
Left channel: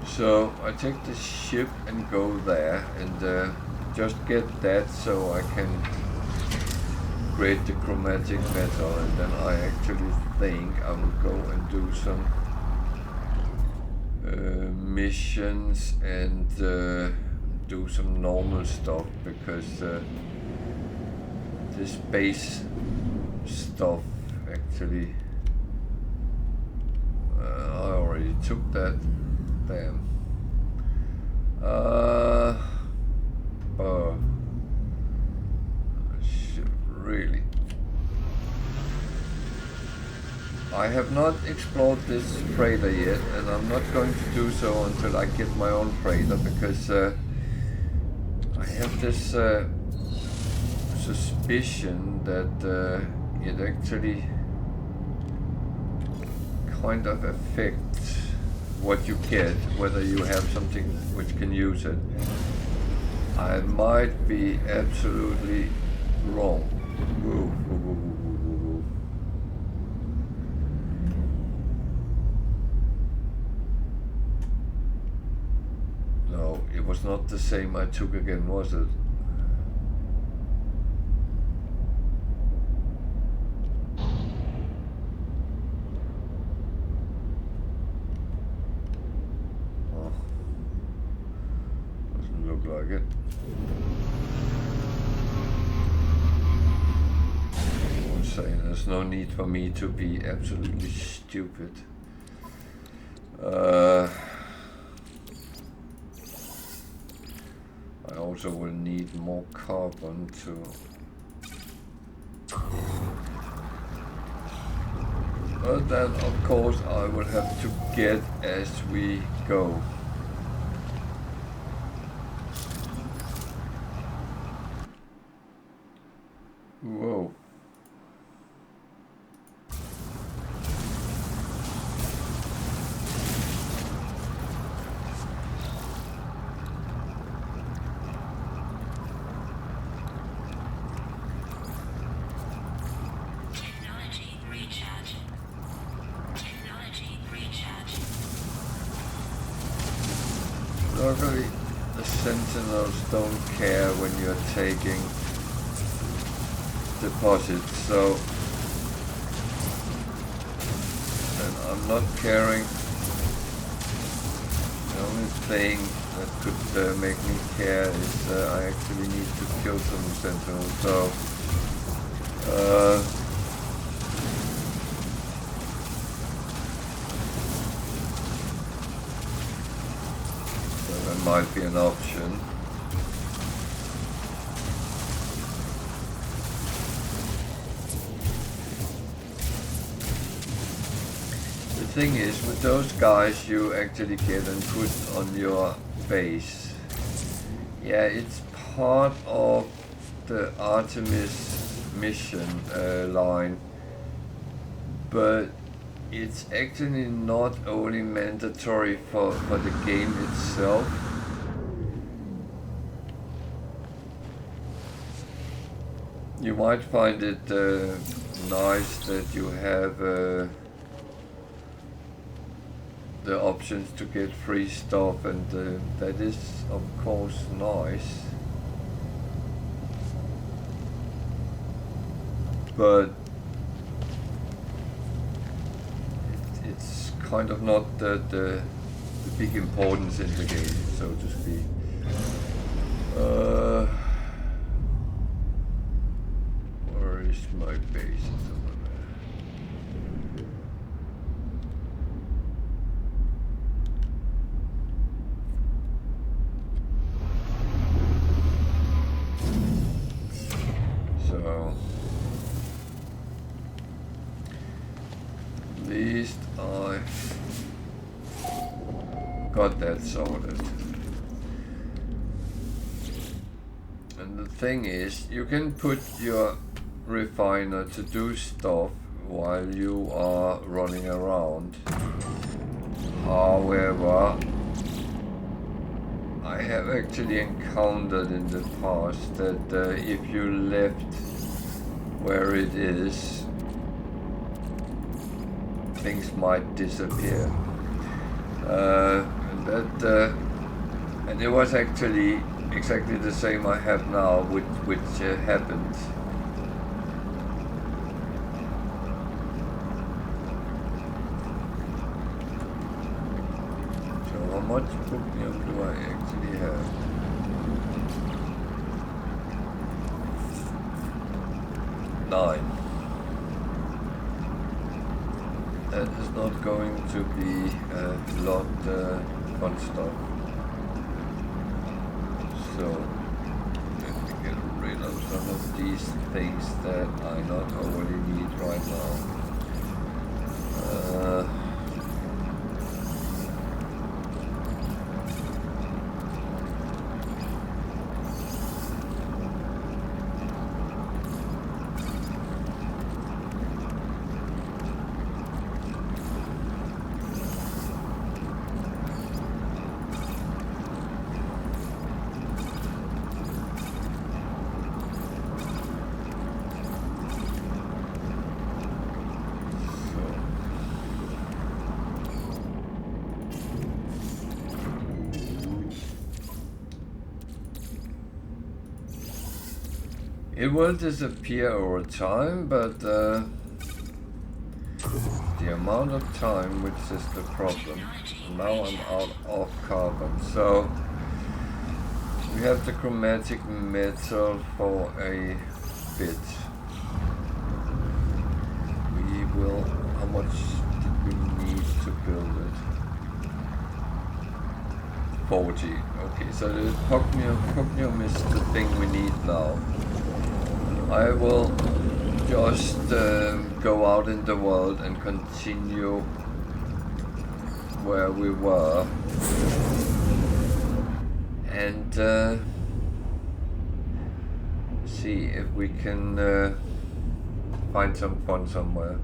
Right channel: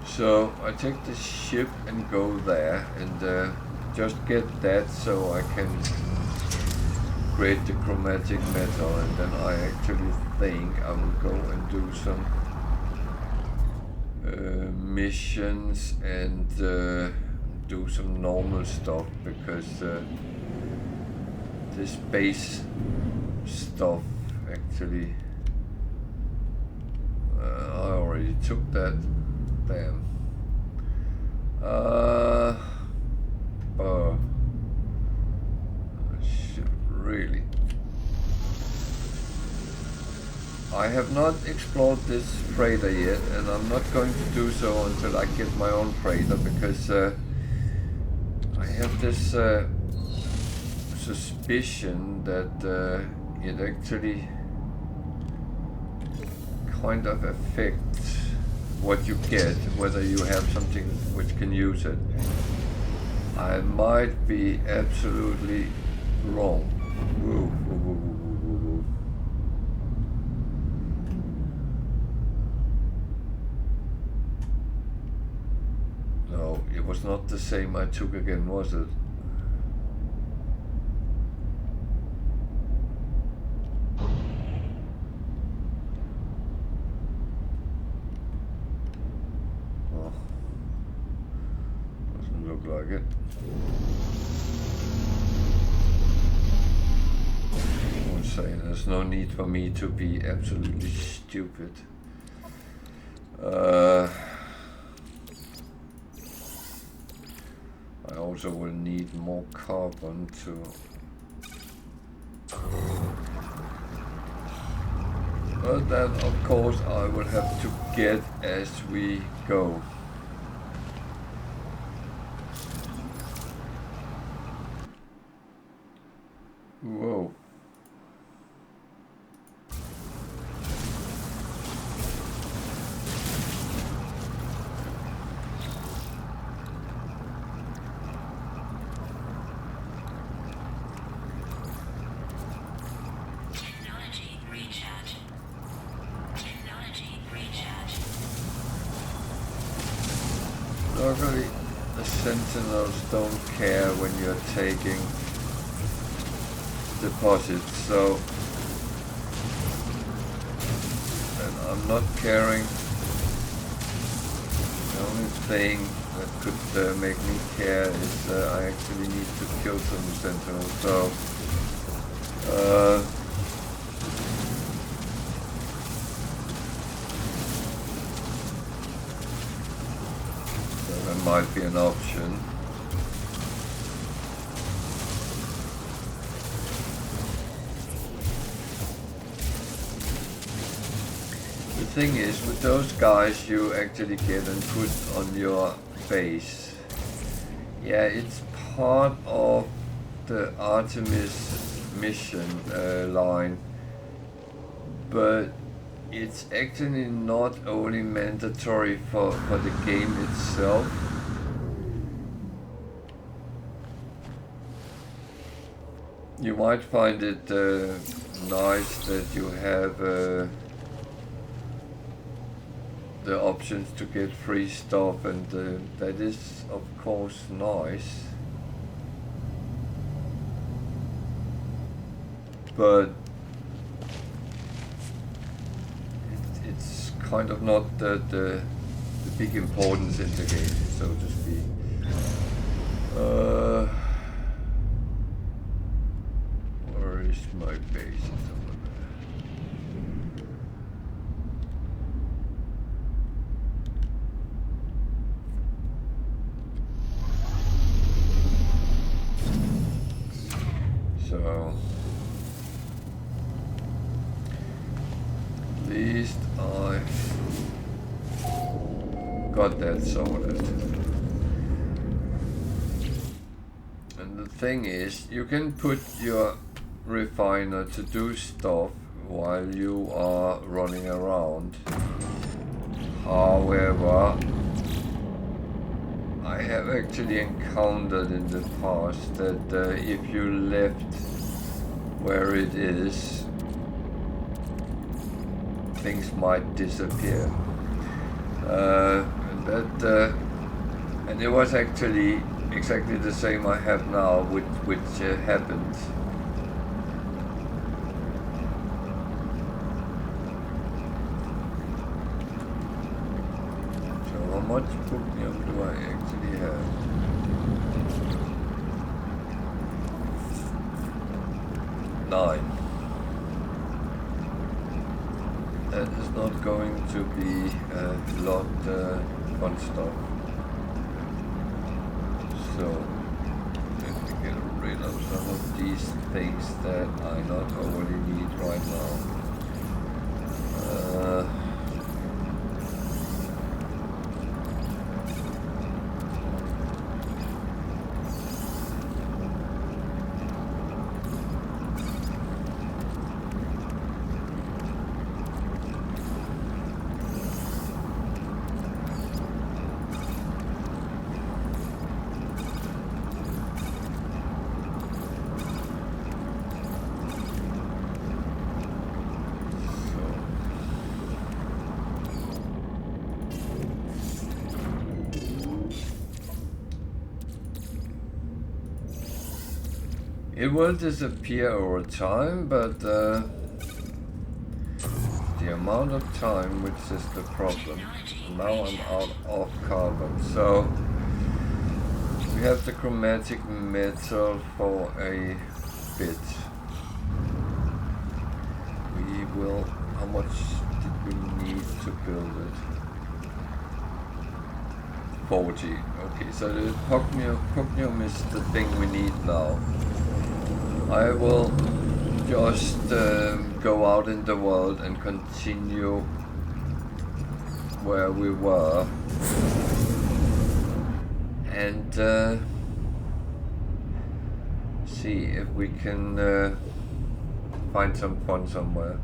So I take the ship and go there and just get that so I can create the chromatic metal, and then I actually think I will go and do some missions and do some normal stuff, because this base stuff actually I already took that. Damn. I should really. I have not explored this freighter yet, and I'm not going to do so until I get my own freighter, because I have this suspicion that it actually kind of affects what you get, whether you have something which can use it. I might be absolutely wrong. Whoa, whoa, whoa, whoa, whoa, whoa. No, it was not the same I took again, was it? Like it. I would say there's no need for me to be absolutely stupid. I also will need more carbon to. But then, of course, I will have to get as we go. Whoa. Technology recharge. Technology recharge. Luckily, the sentinels don't care when you're taking deposits, so, and I'm not caring. The only thing that could make me care is I actually need to kill some sentinels, so that might be an option. The thing is, with those guys you actually get and put on your base, yeah, it's part of the Artemis mission line, but it's actually not only mandatory for the game itself. You might find it nice that you have the options to get free stuff, and that is of course nice, but it's kind of not the big importance in the game, so to speak. Where is my base? It's over there. So at least I got that sorted. And the thing is, you can put your refiner to do stuff while you are running around. However, I have actually encountered in the past that if you left where it is, things might disappear. And it was actually exactly the same I have now, which happened. So how much pupnium do I actually have? Nine. That is not going to be a lot fun stuff. So let me get rid of some of these things that I not already need right now. It will disappear over time, but the amount of time, which is the problem. Now I'm out of carbon, so we have the chromatic metal for a bit. We will, how much did we need to build it? 40, okay, so the pugnium is the thing we need now. I will just go out in the world and continue where we were, and see if we can find some fun somewhere.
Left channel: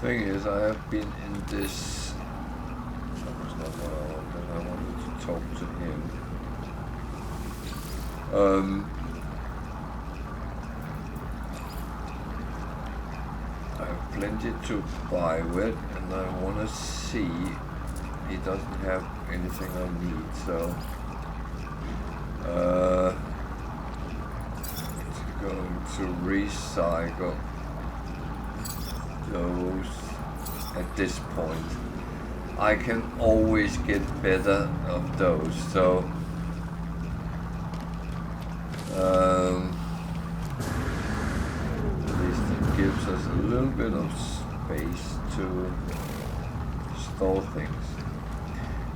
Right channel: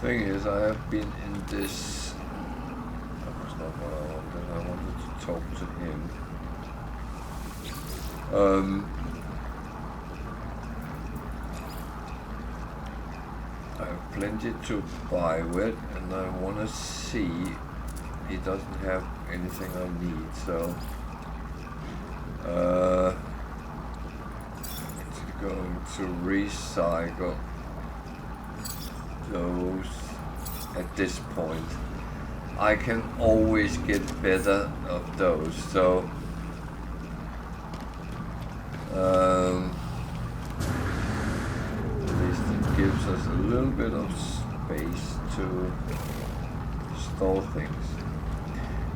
Thing is, I have been in this. That was not what I wanted. I wanted to talk to him. I have plenty to buy with, and I want to see he doesn't have anything I need. So it's going to recycle those at this point. I can always get better of those, so at least it gives us a little bit of space to store things.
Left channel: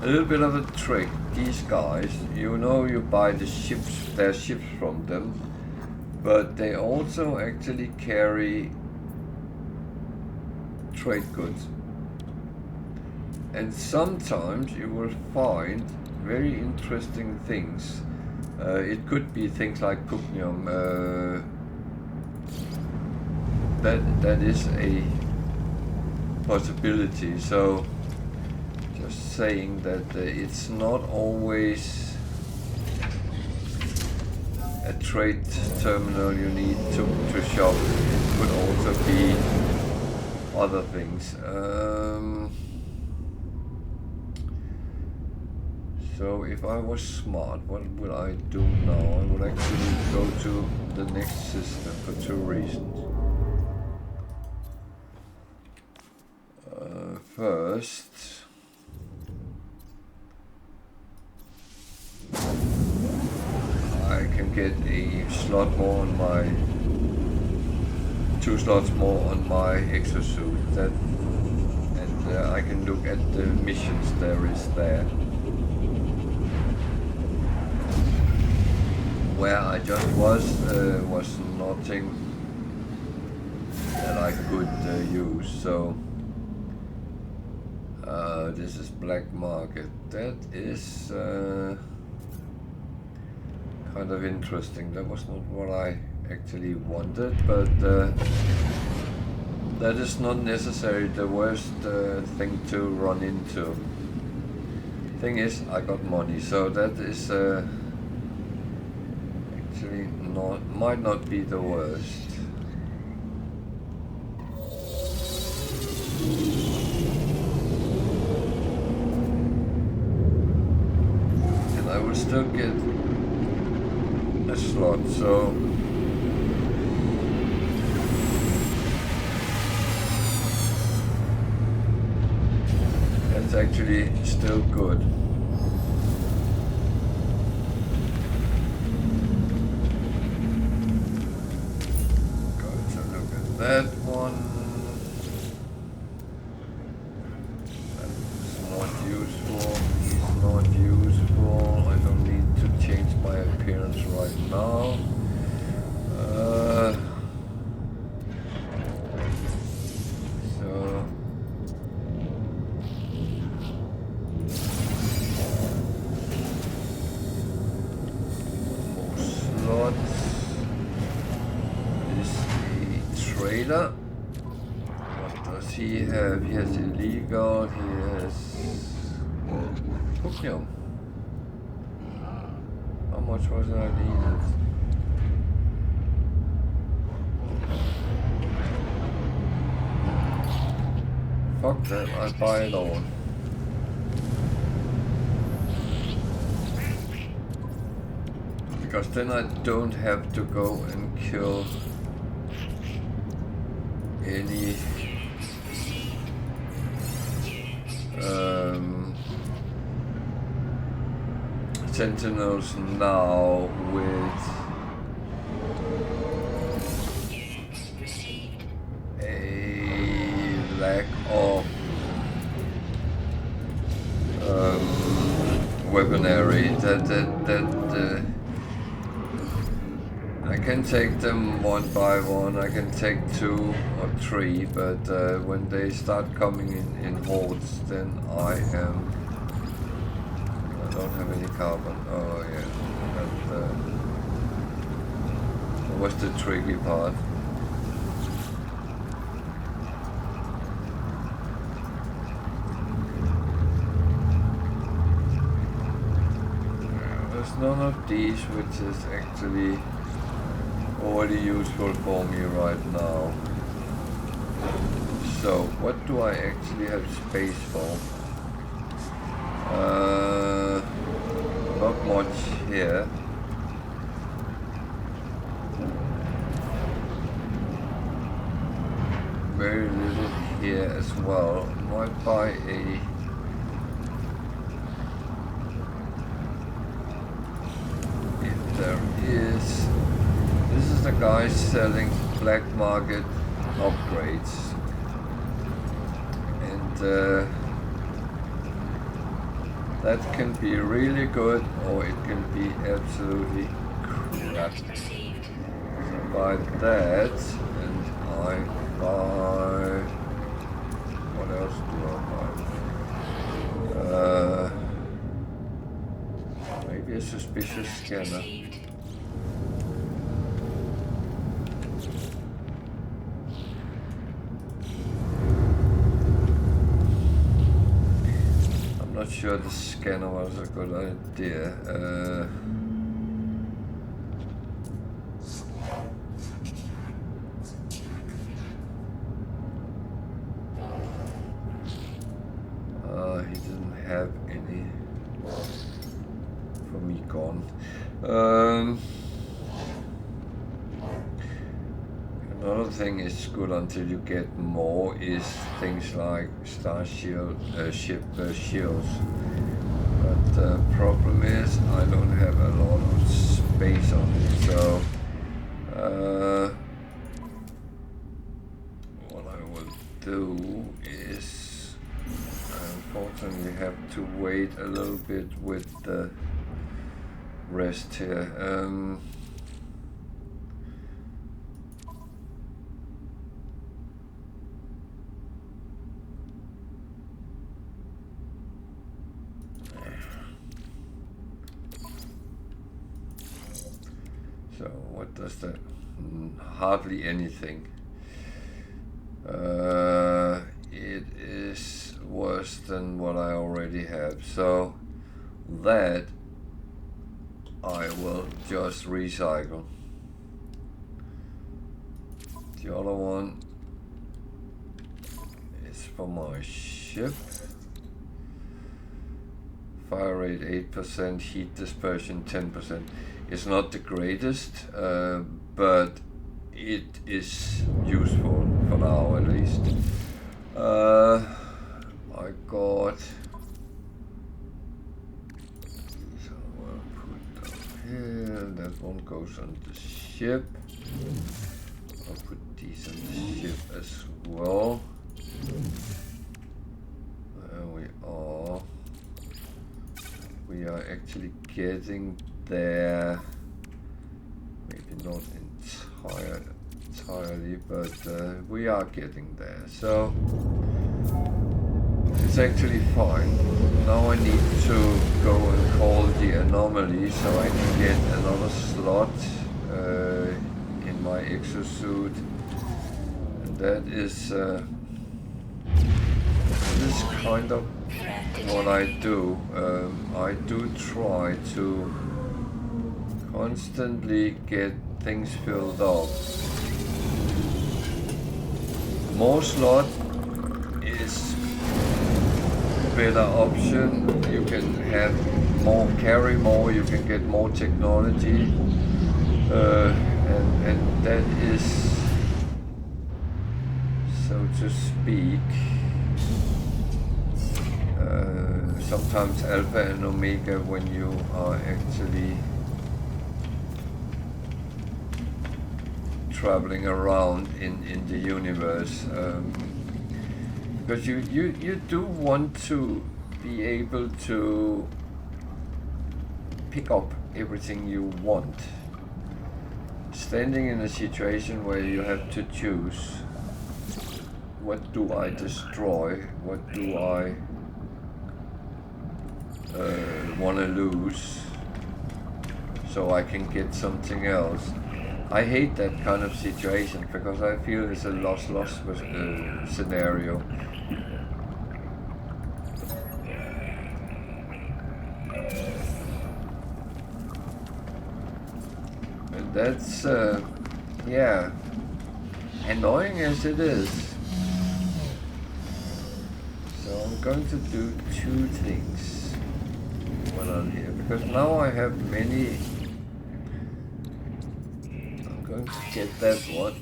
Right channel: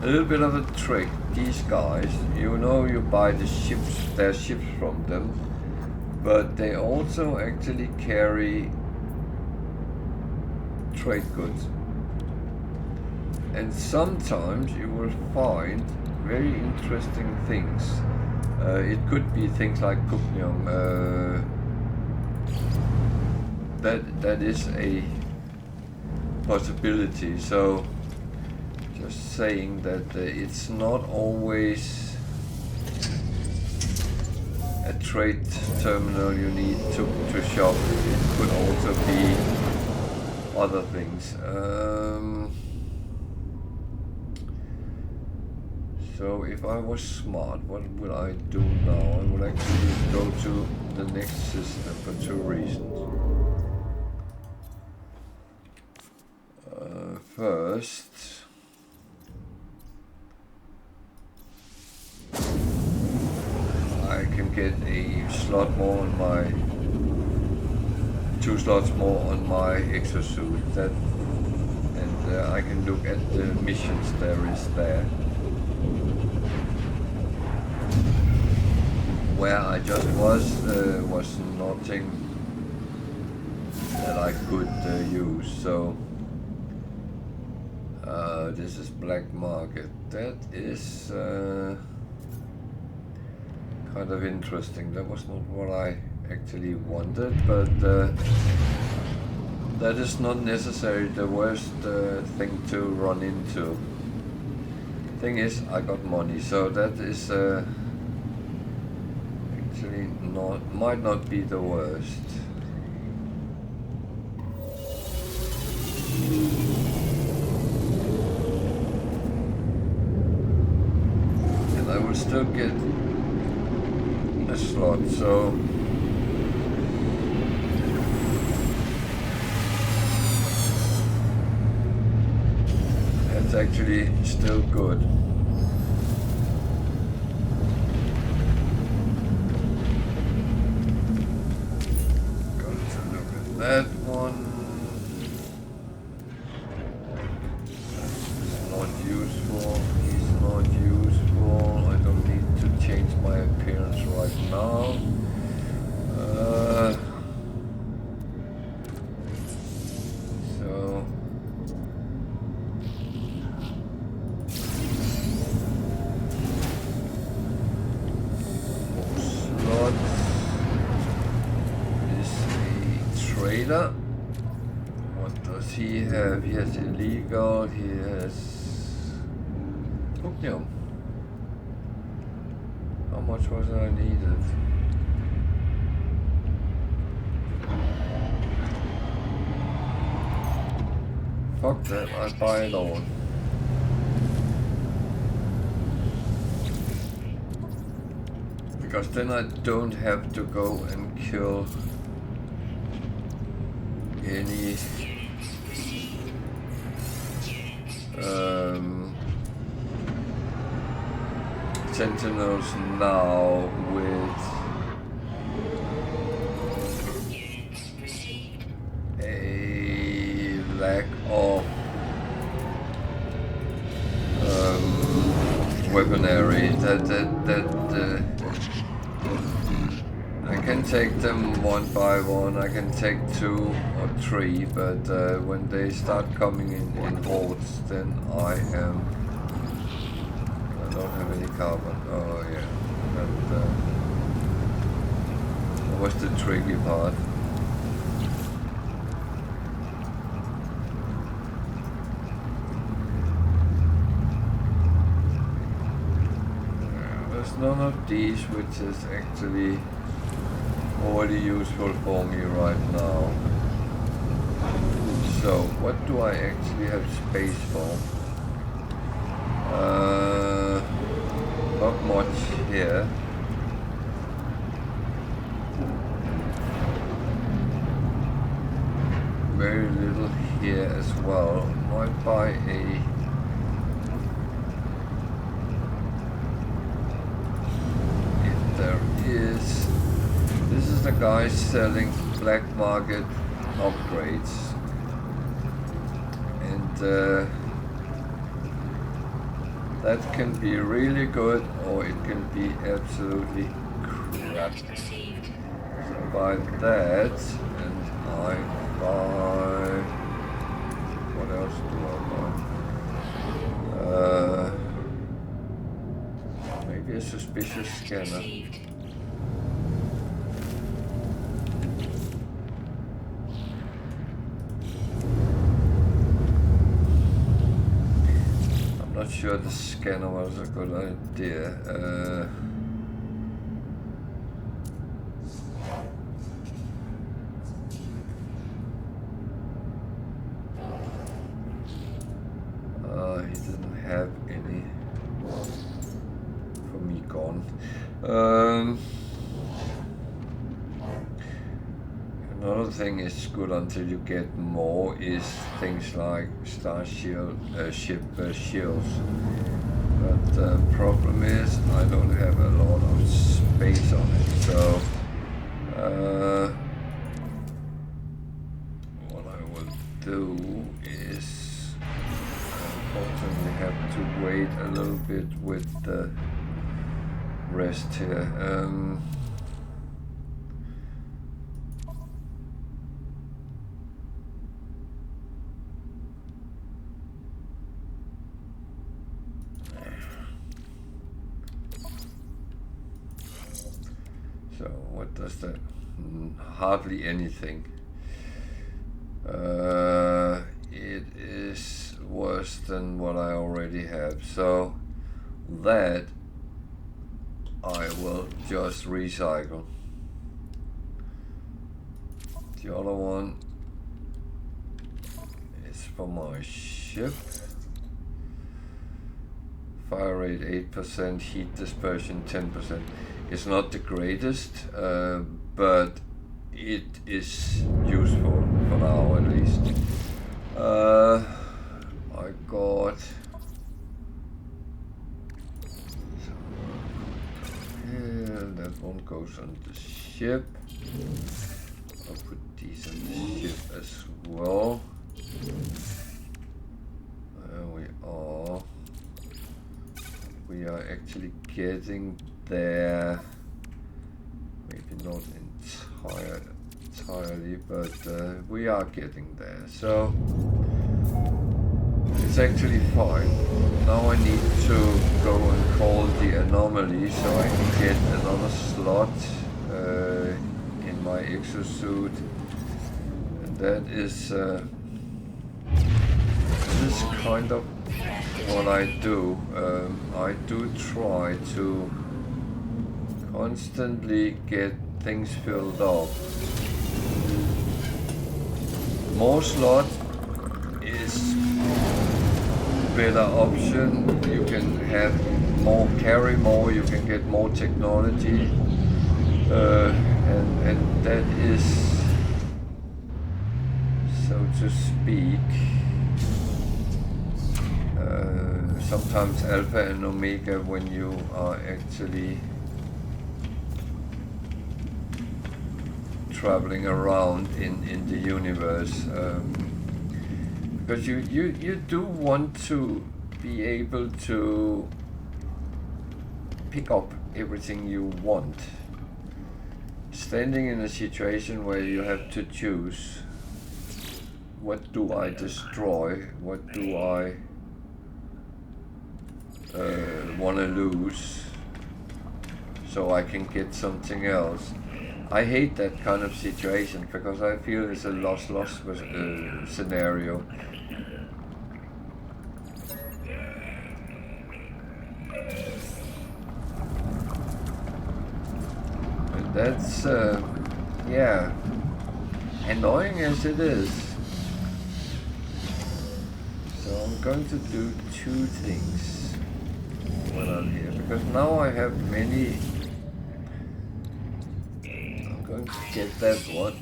A little bit of a trick, these guys, you know, you buy the ships, their ships from them, but they also actually carry trade goods, and sometimes you will find very interesting things. It could be things like pugnium. That is a possibility. So just saying that it's not always a trade terminal you need to shop. It could also be other things. So if I was smart, what would I do now? I would actually go to the next system for two reasons. First, I can get a slot more on my 2 slots more on my exosuit. That, and I can look at the missions there is there. Where I just was nothing that I could use. So This is black market. That is kind of interesting. That was not what I actually wanted, but that is not necessarily the worst thing to run into. Thing is, I got money, so that is actually might not be the worst. And I will still get a slot, so that's actually still good. Got to look at that one. That's not useful. He's not useful. I don't need to change my appearance right now. So more slots. Is a trader. What does he have? He has illegal. He has Pugnium. How much was I needed? Fuck that, I buy it all. Because then I don't have to go and kill any sentinels now with a lack of weaponry. I can take them one by one. I can take 2 or 3, but when they start coming in hordes, then I don't have any carbon. Oh yeah, that was the tricky part. There's none of these which is actually already useful for me right now. So what do I actually have space for? Not much here. Very little here as well. Might buy a if there is. This is the guy selling black market upgrades, and that can be really good or it can be absolutely crap. So I buy that and I buy, what else do I buy? Maybe a suspicious scanner. Not sure the scanner was a good idea. He didn't have any for me gone. Another thing is good until you get more is things like star shield, ship shields. But the problem is I don't have a lot of space on it. So what I will do is unfortunately have to wait a little bit with the rest here. So what does that? Hardly anything. It is worse than what I already have. So that I will just recycle. The other one is for my ship. Fire rate 8%, heat dispersion 10%. It's not the greatest, but it is useful for now at least. I got. So I'll put down here. That one goes on the ship. I'll put these on the ship as well. There we are. We are actually getting there. Maybe not entirely, but we are getting there. So it's actually fine. Now I need to go and call the anomaly so I can get another slot in my exosuit, and that is kind of what I do. I do try to constantly get things filled up. More slot is a better option. You can have more, carry more, you can get more technology, and that is, so to speak, sometimes alpha and omega when you are actually traveling around in the universe, because you do want to be able to pick up everything you want. Standing in a situation where you have to choose, what do I destroy, what do I want to lose so I can get something else. I hate that kind of situation because I feel it's a loss-loss scenario. And that's, yeah, annoying as it is. So I'm going to do two things when I'm here, because now I have many. I'm going to get that one.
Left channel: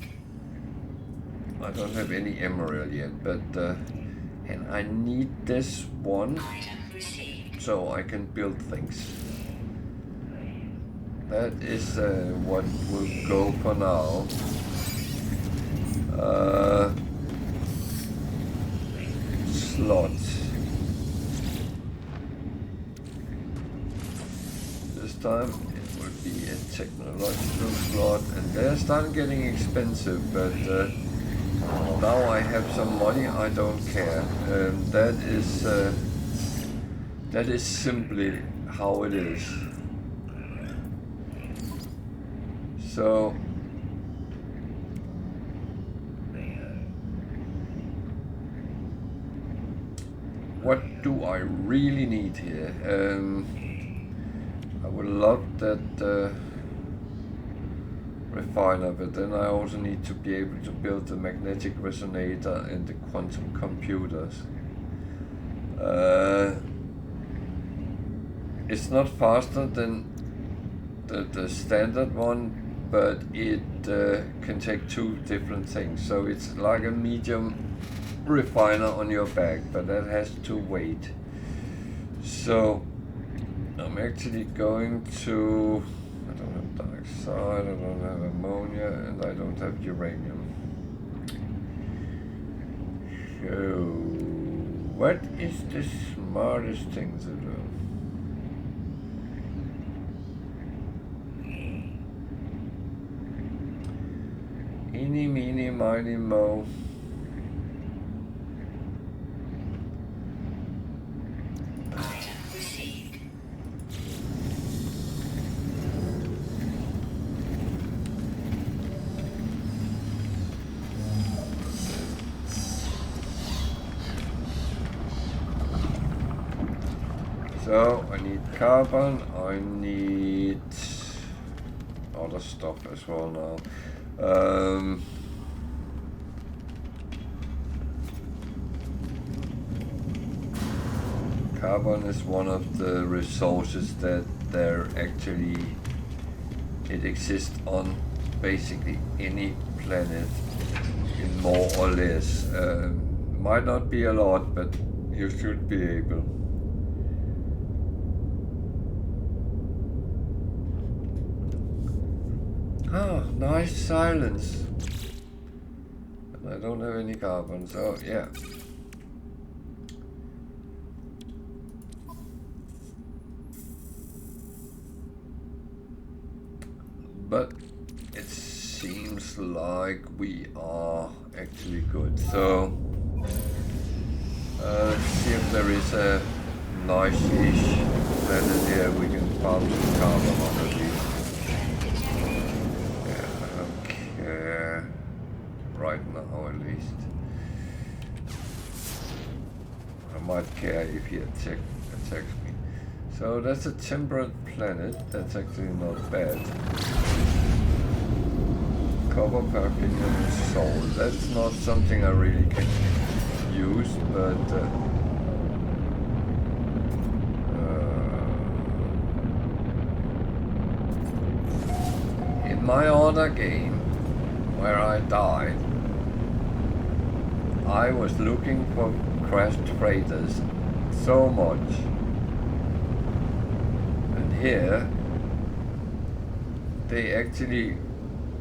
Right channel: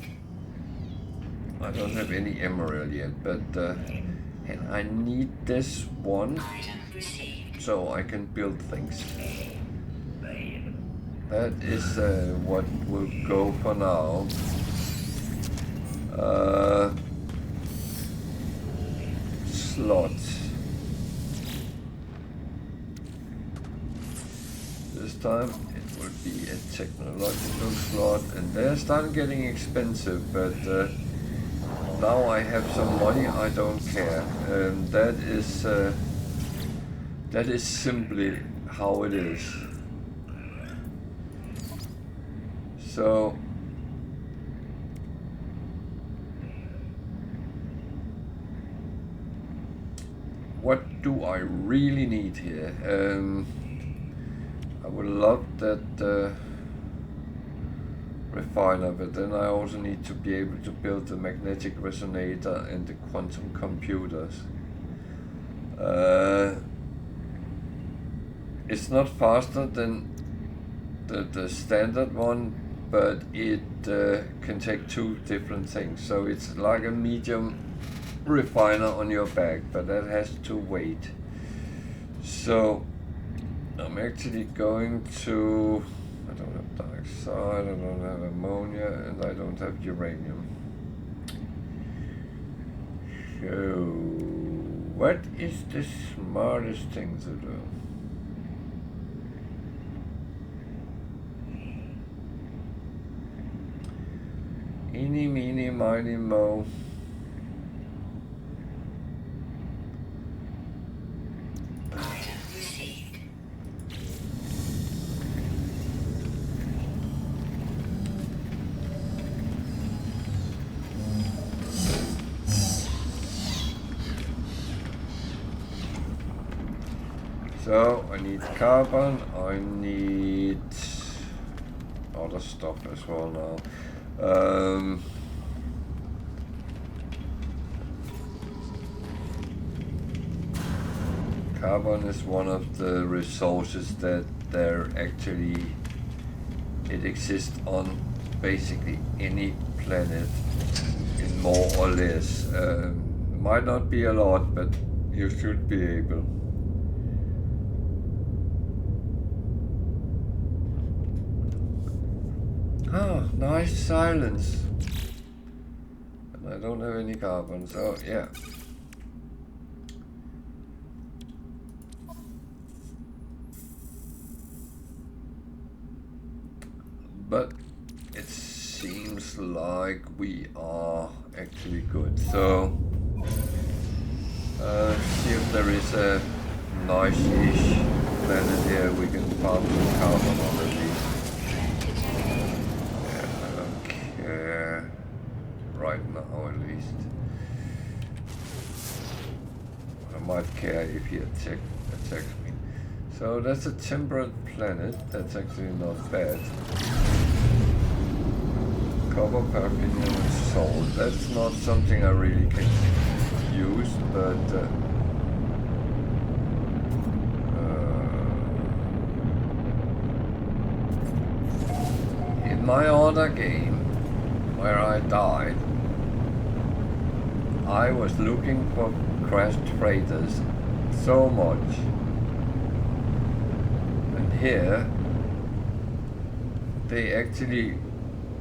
I don't have any emerald yet, but and I need this one so I can build things. That is what will go for now. Slot. This time it will be a technological slot, and they're starting getting expensive, but now I have some money, I don't care. That is simply how it is. So what do I really need here? I would love that refiner, but then I also need to be able to build the magnetic resonator and the quantum computers. It's not faster than the standard one, but it can take two different things. So it's like a medium refiner on your back, but that has to wait. So I'm actually going to, I don't have dioxide, I don't have ammonia, and I don't have uranium. So what is the smartest thing to do? Eeny, meeny, miny, mo. So I need carbon, I need other stuff as well now. Carbon is one of the resources that it exists on basically any planet in more or less. Might not be a lot, but you should be able. Ah, nice silence. And I don't have any carbon, so yeah. But it seems like we are actually good. So see if there is a nice-ish planet here we can farm some carbon on at least. Yeah, I don't care right now at least. I might care if he attacks me. So that's a temperate planet, that's actually not bad. Copper, paraffinium and salt, that's not something I really can use, but in my other game, where I died, I was looking for crashed freighters so much. Here, they actually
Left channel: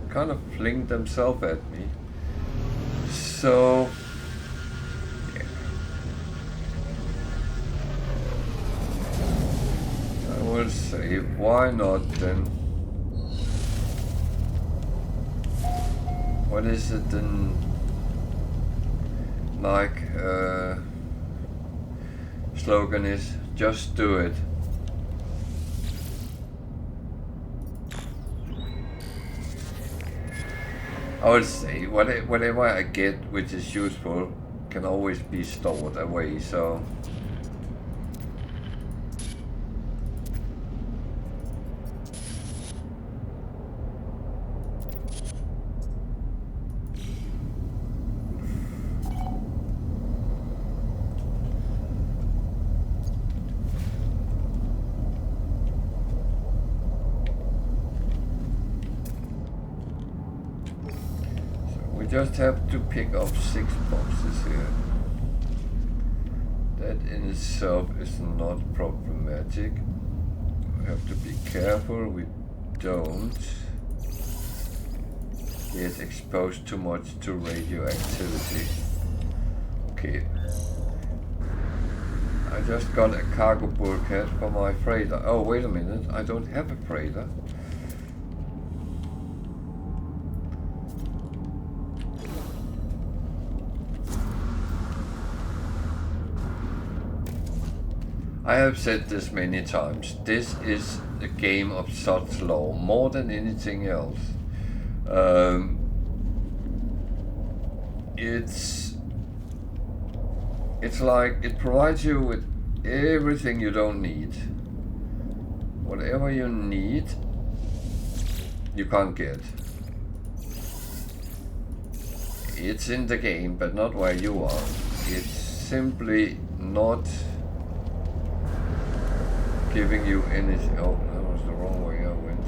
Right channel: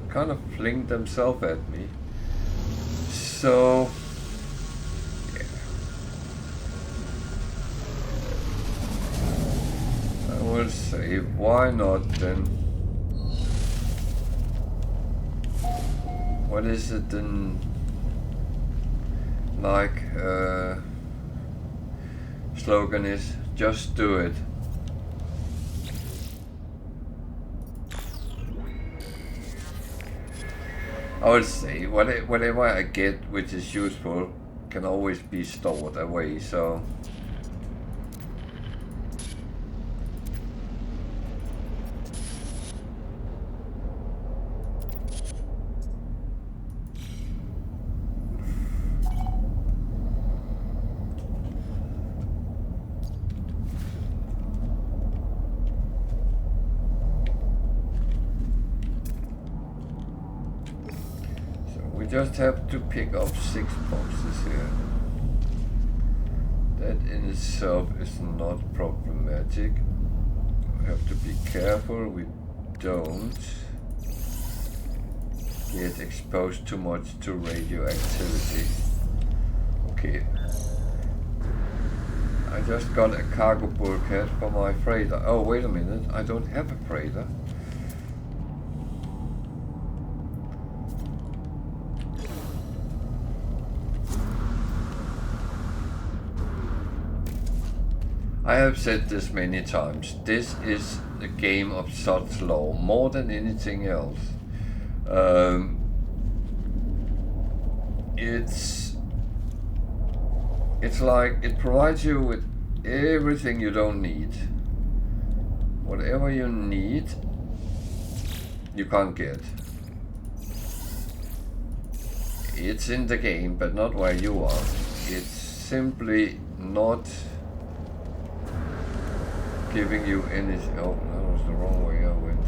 kind of flinged themselves at me. So, yeah. I will say, why not then? What is it then? Like, slogan is, just do it. I would say whatever I get which is useful can always be stored away, so just have to pick up 6 boxes here. That in itself is not problematic. We have to be careful we don't get exposed too much to radioactivity. Okay. I just got a cargo bulkhead for my freighter. Oh, wait a minute, I don't have a freighter. I have said this many times, this is a game of Sod's Law, more than anything else. It's like, it provides you with everything you don't need. Whatever you need, you can't get. It's in the game, but not where you are. It's simply not giving you anything. Oh, that was the wrong way I went.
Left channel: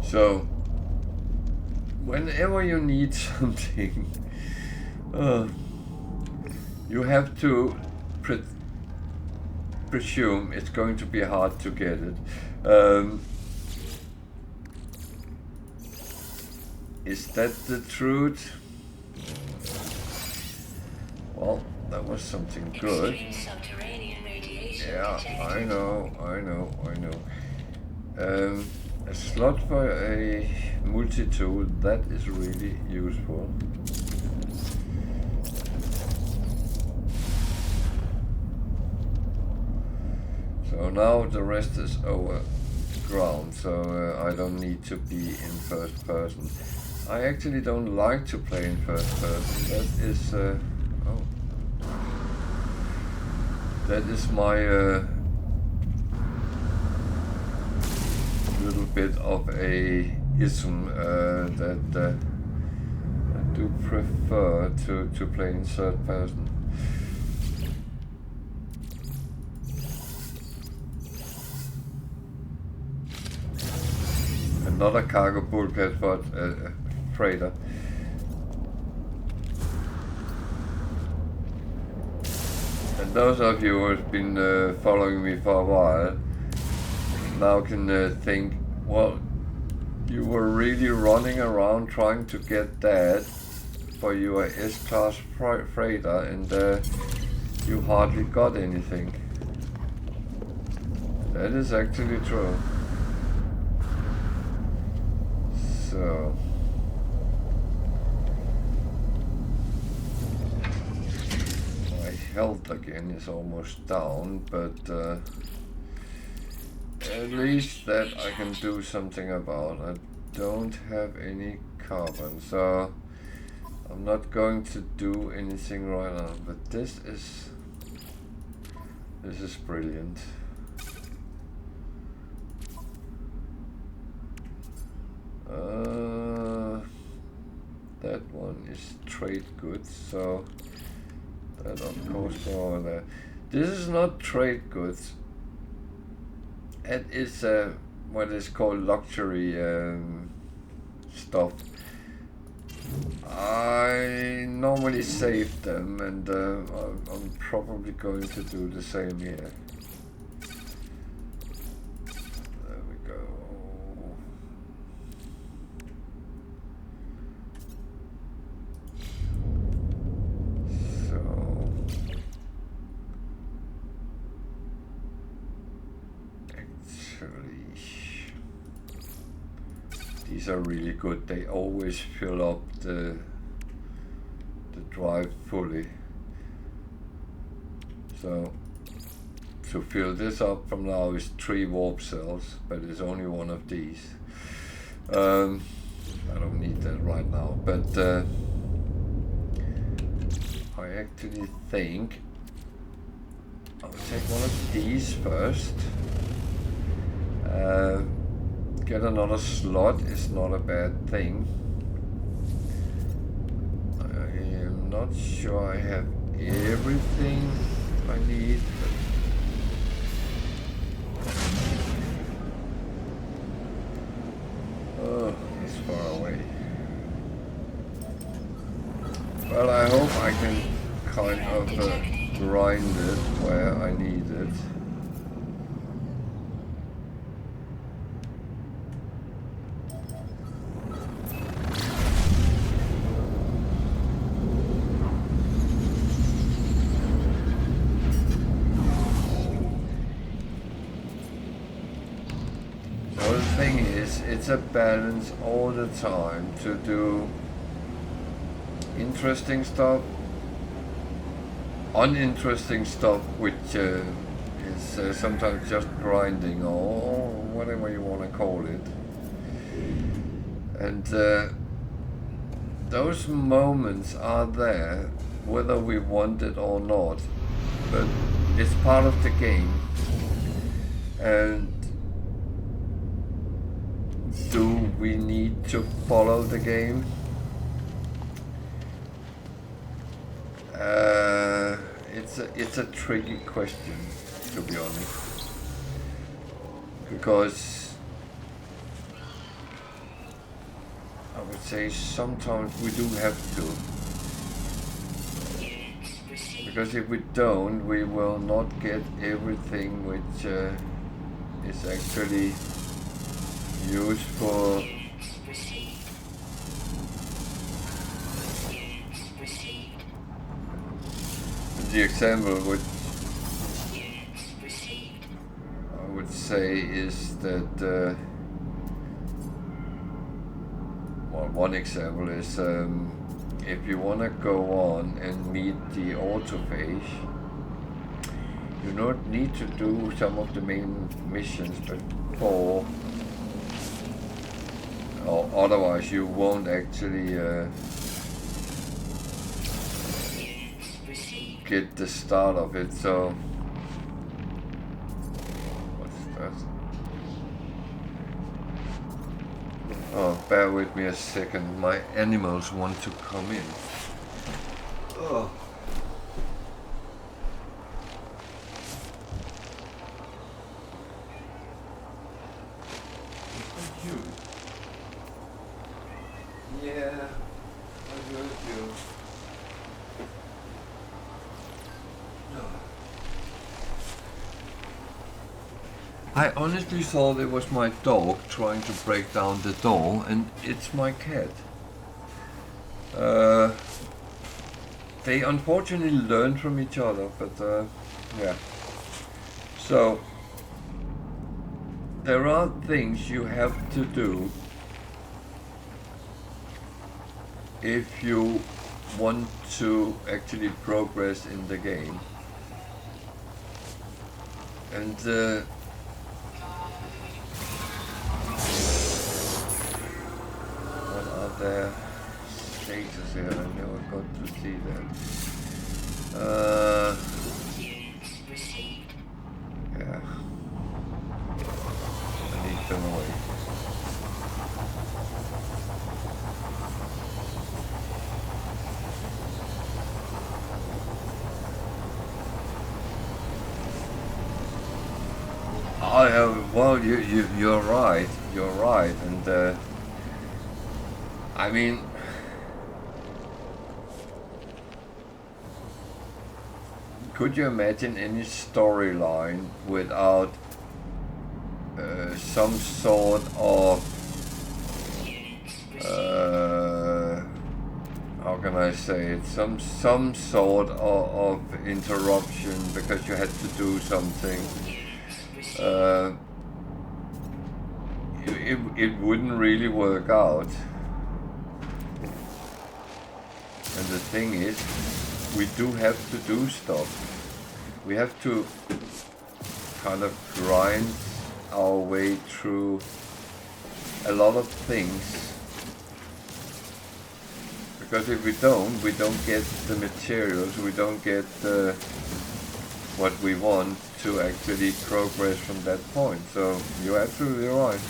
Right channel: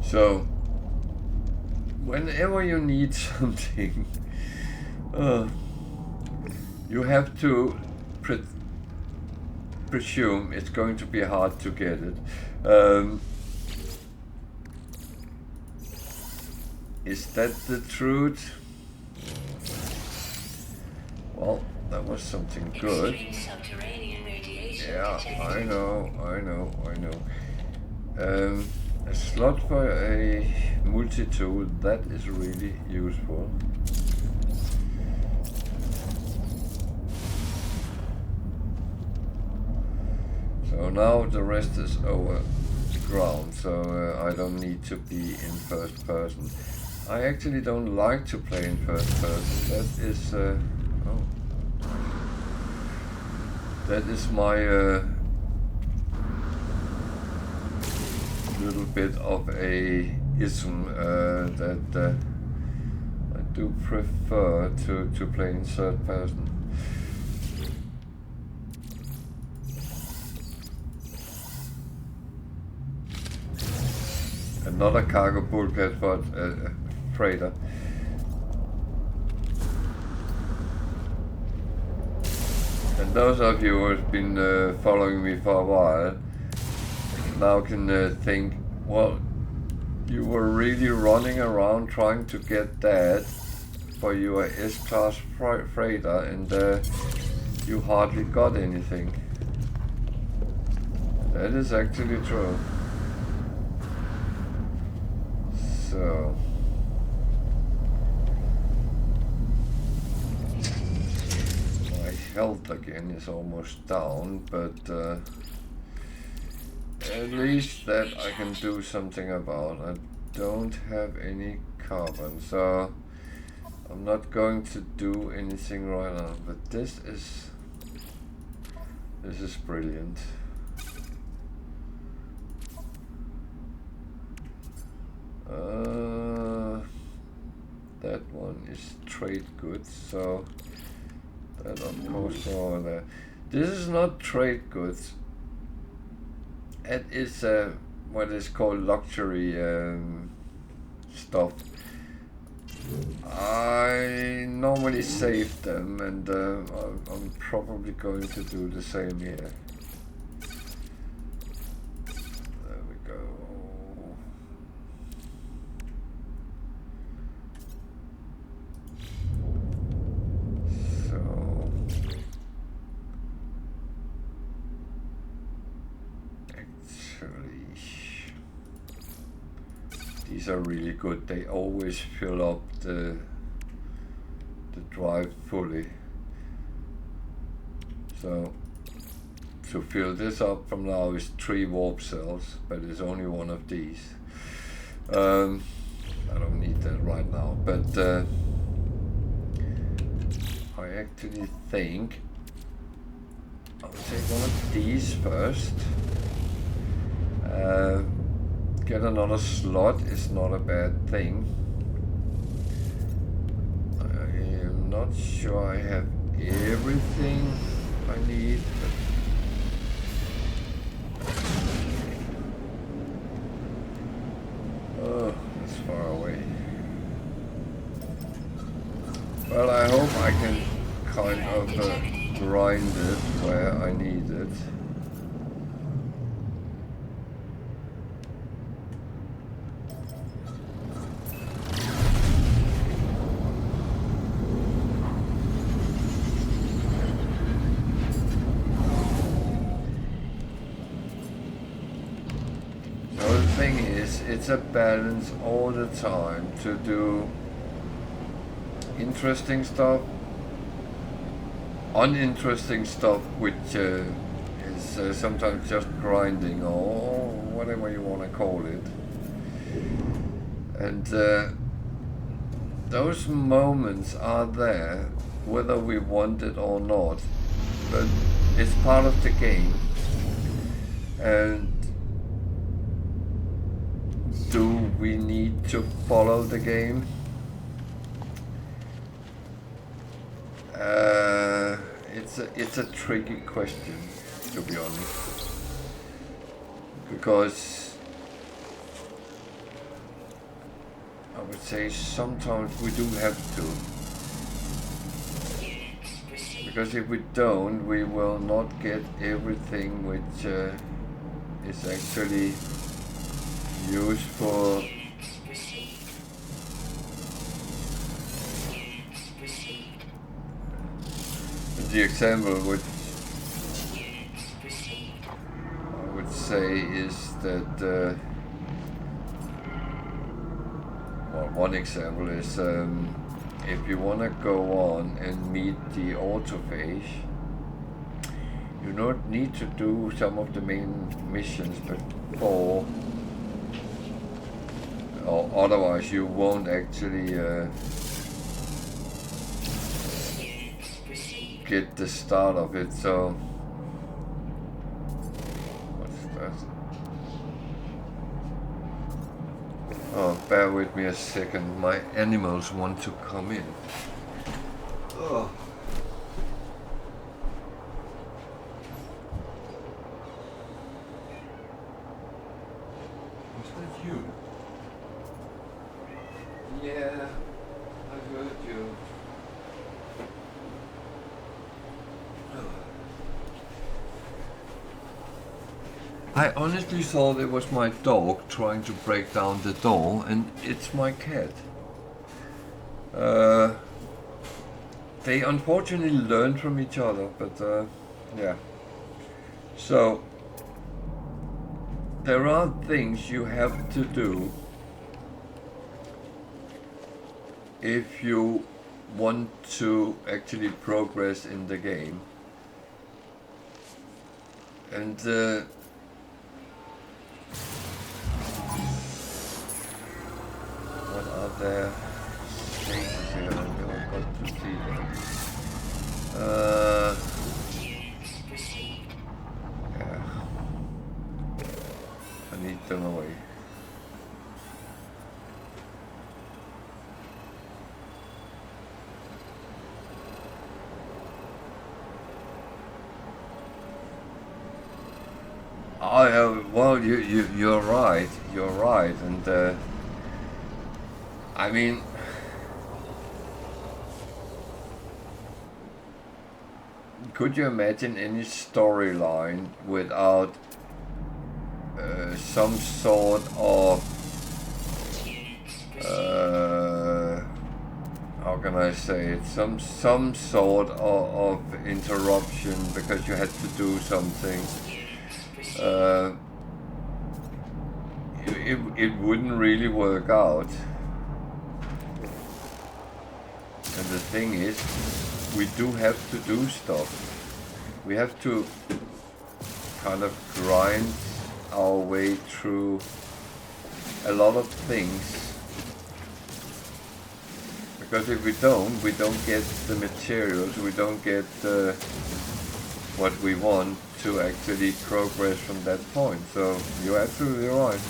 So, whenever you need something, you have to presume it's going to be hard to get it. Is that the truth? Well, that was something good. Yeah, I know. A slot for a multi-tool, that is really useful. So So now the rest is over ground, so I don't need to be in first person. I actually don't like to play in first person. That is that is my little bit of a ism that I do prefer to play in third person. Not a cargo bulkhead, but a freighter. And those of you who have been following me for a while now can think, well, you were really running around trying to get that for your S-class freighter, and you hardly got anything. That is actually true. So my health again is almost down, but at least that I can do something about. I don't have any carbon, so I'm not going to do anything right now, but this is brilliant. That one is trade goods, so that of course go over there. This is not trade goods. It is what is called luxury stuff. I normally save them, and I'm probably going to do the same here. There we go. So actually, these are really good. They always fill up the drive fully. So to fill this up from now is 3 warp cells, but it's only one of these. I don't need that right now, but I actually think I'll take one of these first. Get another slot is not a bad thing. I am not sure I have everything I need, but oh, that's far away. Well, I hope I can kind of grind it where I need it. It's a balance all the time to do interesting stuff, uninteresting stuff, which is sometimes just grinding or whatever you want to call it. And those moments are there whether we want it or not, but it's part of the game. And do we need to follow the game? It's a tricky question, to be honest, because I would say sometimes we do have to, because if we don't, we will not get everything which is actually useful. The example which I would say is that well, one example is if you want to go on and meet the autophage, You don't need to do some of the main missions before, or otherwise you won't actually get the start of it. So what's that? Oh, bear with me a second. My animals want to come in. Oh. Was that you? Yeah, I heard you. I honestly thought it was my dog trying to break down the door, and it's my cat. They unfortunately learn from each other, but yeah. So, there are things you have to do if you want to actually progress in the game. And what are there stages here? I never got to see that. Yeah. I need them away. Well, you're right. You're right, and I mean, could you imagine any storyline without some sort of how can I say it? Some sort of interruption because you had to do something. It wouldn't really work out. And the thing is, we do have to do stuff. We have to kind of grind our way through a lot of things. Because if we don't get the materials, we don't get what we want to actually progress from that point. So you're absolutely right.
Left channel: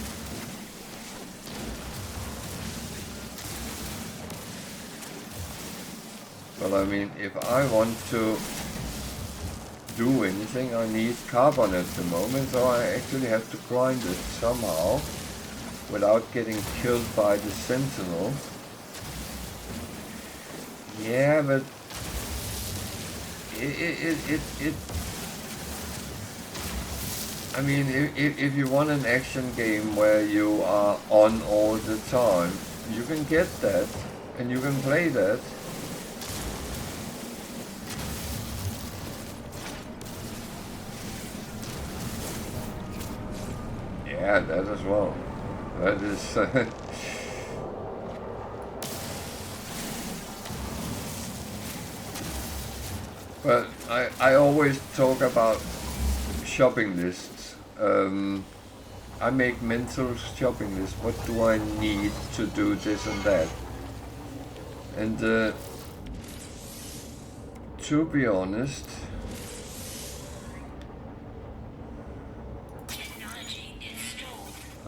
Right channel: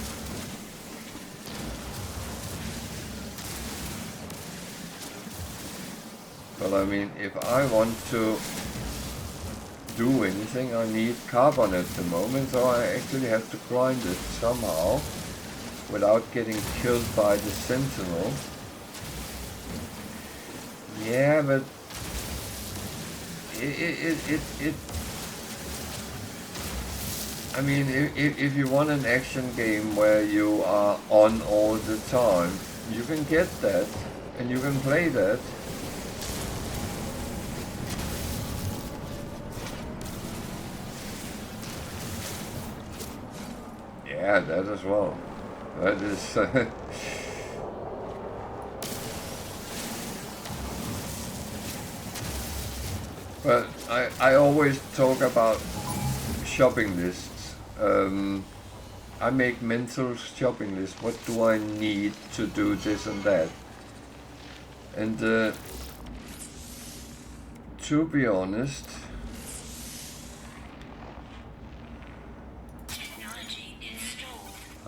But I mean, if I want to do anything, I need carbon at the moment, so I actually have to grind it somehow without getting killed by the sentinel. Yeah, but I mean, if you want an action game where you are on all the time, you can get that, and you can play that. Yeah, that as well. That is... But I always talk about shopping lists. I make mental shopping lists. What do I need to do this and that? And to be honest,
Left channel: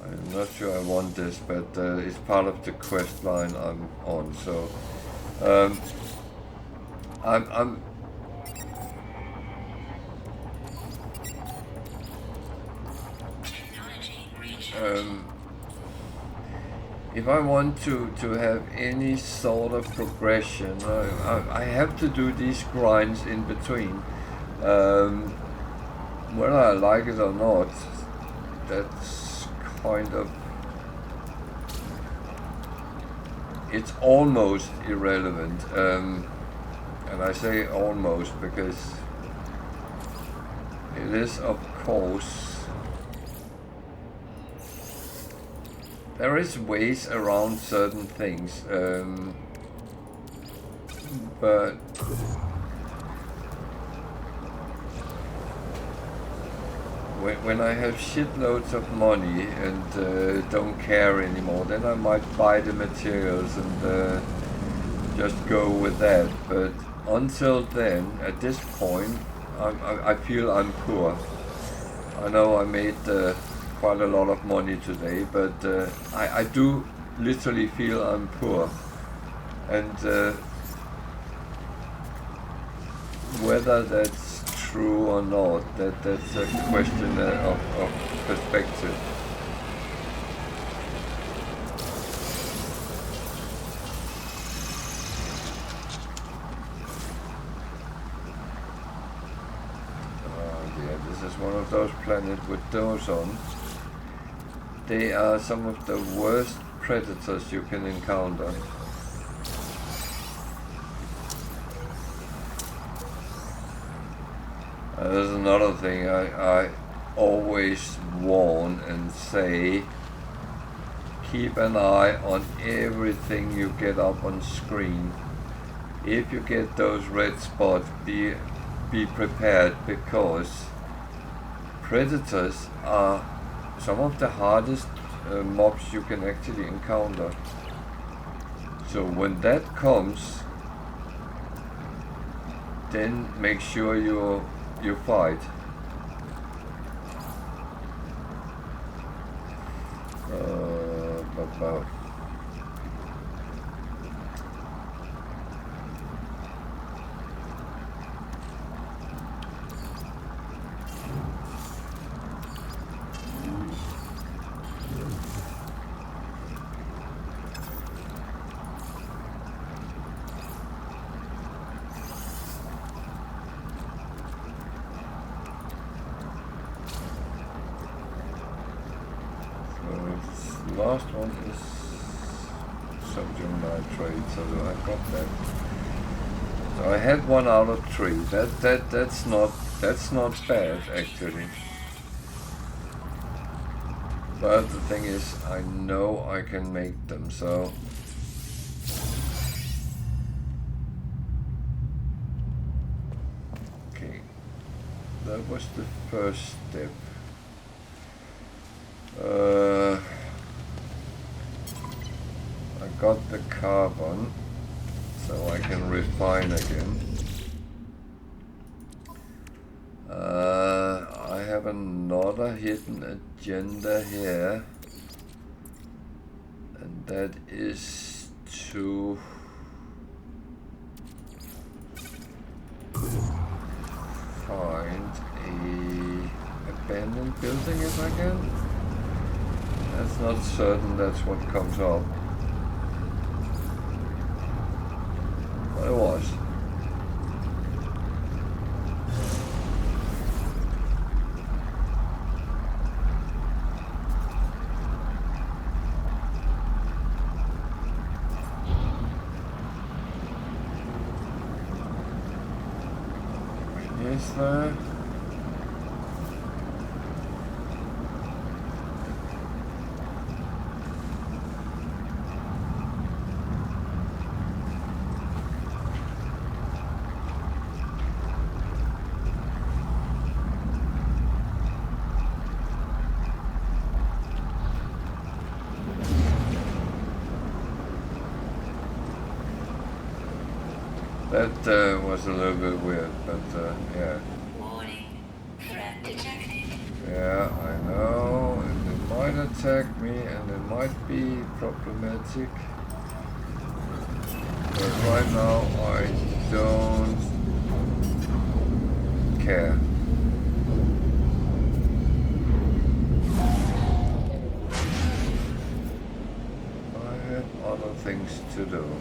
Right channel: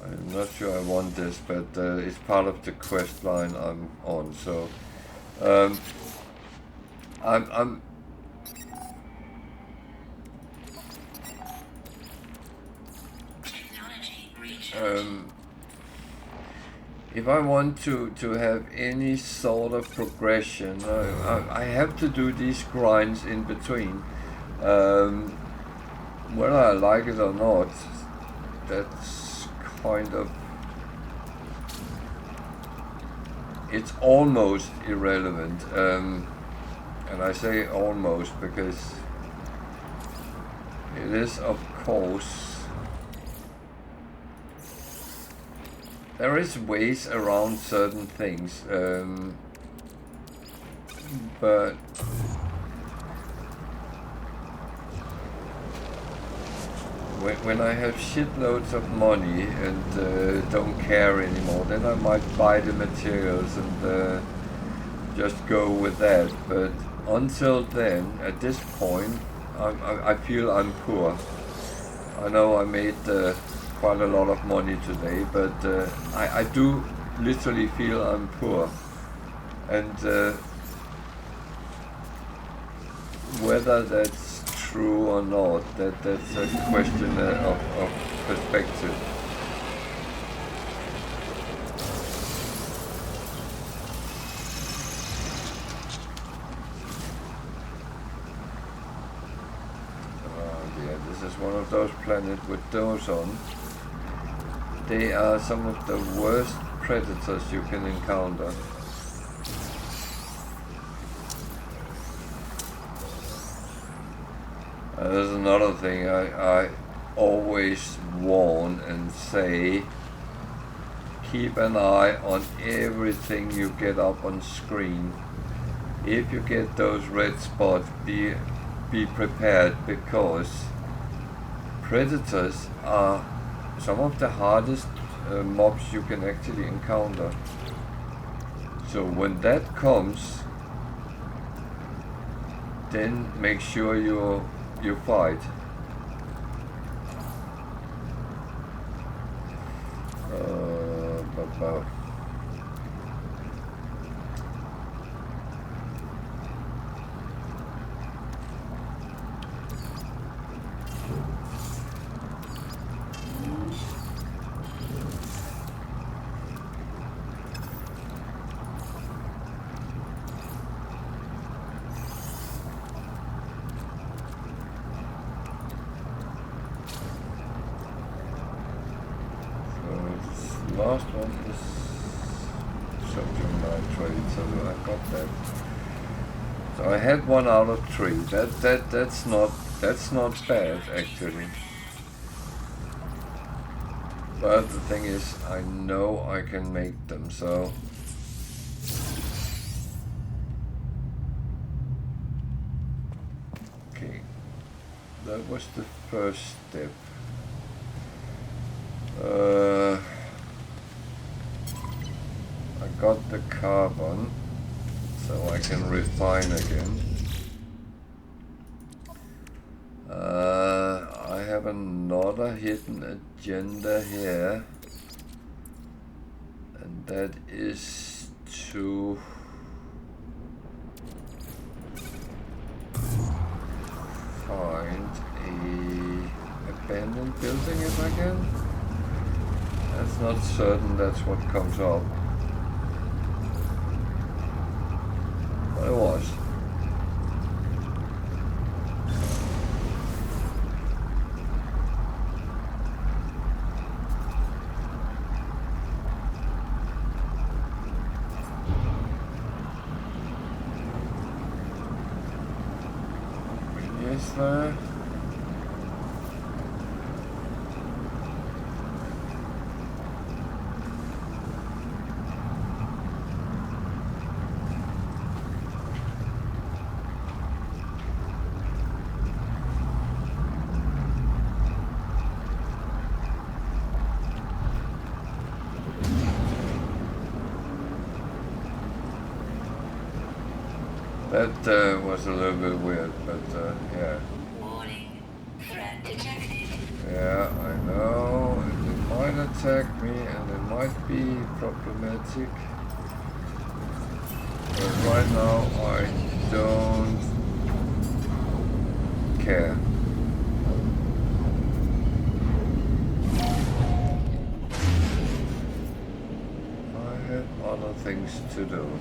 I'm not sure I want this, but it's part of the quest line I'm on. So I'm if I want to have any sort of progression, I have to do these grinds in between. Whether I like it or not, that's kind of... It's almost irrelevant. And I say almost because it is, of course... There is ways around certain things, but when I have shitloads of money and don't care anymore, then I might buy the materials and just go with that. But until then, at this point, I feel I'm poor. I know I made quite a lot of money today, but I do literally feel I'm poor. And whether that's true or not, that's a question of perspective. This is one of those planets with doors on. They are some of the worst predators you can encounter. There's another thing I always warn and say: keep an eye on everything you get up on screen. If you get those red spots, be prepared, because predators are some of the hardest mobs you can actually encounter. So when that comes, then make sure you fight. Last one is sodium nitrate, so I got that. So I had 1 out of 3. That's not bad actually. But the thing is, I know I can make them, so okay. That was the first step. I got the carbon, so I can refine again. I have another hidden agenda here, and that is to find a abandoned building if I can. That's not certain that's what comes up. But it was. Is there? That was a little bit weird, but yeah. Warning. Threat detected. Yeah, I know. And they might attack me, and it might be problematic. But right now, I don't care. I have other things to do.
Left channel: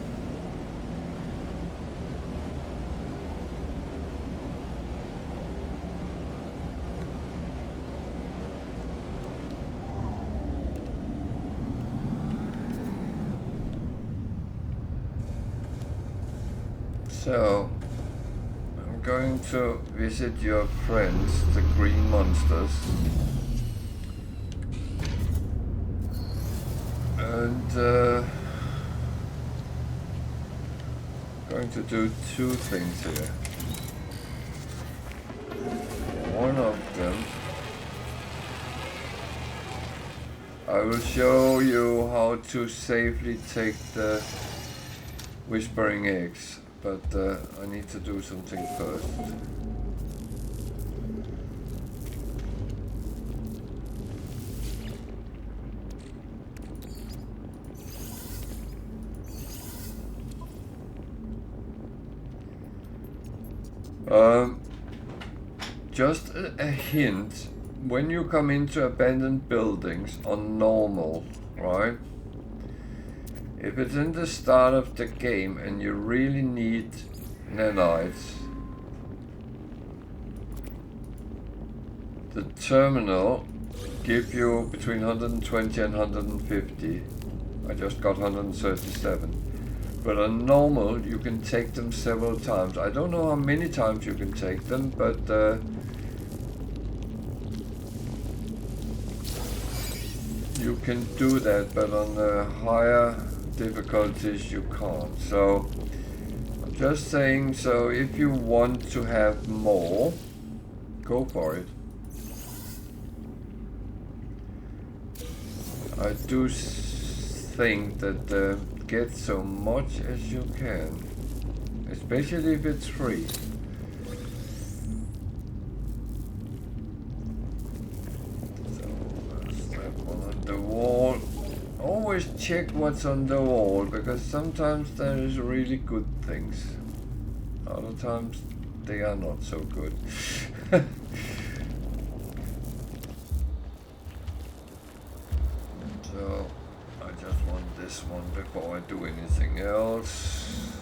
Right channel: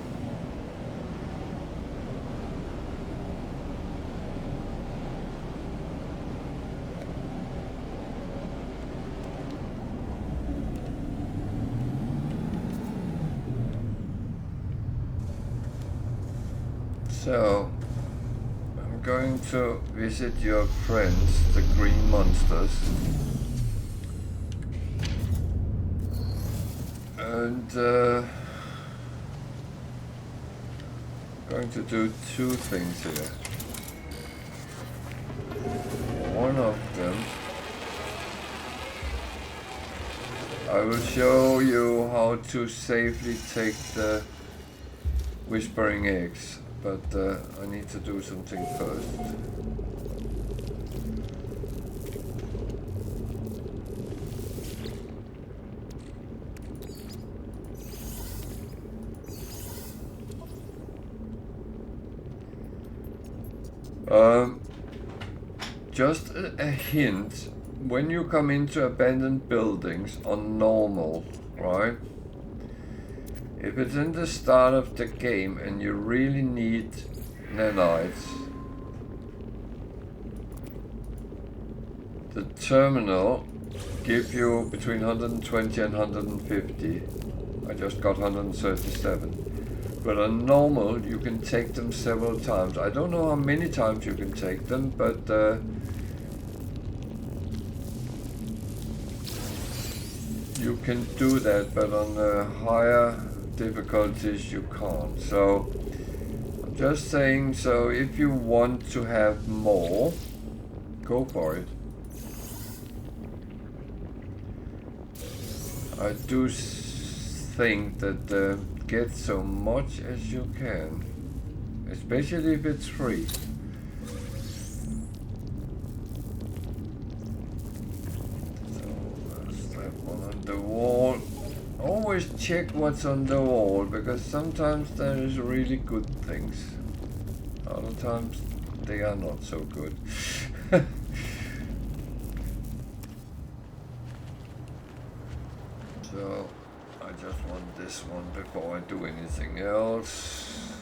So, I'm going to visit your friends, the green monsters, and going to do 2 things here. One of them I will show you how to safely take the whispering eggs, but I need to do something first. Just a hint, when you come into abandoned buildings on normal, right? If it's in the start of the game and you really need nanites, the terminal give you between 120 and 150. I just got 137. But on normal, you can take them several times. I don't know how many times you can take them, but you can do that, but on the higher difficulties you can't. So I'm just saying, so if you want to have more, go for it. I do think that get so much as you can, especially if it's free. So that's that one on the wall. Always check what's on the wall, because sometimes there is really good things. Other times they are not so good. So I just want this one before I do anything else.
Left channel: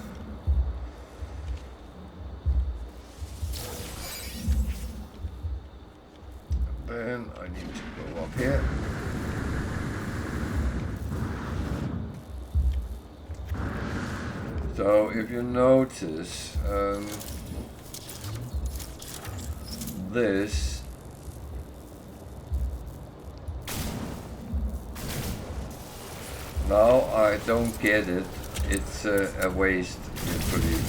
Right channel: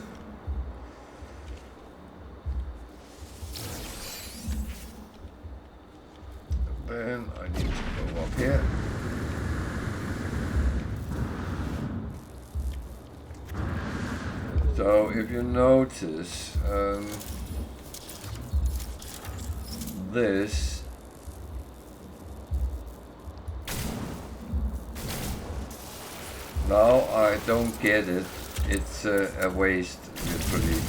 And then I need to go up here. So if you notice, this now I don't get it. It's a waste usually,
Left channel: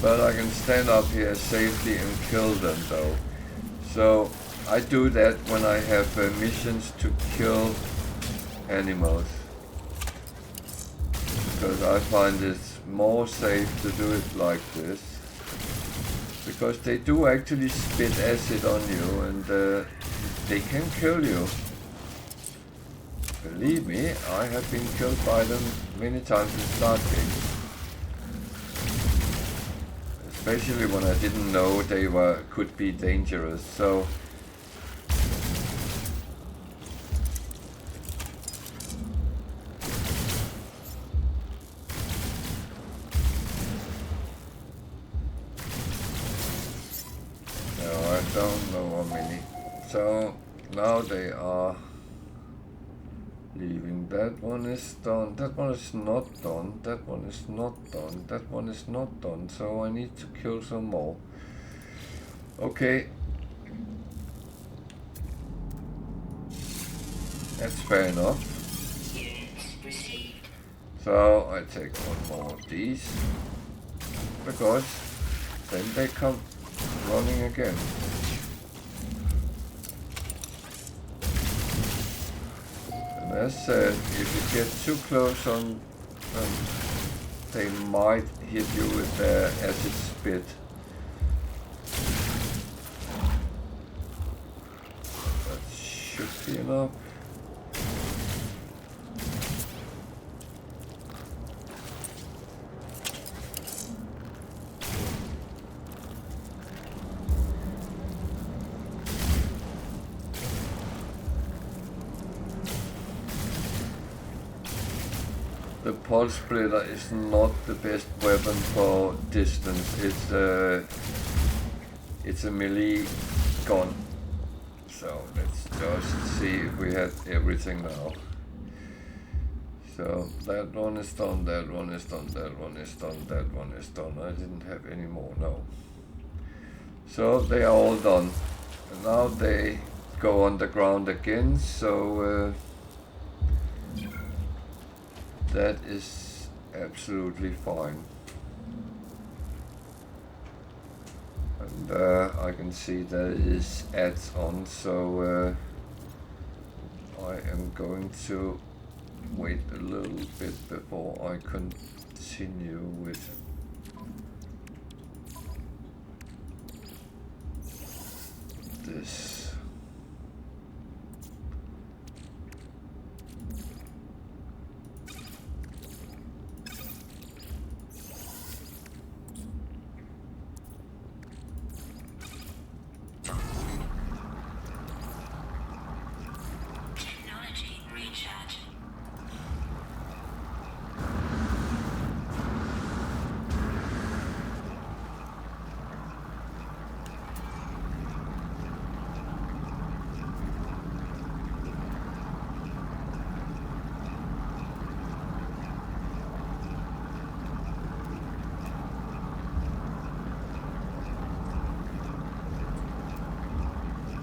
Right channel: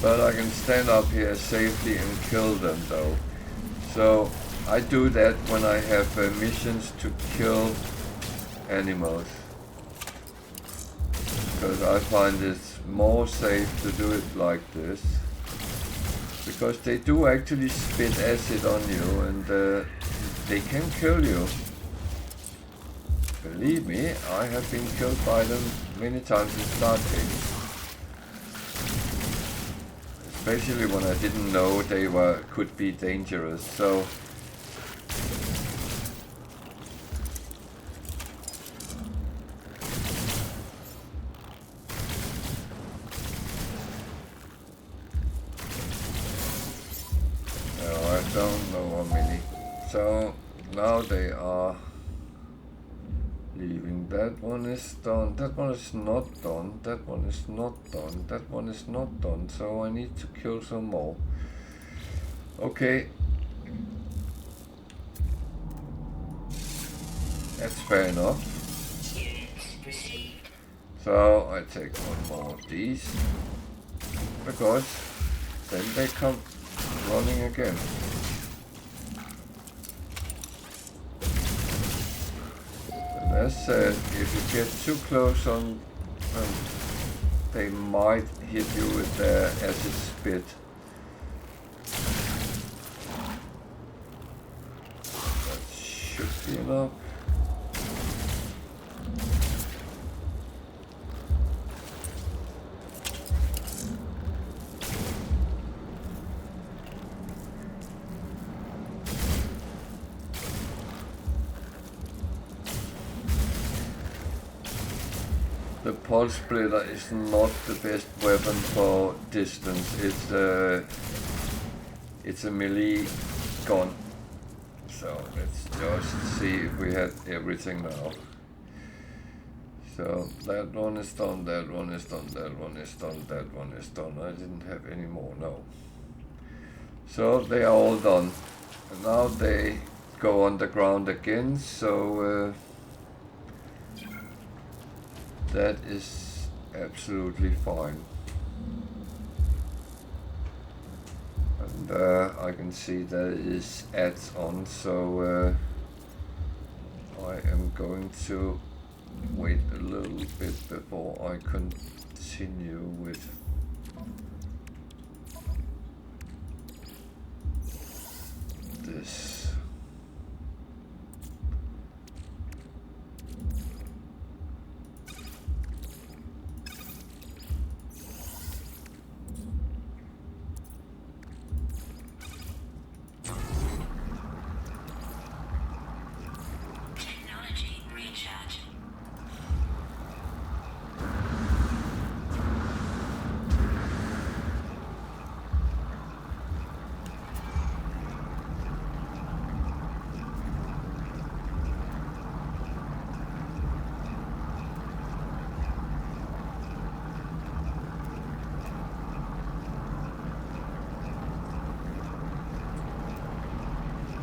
but I can stand up here safely and kill them though. So I do that when I have missions to kill animals, because I find it's more safe to do it like this, because they do actually spit acid on you and they can kill you. Believe me, I have been killed by them many times in start games. Especially when I didn't know they could be dangerous. So I don't know how many. So now they are leaving. That one is done. That one is not done. That one is not done. That one is not done. So I need to kill some more. Okay. That's fair enough. So I take one more of these, because then they come running again. And as said, if you get too close on them, they might hit you with their acid spit. That should be enough. The pulse splitter is not the best weapon for distance. It's a melee gun. So let's just see if we have everything now. So that one is done, that one is done, that one is done, that one is done. I didn't have any more, no. So they are all done. And now they go underground again, so that is absolutely fine. And I can see there is ads on, so I am going to wait a little bit before I continue with this.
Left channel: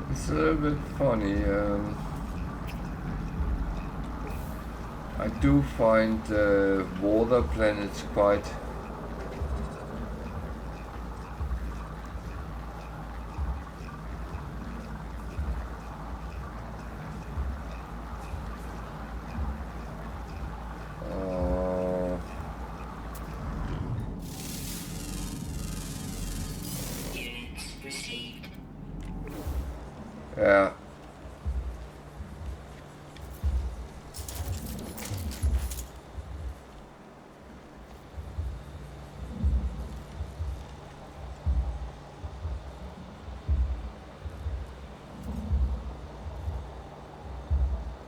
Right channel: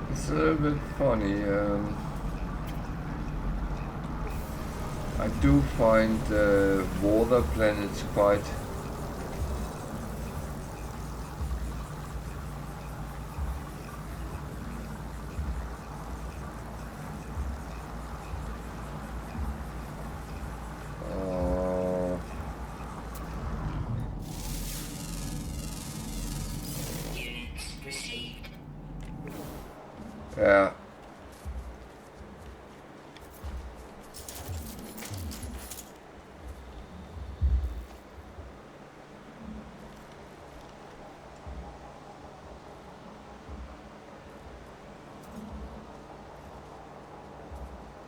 It's a little bit funny. I do find water planets quite Units received. yeah.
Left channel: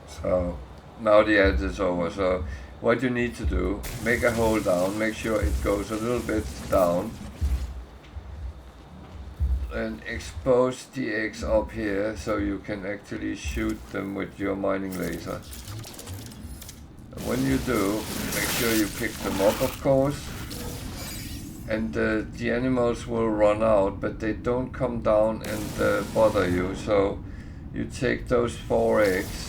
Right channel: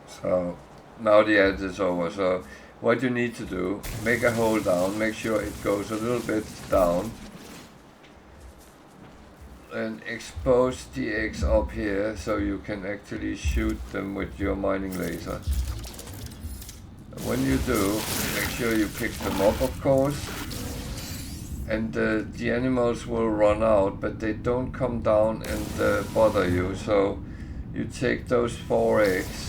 So now the edit is over. So what you need to do, make a hole down, make sure it goes a little bit down, and expose the eggs up here so you can actually shoot them with your mining laser. And when you do, make sure you pick them up, of course, and the animals will run out, but they don't come down and bother you. So you take those 4 eggs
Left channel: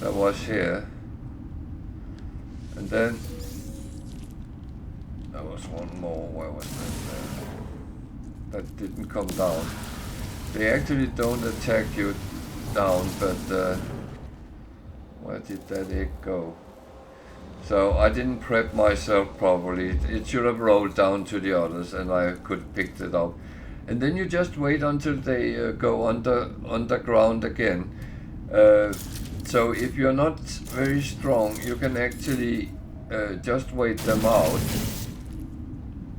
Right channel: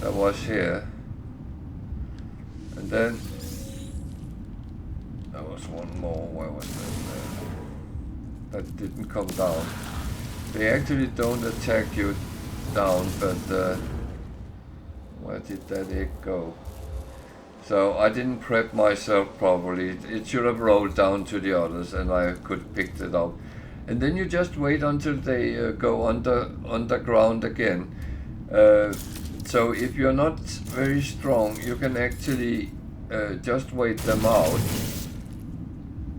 that was here, and then there was one more. Where was that? That didn't come down. They actually don't attack you down, but where did that egg go? So I didn't prep myself properly. It should have rolled down to the others and I could have picked it up. And then you just wait until they go underground again. So if you're not very strong, you can actually just wait them out,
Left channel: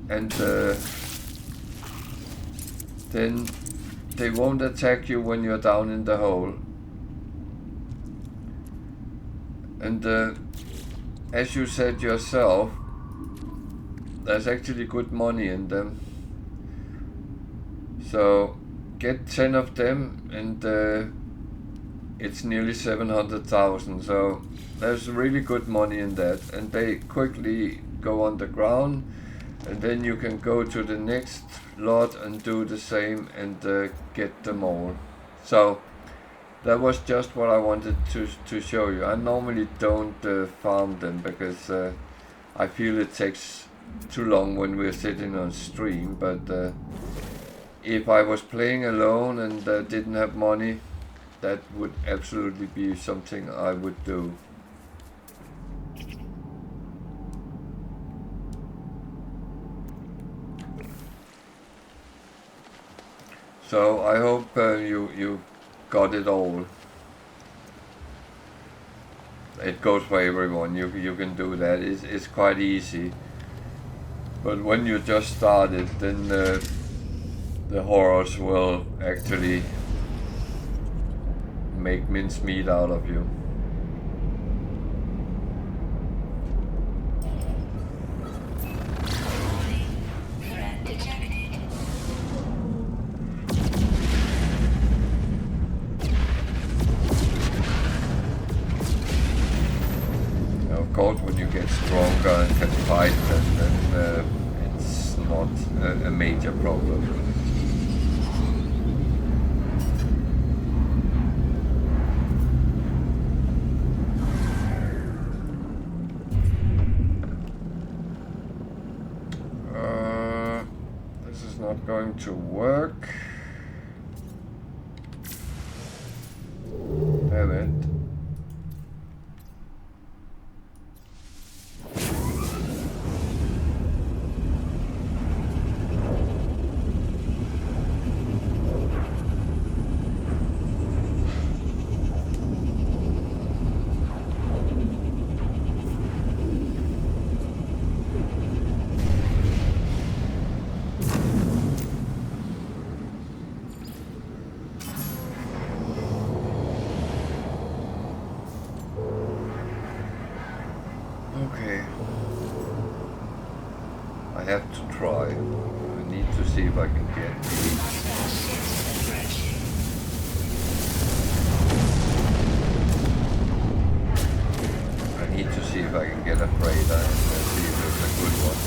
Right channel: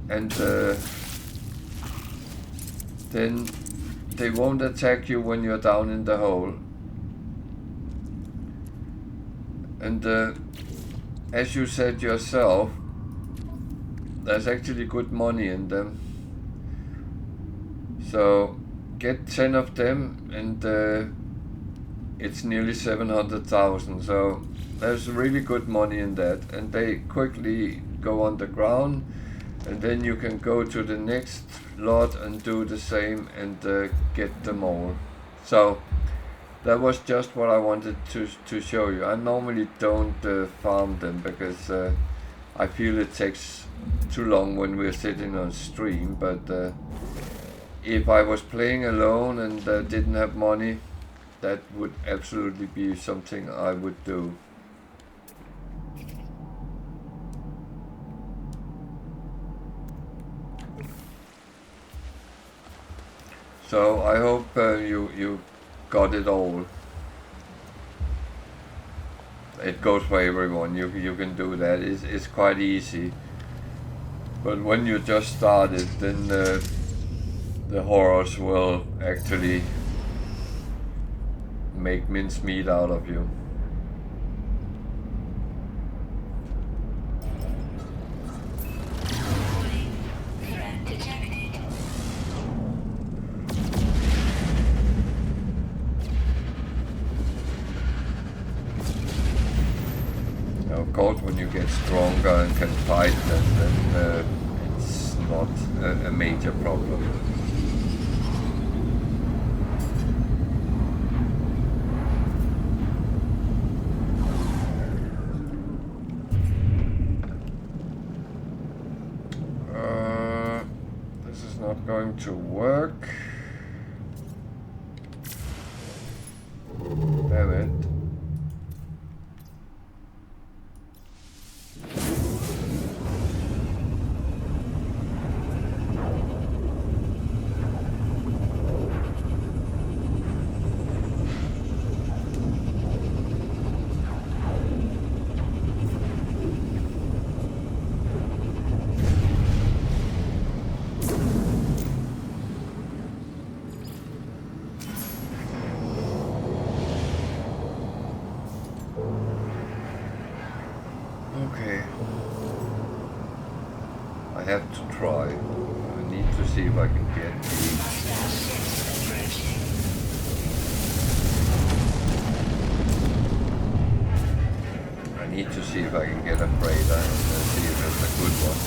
and then they won't attack you when you're down in the hole. And as you said yourself, there's actually good money in them. So get 10 of them and it's nearly 700,000, so there's really good money in that, and they quickly go underground, and then you can go to the next lot and do the same and get them all. So that was just what I wanted to show you. I normally don't farm them because I feel it takes too long when we're sitting on stream, but if I was playing alone and didn't have money, that would absolutely be something I would do. So I hope you got it all. It goes for everyone. You can do that. It's quite easy. But when you just started, then the horrors will actually make mincemeat out of you. Threat detected. Now, of course, when you get stronger and can fight, then it's not a major problem. Not going to work. right? Okay. I have to try. I need to see if I can get the... I need to see if I can get a freighter and see if it's a good one.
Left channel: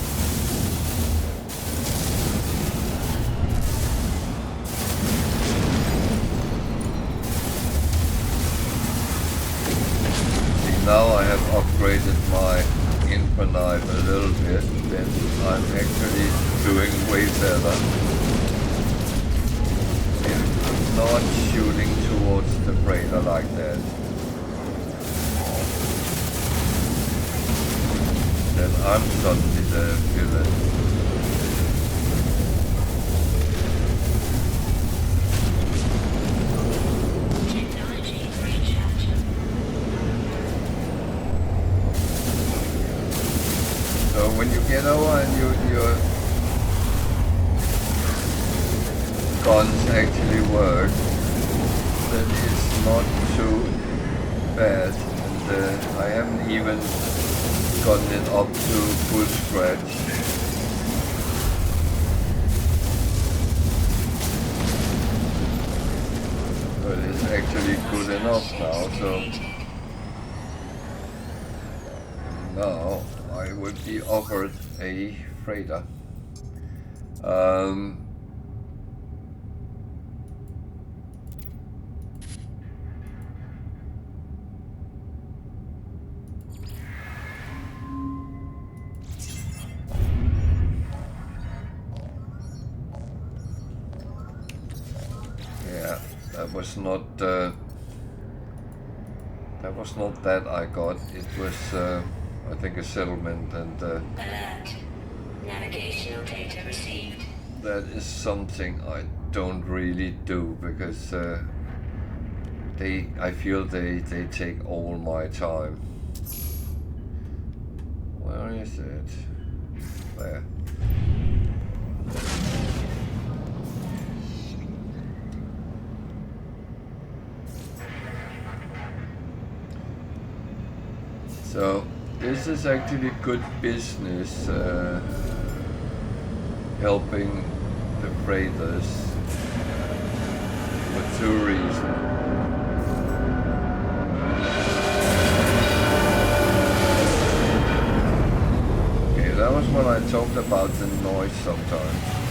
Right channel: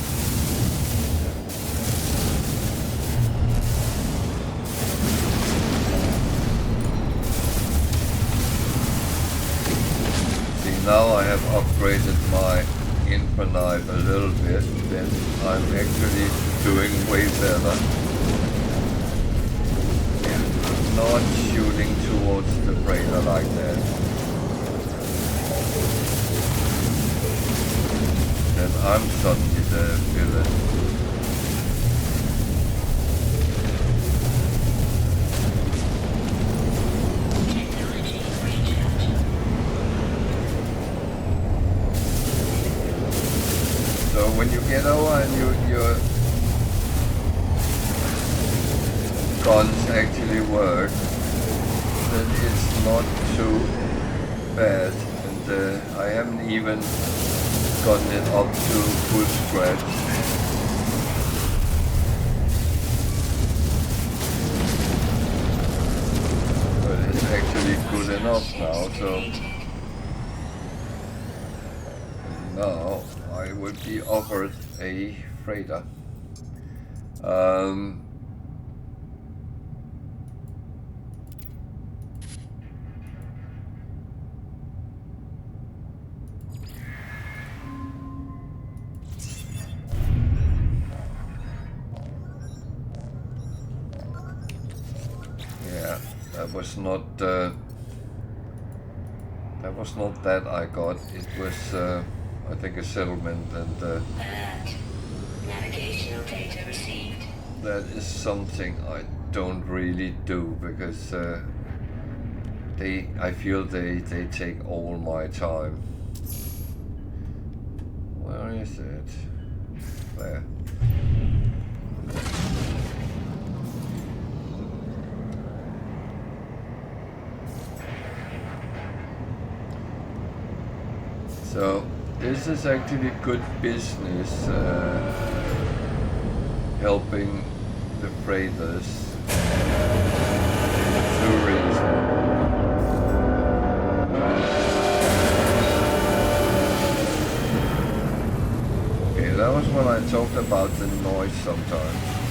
See, now I have upgraded my infinite a little bit, then I'm actually doing way better. I'm not shooting towards the freighter like that. Then I'm suddenly the villain. So when you get over and your guns actually work, then it's not too bad. And I haven't even gotten it up to full stretch. But it's actually good enough now, so now I would be offered a freighter. Yeah, that was not that I got. It was I think a settlement, and Alert. Navigational data received. that is something I don't really do because I feel they take all my time. Where is it? There. So this is actually good business, helping the freighters for two reasons. Okay, that was when I talked about the noise sometimes.